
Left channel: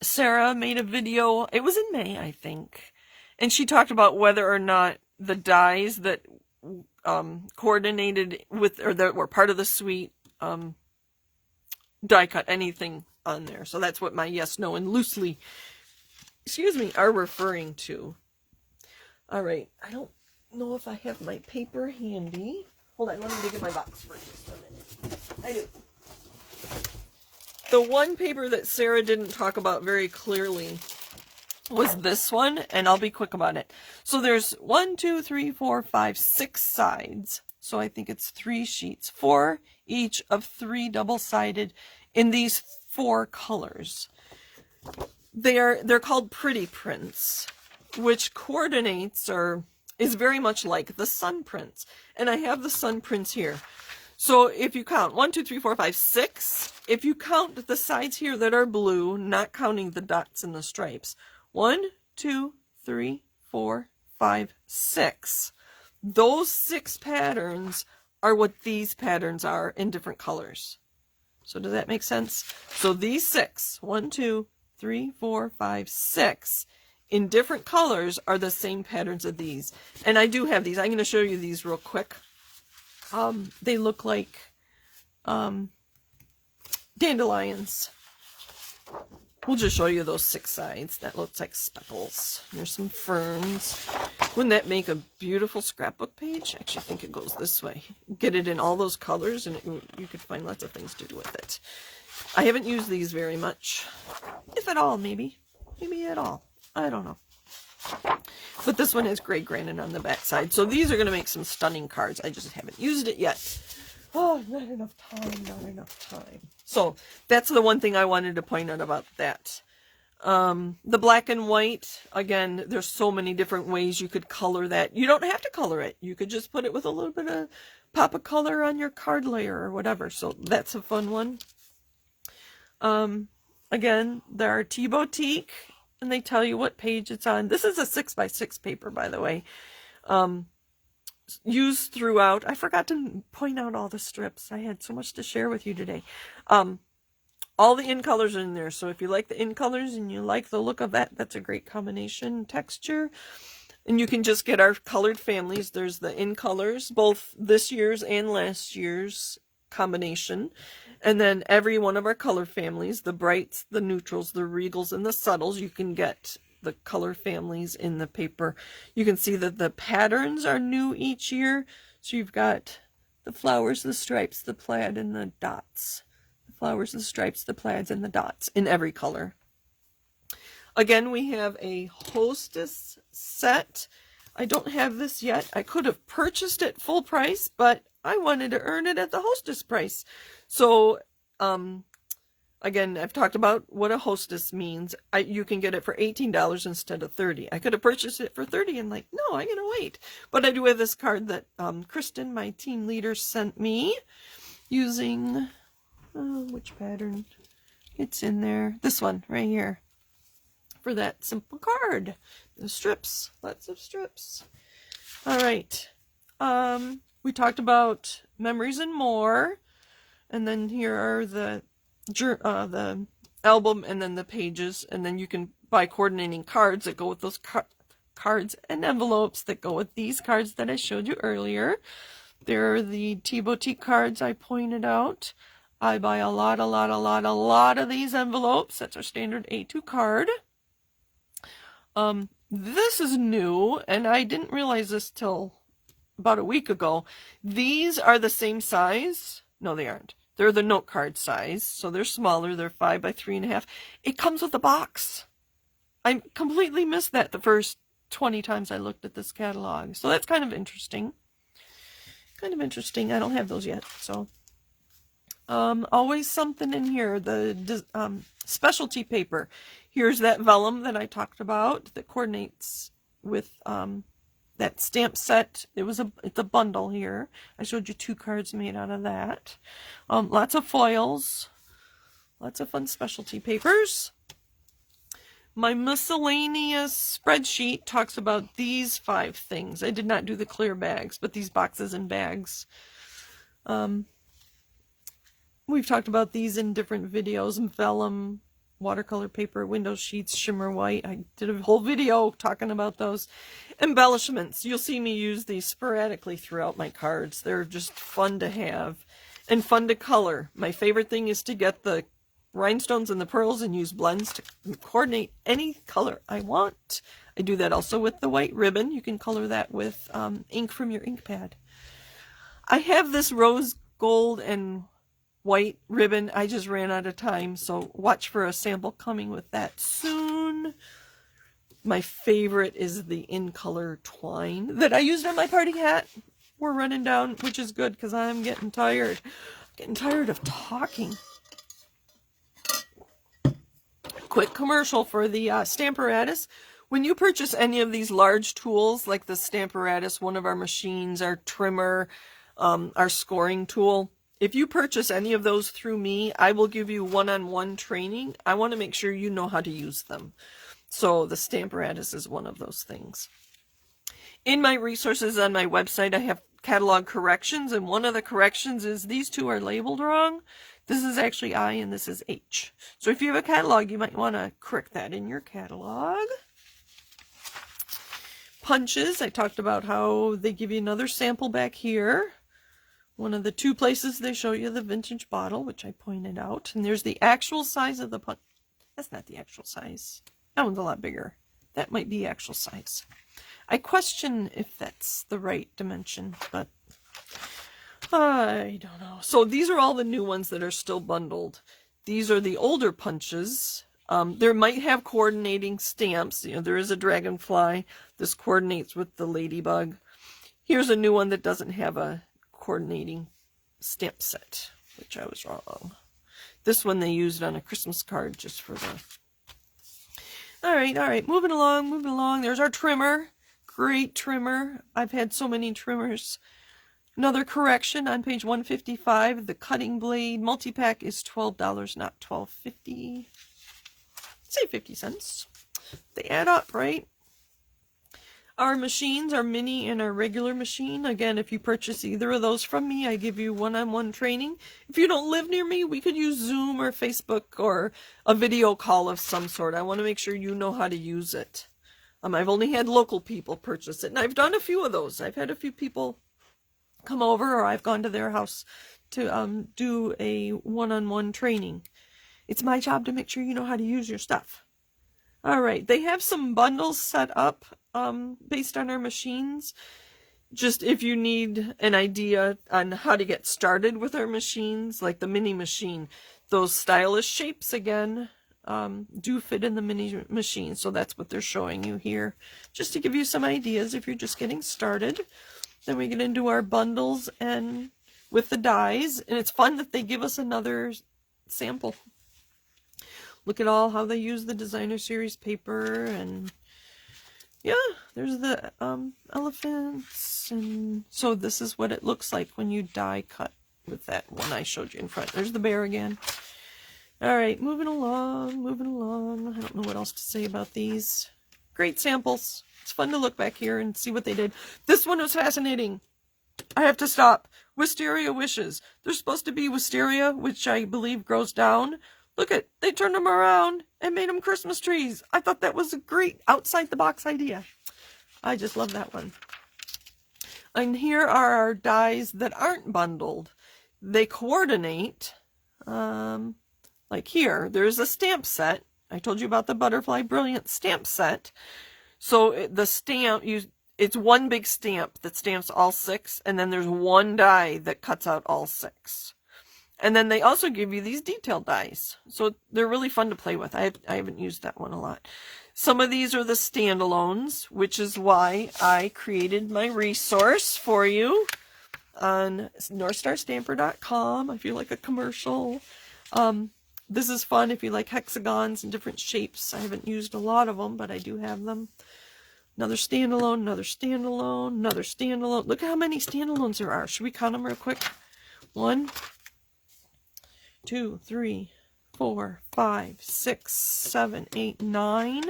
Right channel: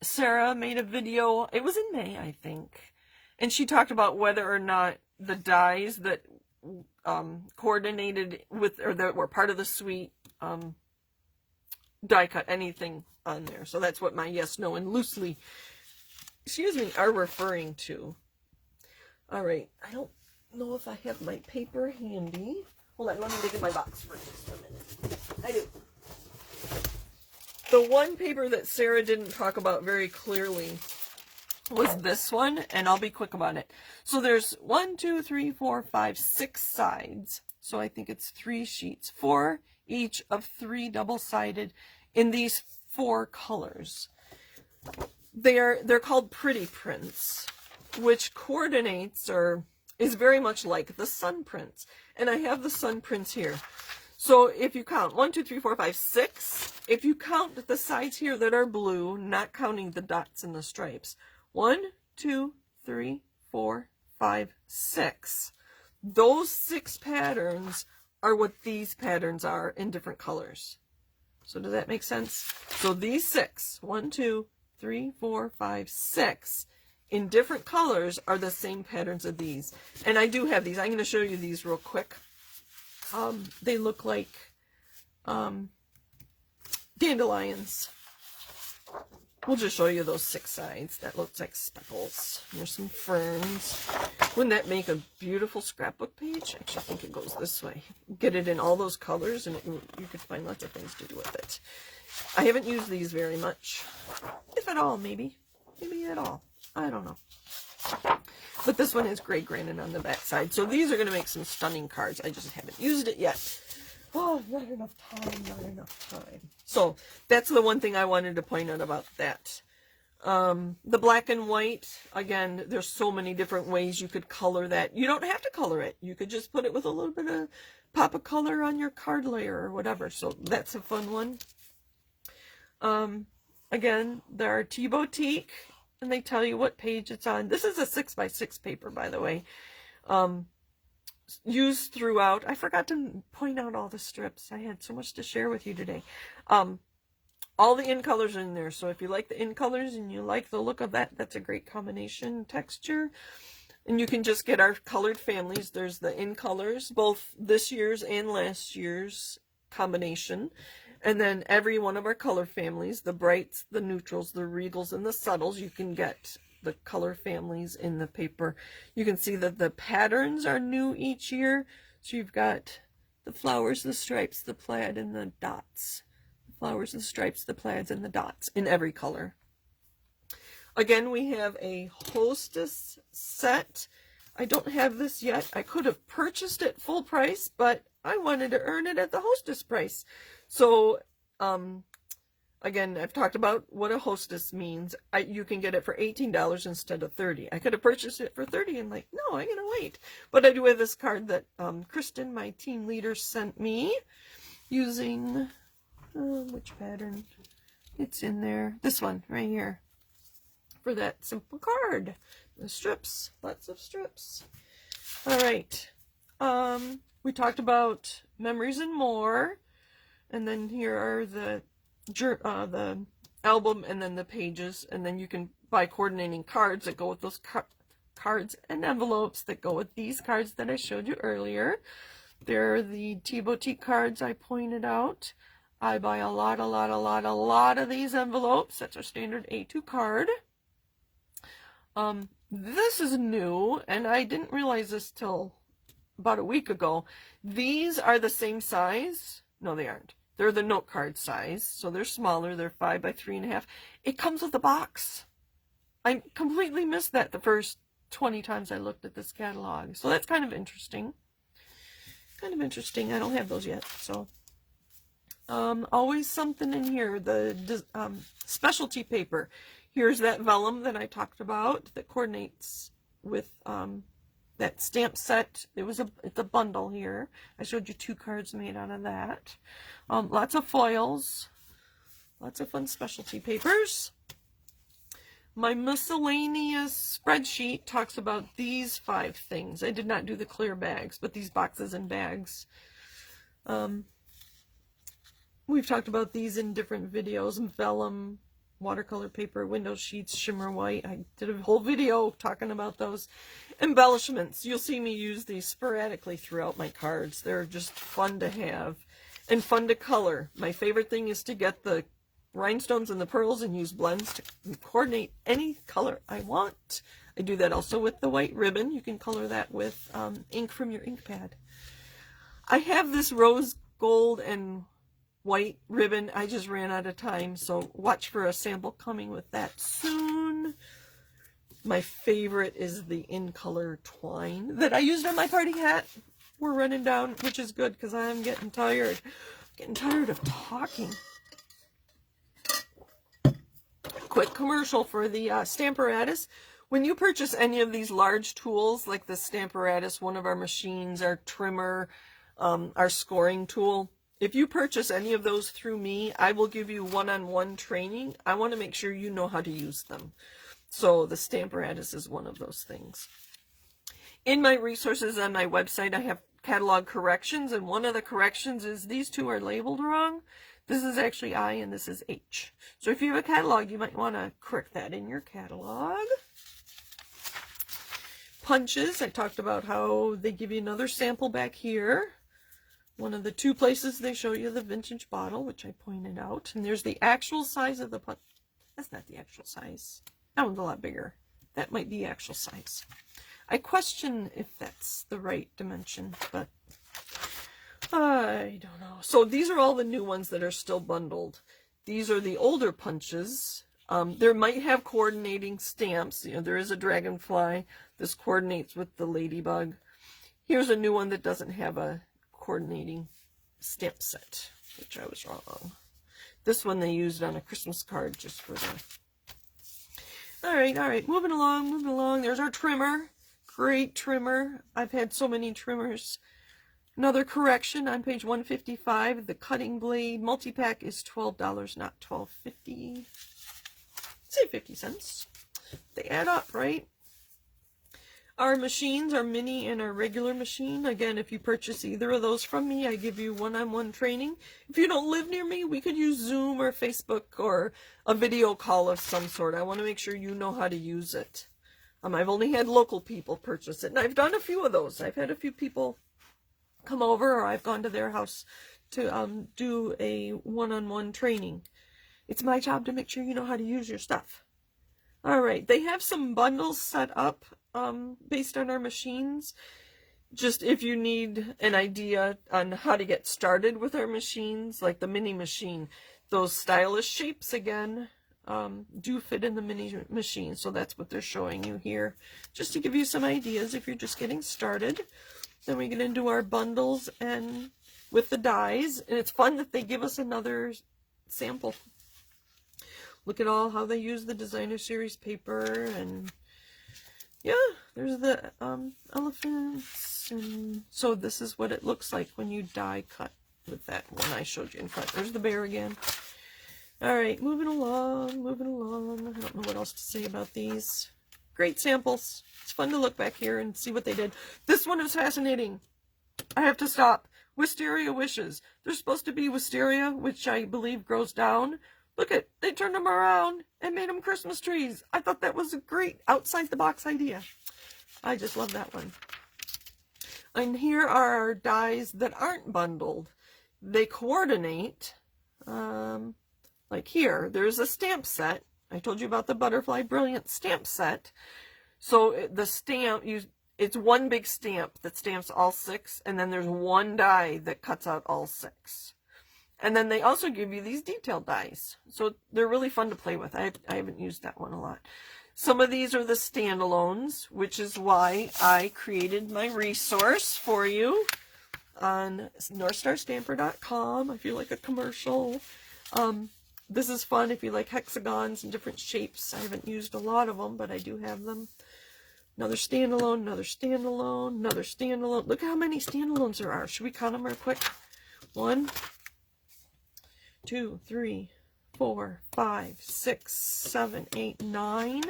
Sarah made a video. It was in May, I think. And she talked about whether or not the dies that coordinated with, or that were part of the suite, die cut anything on there. So that's what my yes, no, and loosely, are referring to. All right, I don't know if I have my paper handy. Hold on, let me dig in my box for just a minute. I do. The one paper that Sarah didn't talk about very clearly was this one, and I'll be quick about it. So there's 1, 2, 3, 4, 5, 6 sides. So I think it's 3 sheets, 4 each of 3 double-sided in these 4 colors. They're called pretty prints, which coordinates or is very much like the sun prints. And I have the sun prints here. So if you count 1, 2, 3, 4, 5, 6, if you count the sides here that are blue, not counting the dots and the stripes, 1, 2, 3, 4, 5, 6. Those 6 patterns are what these patterns are in different colors. So does that make sense? So these 6, 1, 2, 3, 4, 5, 6, in different colors are the same patterns of these. And I do have these. I'm going to show you these real quick. They look like dandelions. we'll just show you those 6 sides. That looks like speckles. Here's some ferns. Wouldn't that make a beautiful scrapbook page? Actually, I think it goes this way. Get it in all those colors, and you could find lots of things to do with it. I haven't used these very much, if at all, maybe. Maybe at all. I don't know. But this one has gray granite on the back side. So these are going to make some stunning cards. I just haven't used it yet. Oh, not enough time, not enough time. So that's the one thing I wanted to point out about that. The black and white, again, there's so many different ways you could color that. You don't have to color it. You could just put it with a little bit of pop of color on your card layer or whatever. So that's a fun one. Again, there are T-Boutique, and they tell you what page it's on. This is a 6x6 paper, by the way. Used throughout. I forgot to point out all the strips. I had so much to share with you today. All the in colors are in there. So if you like the in colors and you like the look of that, that's a great combination texture. And you can just get our colored families. There's the in colors, both this year's and last year's combination. And then every one of our color families, the brights, the neutrals, the regals, and the subtles, you can get the color families in the paper. You can see that the patterns are new each year. So you've got the flowers, the stripes, the plaid, and the dots. The flowers, the stripes, the plaids, and the dots in every color. Again, we have a Hostess set. I don't have this yet. I could have purchased it full price, but I wanted to earn it at the Hostess price. So, again, I've talked about what a Hostess means. You can get it for $18 instead of $30. I could have purchased it for $30 and like, no, I'm going to wait. But I do have this card that Kristen, my team leader, sent me using, which pattern? It's in there. This one right here. For that simple card. The strips. Lots of strips. All right. We talked about Memories and More. And then here are the album and then the pages. And then you can buy coordinating cards that go with those cards and envelopes that go with these cards that I showed you earlier. There are the T-Boutique cards I pointed out. I buy a lot of these envelopes. That's our standard A2 card. This is new, and I didn't realize this till about a week ago. These are the same size. No, they aren't. They're the note card size, so they're smaller. They're 5 by 3.5. It comes with a box. I completely missed that the first 20 times I looked at this catalog. So that's kind of interesting. I don't have those yet, so. Always something in here. The specialty paper. Here's that vellum that I talked about that coordinates with that stamp set. It's a bundle here. I showed you 2 cards made out of that. Lots of foils. Lots of fun specialty papers. My miscellaneous spreadsheet talks about these 5 things. I did not do the clear bags, but these boxes and bags. We've talked about these in different videos. Vellum, watercolor paper, window sheets, shimmer white. I did a whole video talking about those. Embellishments. You'll see me use these sporadically throughout my cards. They're just fun to have and fun to color. My favorite thing is to get the rhinestones and the pearls and use blends to coordinate any color I want. I do that also with the white ribbon. You can color that with ink from your ink pad. I have this rose gold and white ribbon. I just ran out of time, so watch for a sample coming with that soon. My favorite is the in color twine that I used on my party hat. We're running down, which is good because I'm getting tired. Getting tired of talking. Quick commercial for the Stamparatus. When you purchase any of these large tools like the Stamparatus, one of our machines, our trimmer, our scoring tool, if you purchase any of those through me, I will give you one-on-one training. I want to make sure you know how to use them. So the Stamparatus is one of those things. In my resources on my website, I have catalog corrections, and one of the corrections is these 2 are labeled wrong. This is actually I and this is H. So if you have a catalog, you might want to correct that in your catalog. Punches, I talked about how they give you another sample back here. One of the 2 places they show you the vintage bottle, which I pointed out. And there's the actual size of the punch. That's not the actual size. That one's a lot bigger. That might be actual size. I question if that's the right dimension, but I don't know. So these are all the new ones that are still bundled. These are the older punches. There might have coordinating stamps. You know, there is a dragonfly. This coordinates with the ladybug. Here's a new one that doesn't have a coordinating stamp set, which I was wrong. This one they used on a Christmas card just for the... All right. Moving along. There's our trimmer. Great trimmer. I've had so many trimmers. Another correction on page 155. The cutting blade multi-pack is $12, not $12.50. Say 50 cents. They add up, right? Our machines, our mini and our regular machine. Again, if you purchase either of those from me, I give you one-on-one training. If you don't live near me, we could use Zoom or Facebook or a video call of some sort. I want to make sure you know how to use it. I've only had local people purchase it, and I've done a few of those. I've had a few people come over, or I've gone to their house to do a one-on-one training. It's my job to make sure you know how to use your stuff. All right, they have some bundles set up based on our machines. Just if you need an idea on how to get started with our machines, like the mini machine, those stylish shapes again do fit in the mini machine. So that's what they're showing you here, just to give you some ideas if you're just getting started. Then we get into our bundles and with the dies, and it's fun that they give us another sample. Look at all how they use the designer series paper, and yeah, there's the elephants, and so this is what it looks like when you die cut with that one I showed you in front. There's the bear again. All right, moving along. I don't know what else to say about these. Great samples. It's fun to look back here and see what they did. This one was fascinating. I have to stop. Wisteria wishes. There's supposed to be wisteria, which I believe grows down. Look at, they turned them around and made them Christmas trees. I thought that was a great outside-the-box idea. I just love that one. And here are our dies that aren't bundled. They coordinate, like here, there's a stamp set. I told you about the Butterfly Brilliant stamp set. So the stamp, it's one big stamp that stamps all 6, and then there's one die that cuts out all 6. And then they also give you these detailed dies. So they're really fun to play with. I haven't used that one a lot. Some of these are the standalones, which is why I created my resource for you on NorthStarStamper.com. I feel like a commercial. This is fun if you like hexagons and different shapes. I haven't used a lot of them, but I do have them. Another standalone, another standalone, another standalone. Look at how many standalones there are. Should we count them real quick? 1, 2, 3, 4, 5, 6, 7, 8, 9,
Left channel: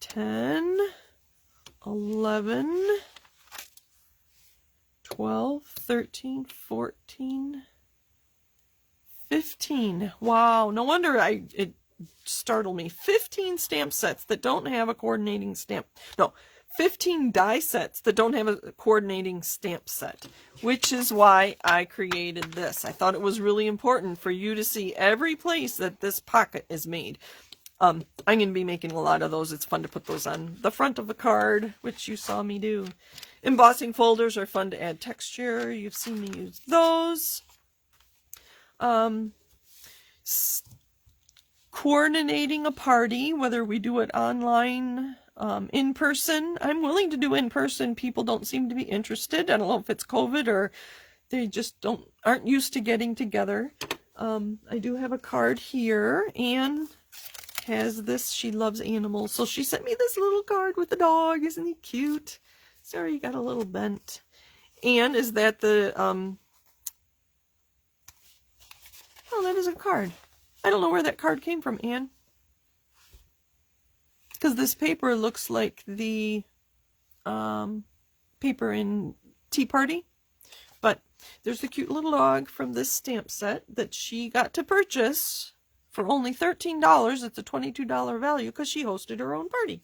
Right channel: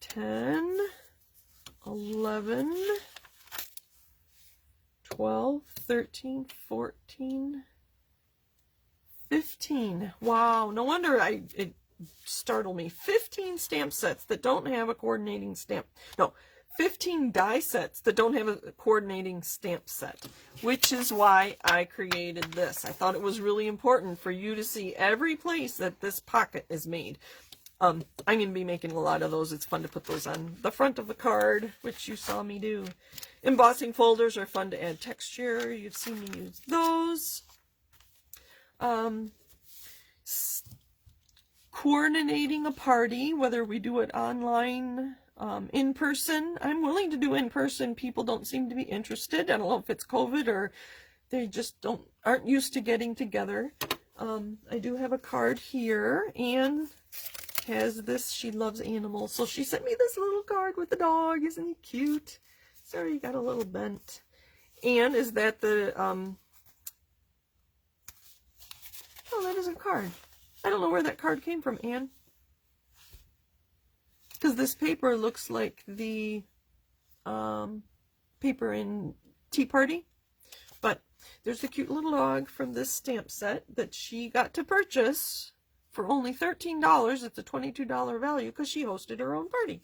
10, 11, 12, 13, 14, 15. Wow, no wonder it startled me. 15 stamp sets that don't have a coordinating stamp. No, 15 die sets that don't have a coordinating stamp set, which is why I created this. I thought it was really important for you to see every place that this pocket is made. I'm going to be making a lot of those. It's fun to put those on the front of the card, which you saw me do. Embossing folders are fun to add texture. You've seen me use those. Coordinating a party, whether we do it online, in person. I'm willing to do in person. People don't seem to be interested. I don't know if it's COVID or they just aren't used to getting together. I do have a card here. Anne has this. She loves animals, so she sent me this little card with the dog. Isn't he cute? Sorry, you got a little bent. Anne, is that the oh, that is a card. I don't know where that card came from, Anne. Because this paper looks like the paper in Tea Party. But there's a cute little dog from this stamp set that she got to purchase for only $13. It's a $22 value because she hosted her own party.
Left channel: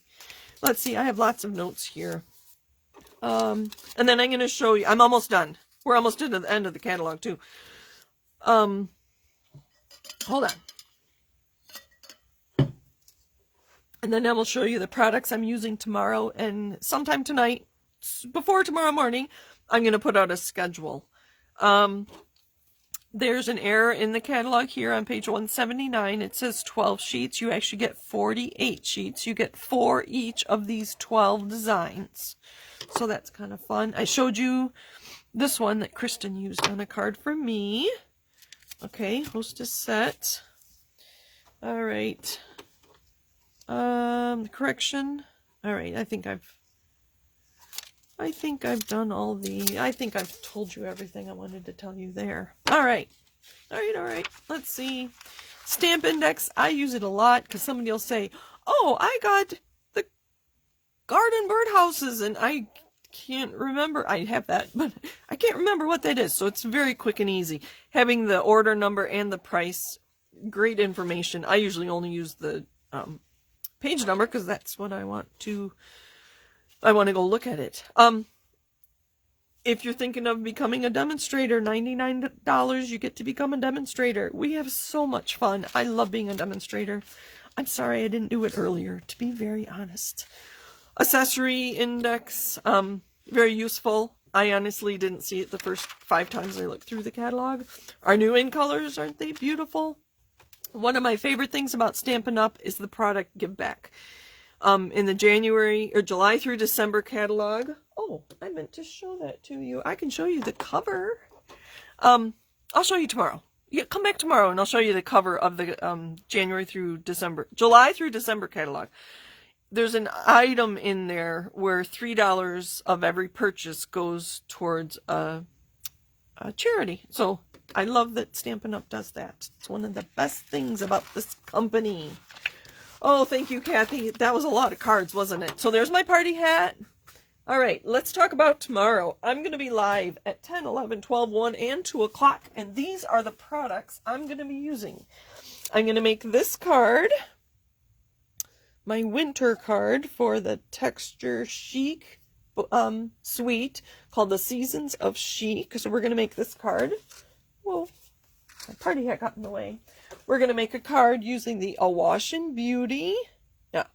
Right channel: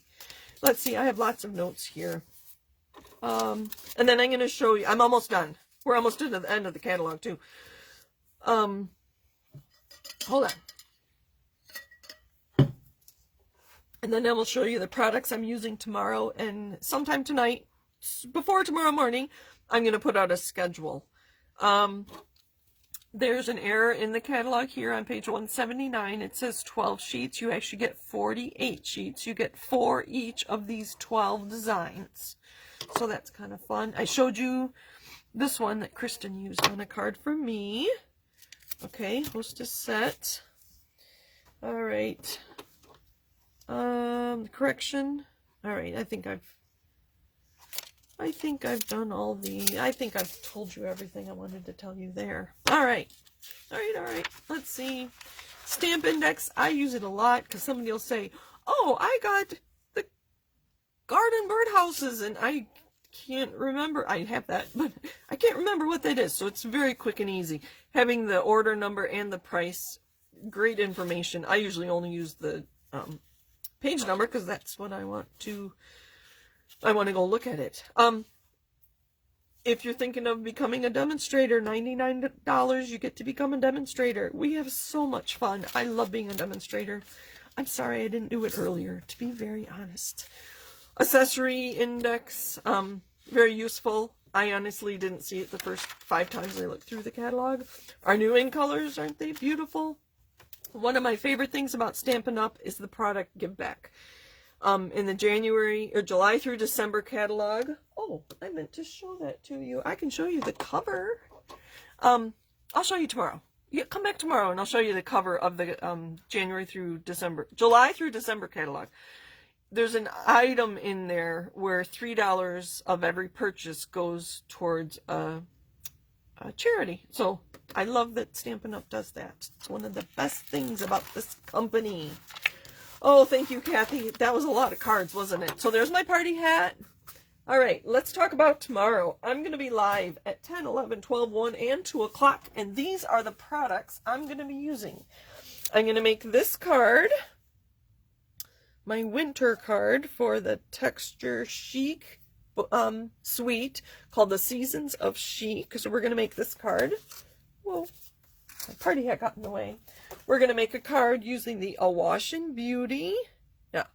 Let's see, I have lots of notes here. And then I'm going to show you, I'm almost done. We're almost to the end of the catalog too. Hold on. And then I will show you the products I'm using tomorrow, and sometime tonight, before tomorrow morning, I'm going to put out a schedule. There's an error in the catalog here on page 179. It says 12 sheets. You actually get 48 sheets. You get 4 each of these 12 designs. So that's kind of fun. I showed you this one that Kristen used on a card for me. Okay, hostess set. All right. The correction. All right, I think I've done all the, I think I've told you everything I wanted to tell you there. All right. Let's see. Stamp Index, I use it a lot because somebody will say, oh, I got the garden birdhouses, and I can't remember. I have that, but I can't remember what that is. So it's very quick and easy. Having the order number and the price, great information. I usually only use the page number because that's what I want to go look at it. If you're thinking of becoming a demonstrator, $99, you get to become a demonstrator. We have so much fun. I love being a demonstrator. I'm sorry I didn't do it earlier, to be very honest. Accessory index, very useful. I honestly didn't see it the first 5 times I looked through the catalog. Our new in colors, aren't they beautiful? One of my favorite things about Stampin' Up! Is the product give back. In the January or July through December catalog. Oh, I meant to show that to you. I can show you the cover. I'll show you tomorrow. Yeah, come back tomorrow and I'll show you the cover of the July through December catalog. There's an item in there where $3 of every purchase goes towards a charity. So I love that Stampin' Up! Does that. It's one of the best things about this company. Oh, thank you, Kathy. That was a lot of cards, wasn't it? So there's my party hat. All right, let's talk about tomorrow. I'm going to be live at 10, 11, 12, 1, and 2 o'clock, and these are the products I'm going to be using. I'm going to make this card, my winter card for the Texture Chic suite called the Seasons of Chic. So we're going to make this card. Whoa, my party hat got in the way. We're going to make a card using the Awash and Beauty. Yeah.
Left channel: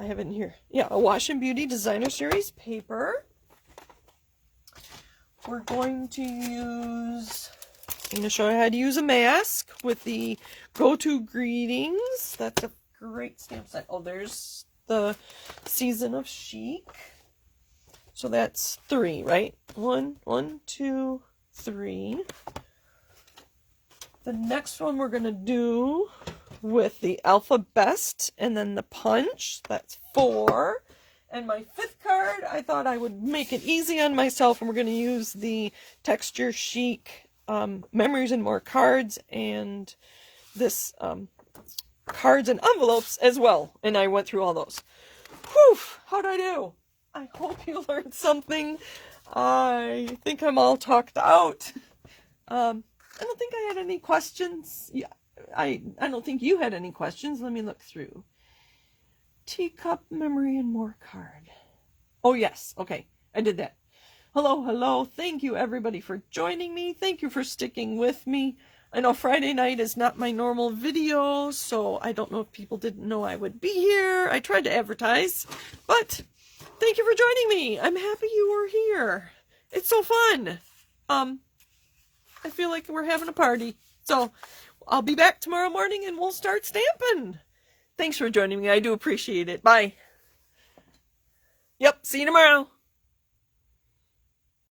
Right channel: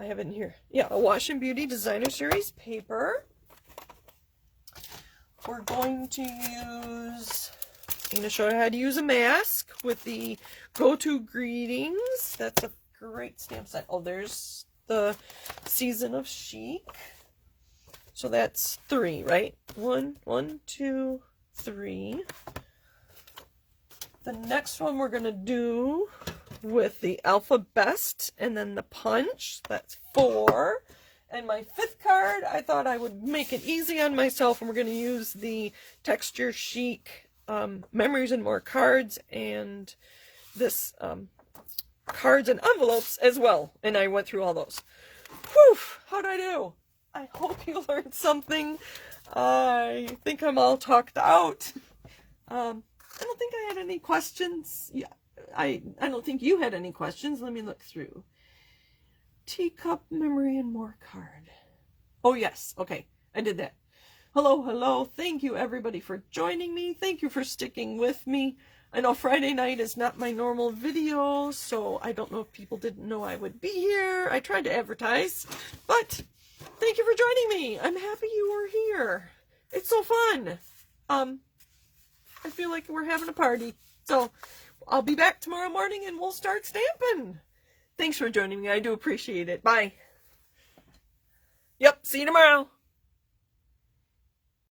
I have it in here. Yeah, Awash and Beauty Designer Series paper. We're going to use, I'm going to show you how to use a mask with the Go-To Greetings. That's a great stamp set. Oh, there's the Season of Chic. So that's 3, right? 1, 2, 3. The next one we're going to do with the Alpha Best and then the Punch. That's 4. And my 5th card, I thought I would make it easy on myself, and we're going to use the Texture Chic Memories and More cards and this cards and envelopes as well. And I went through all those. Whew! How'd I do? I hope you learned something. I think I'm all talked out. I don't think I had any questions. Yeah, I don't think you had any questions. Let me look through. Teacup Memory and More card. Oh, yes. Okay, I did that. Hello. Thank you, everybody, for joining me. Thank you for sticking with me. I know Friday night is not my normal video, so I don't know if people didn't know I would be here. I tried to advertise, but thank you for joining me. I'm happy you are here. It's so fun. I feel like we're having a party. So I'll be back tomorrow morning and we'll start stamping. Thanks for joining me. I do appreciate it. Bye. Yep. See you tomorrow.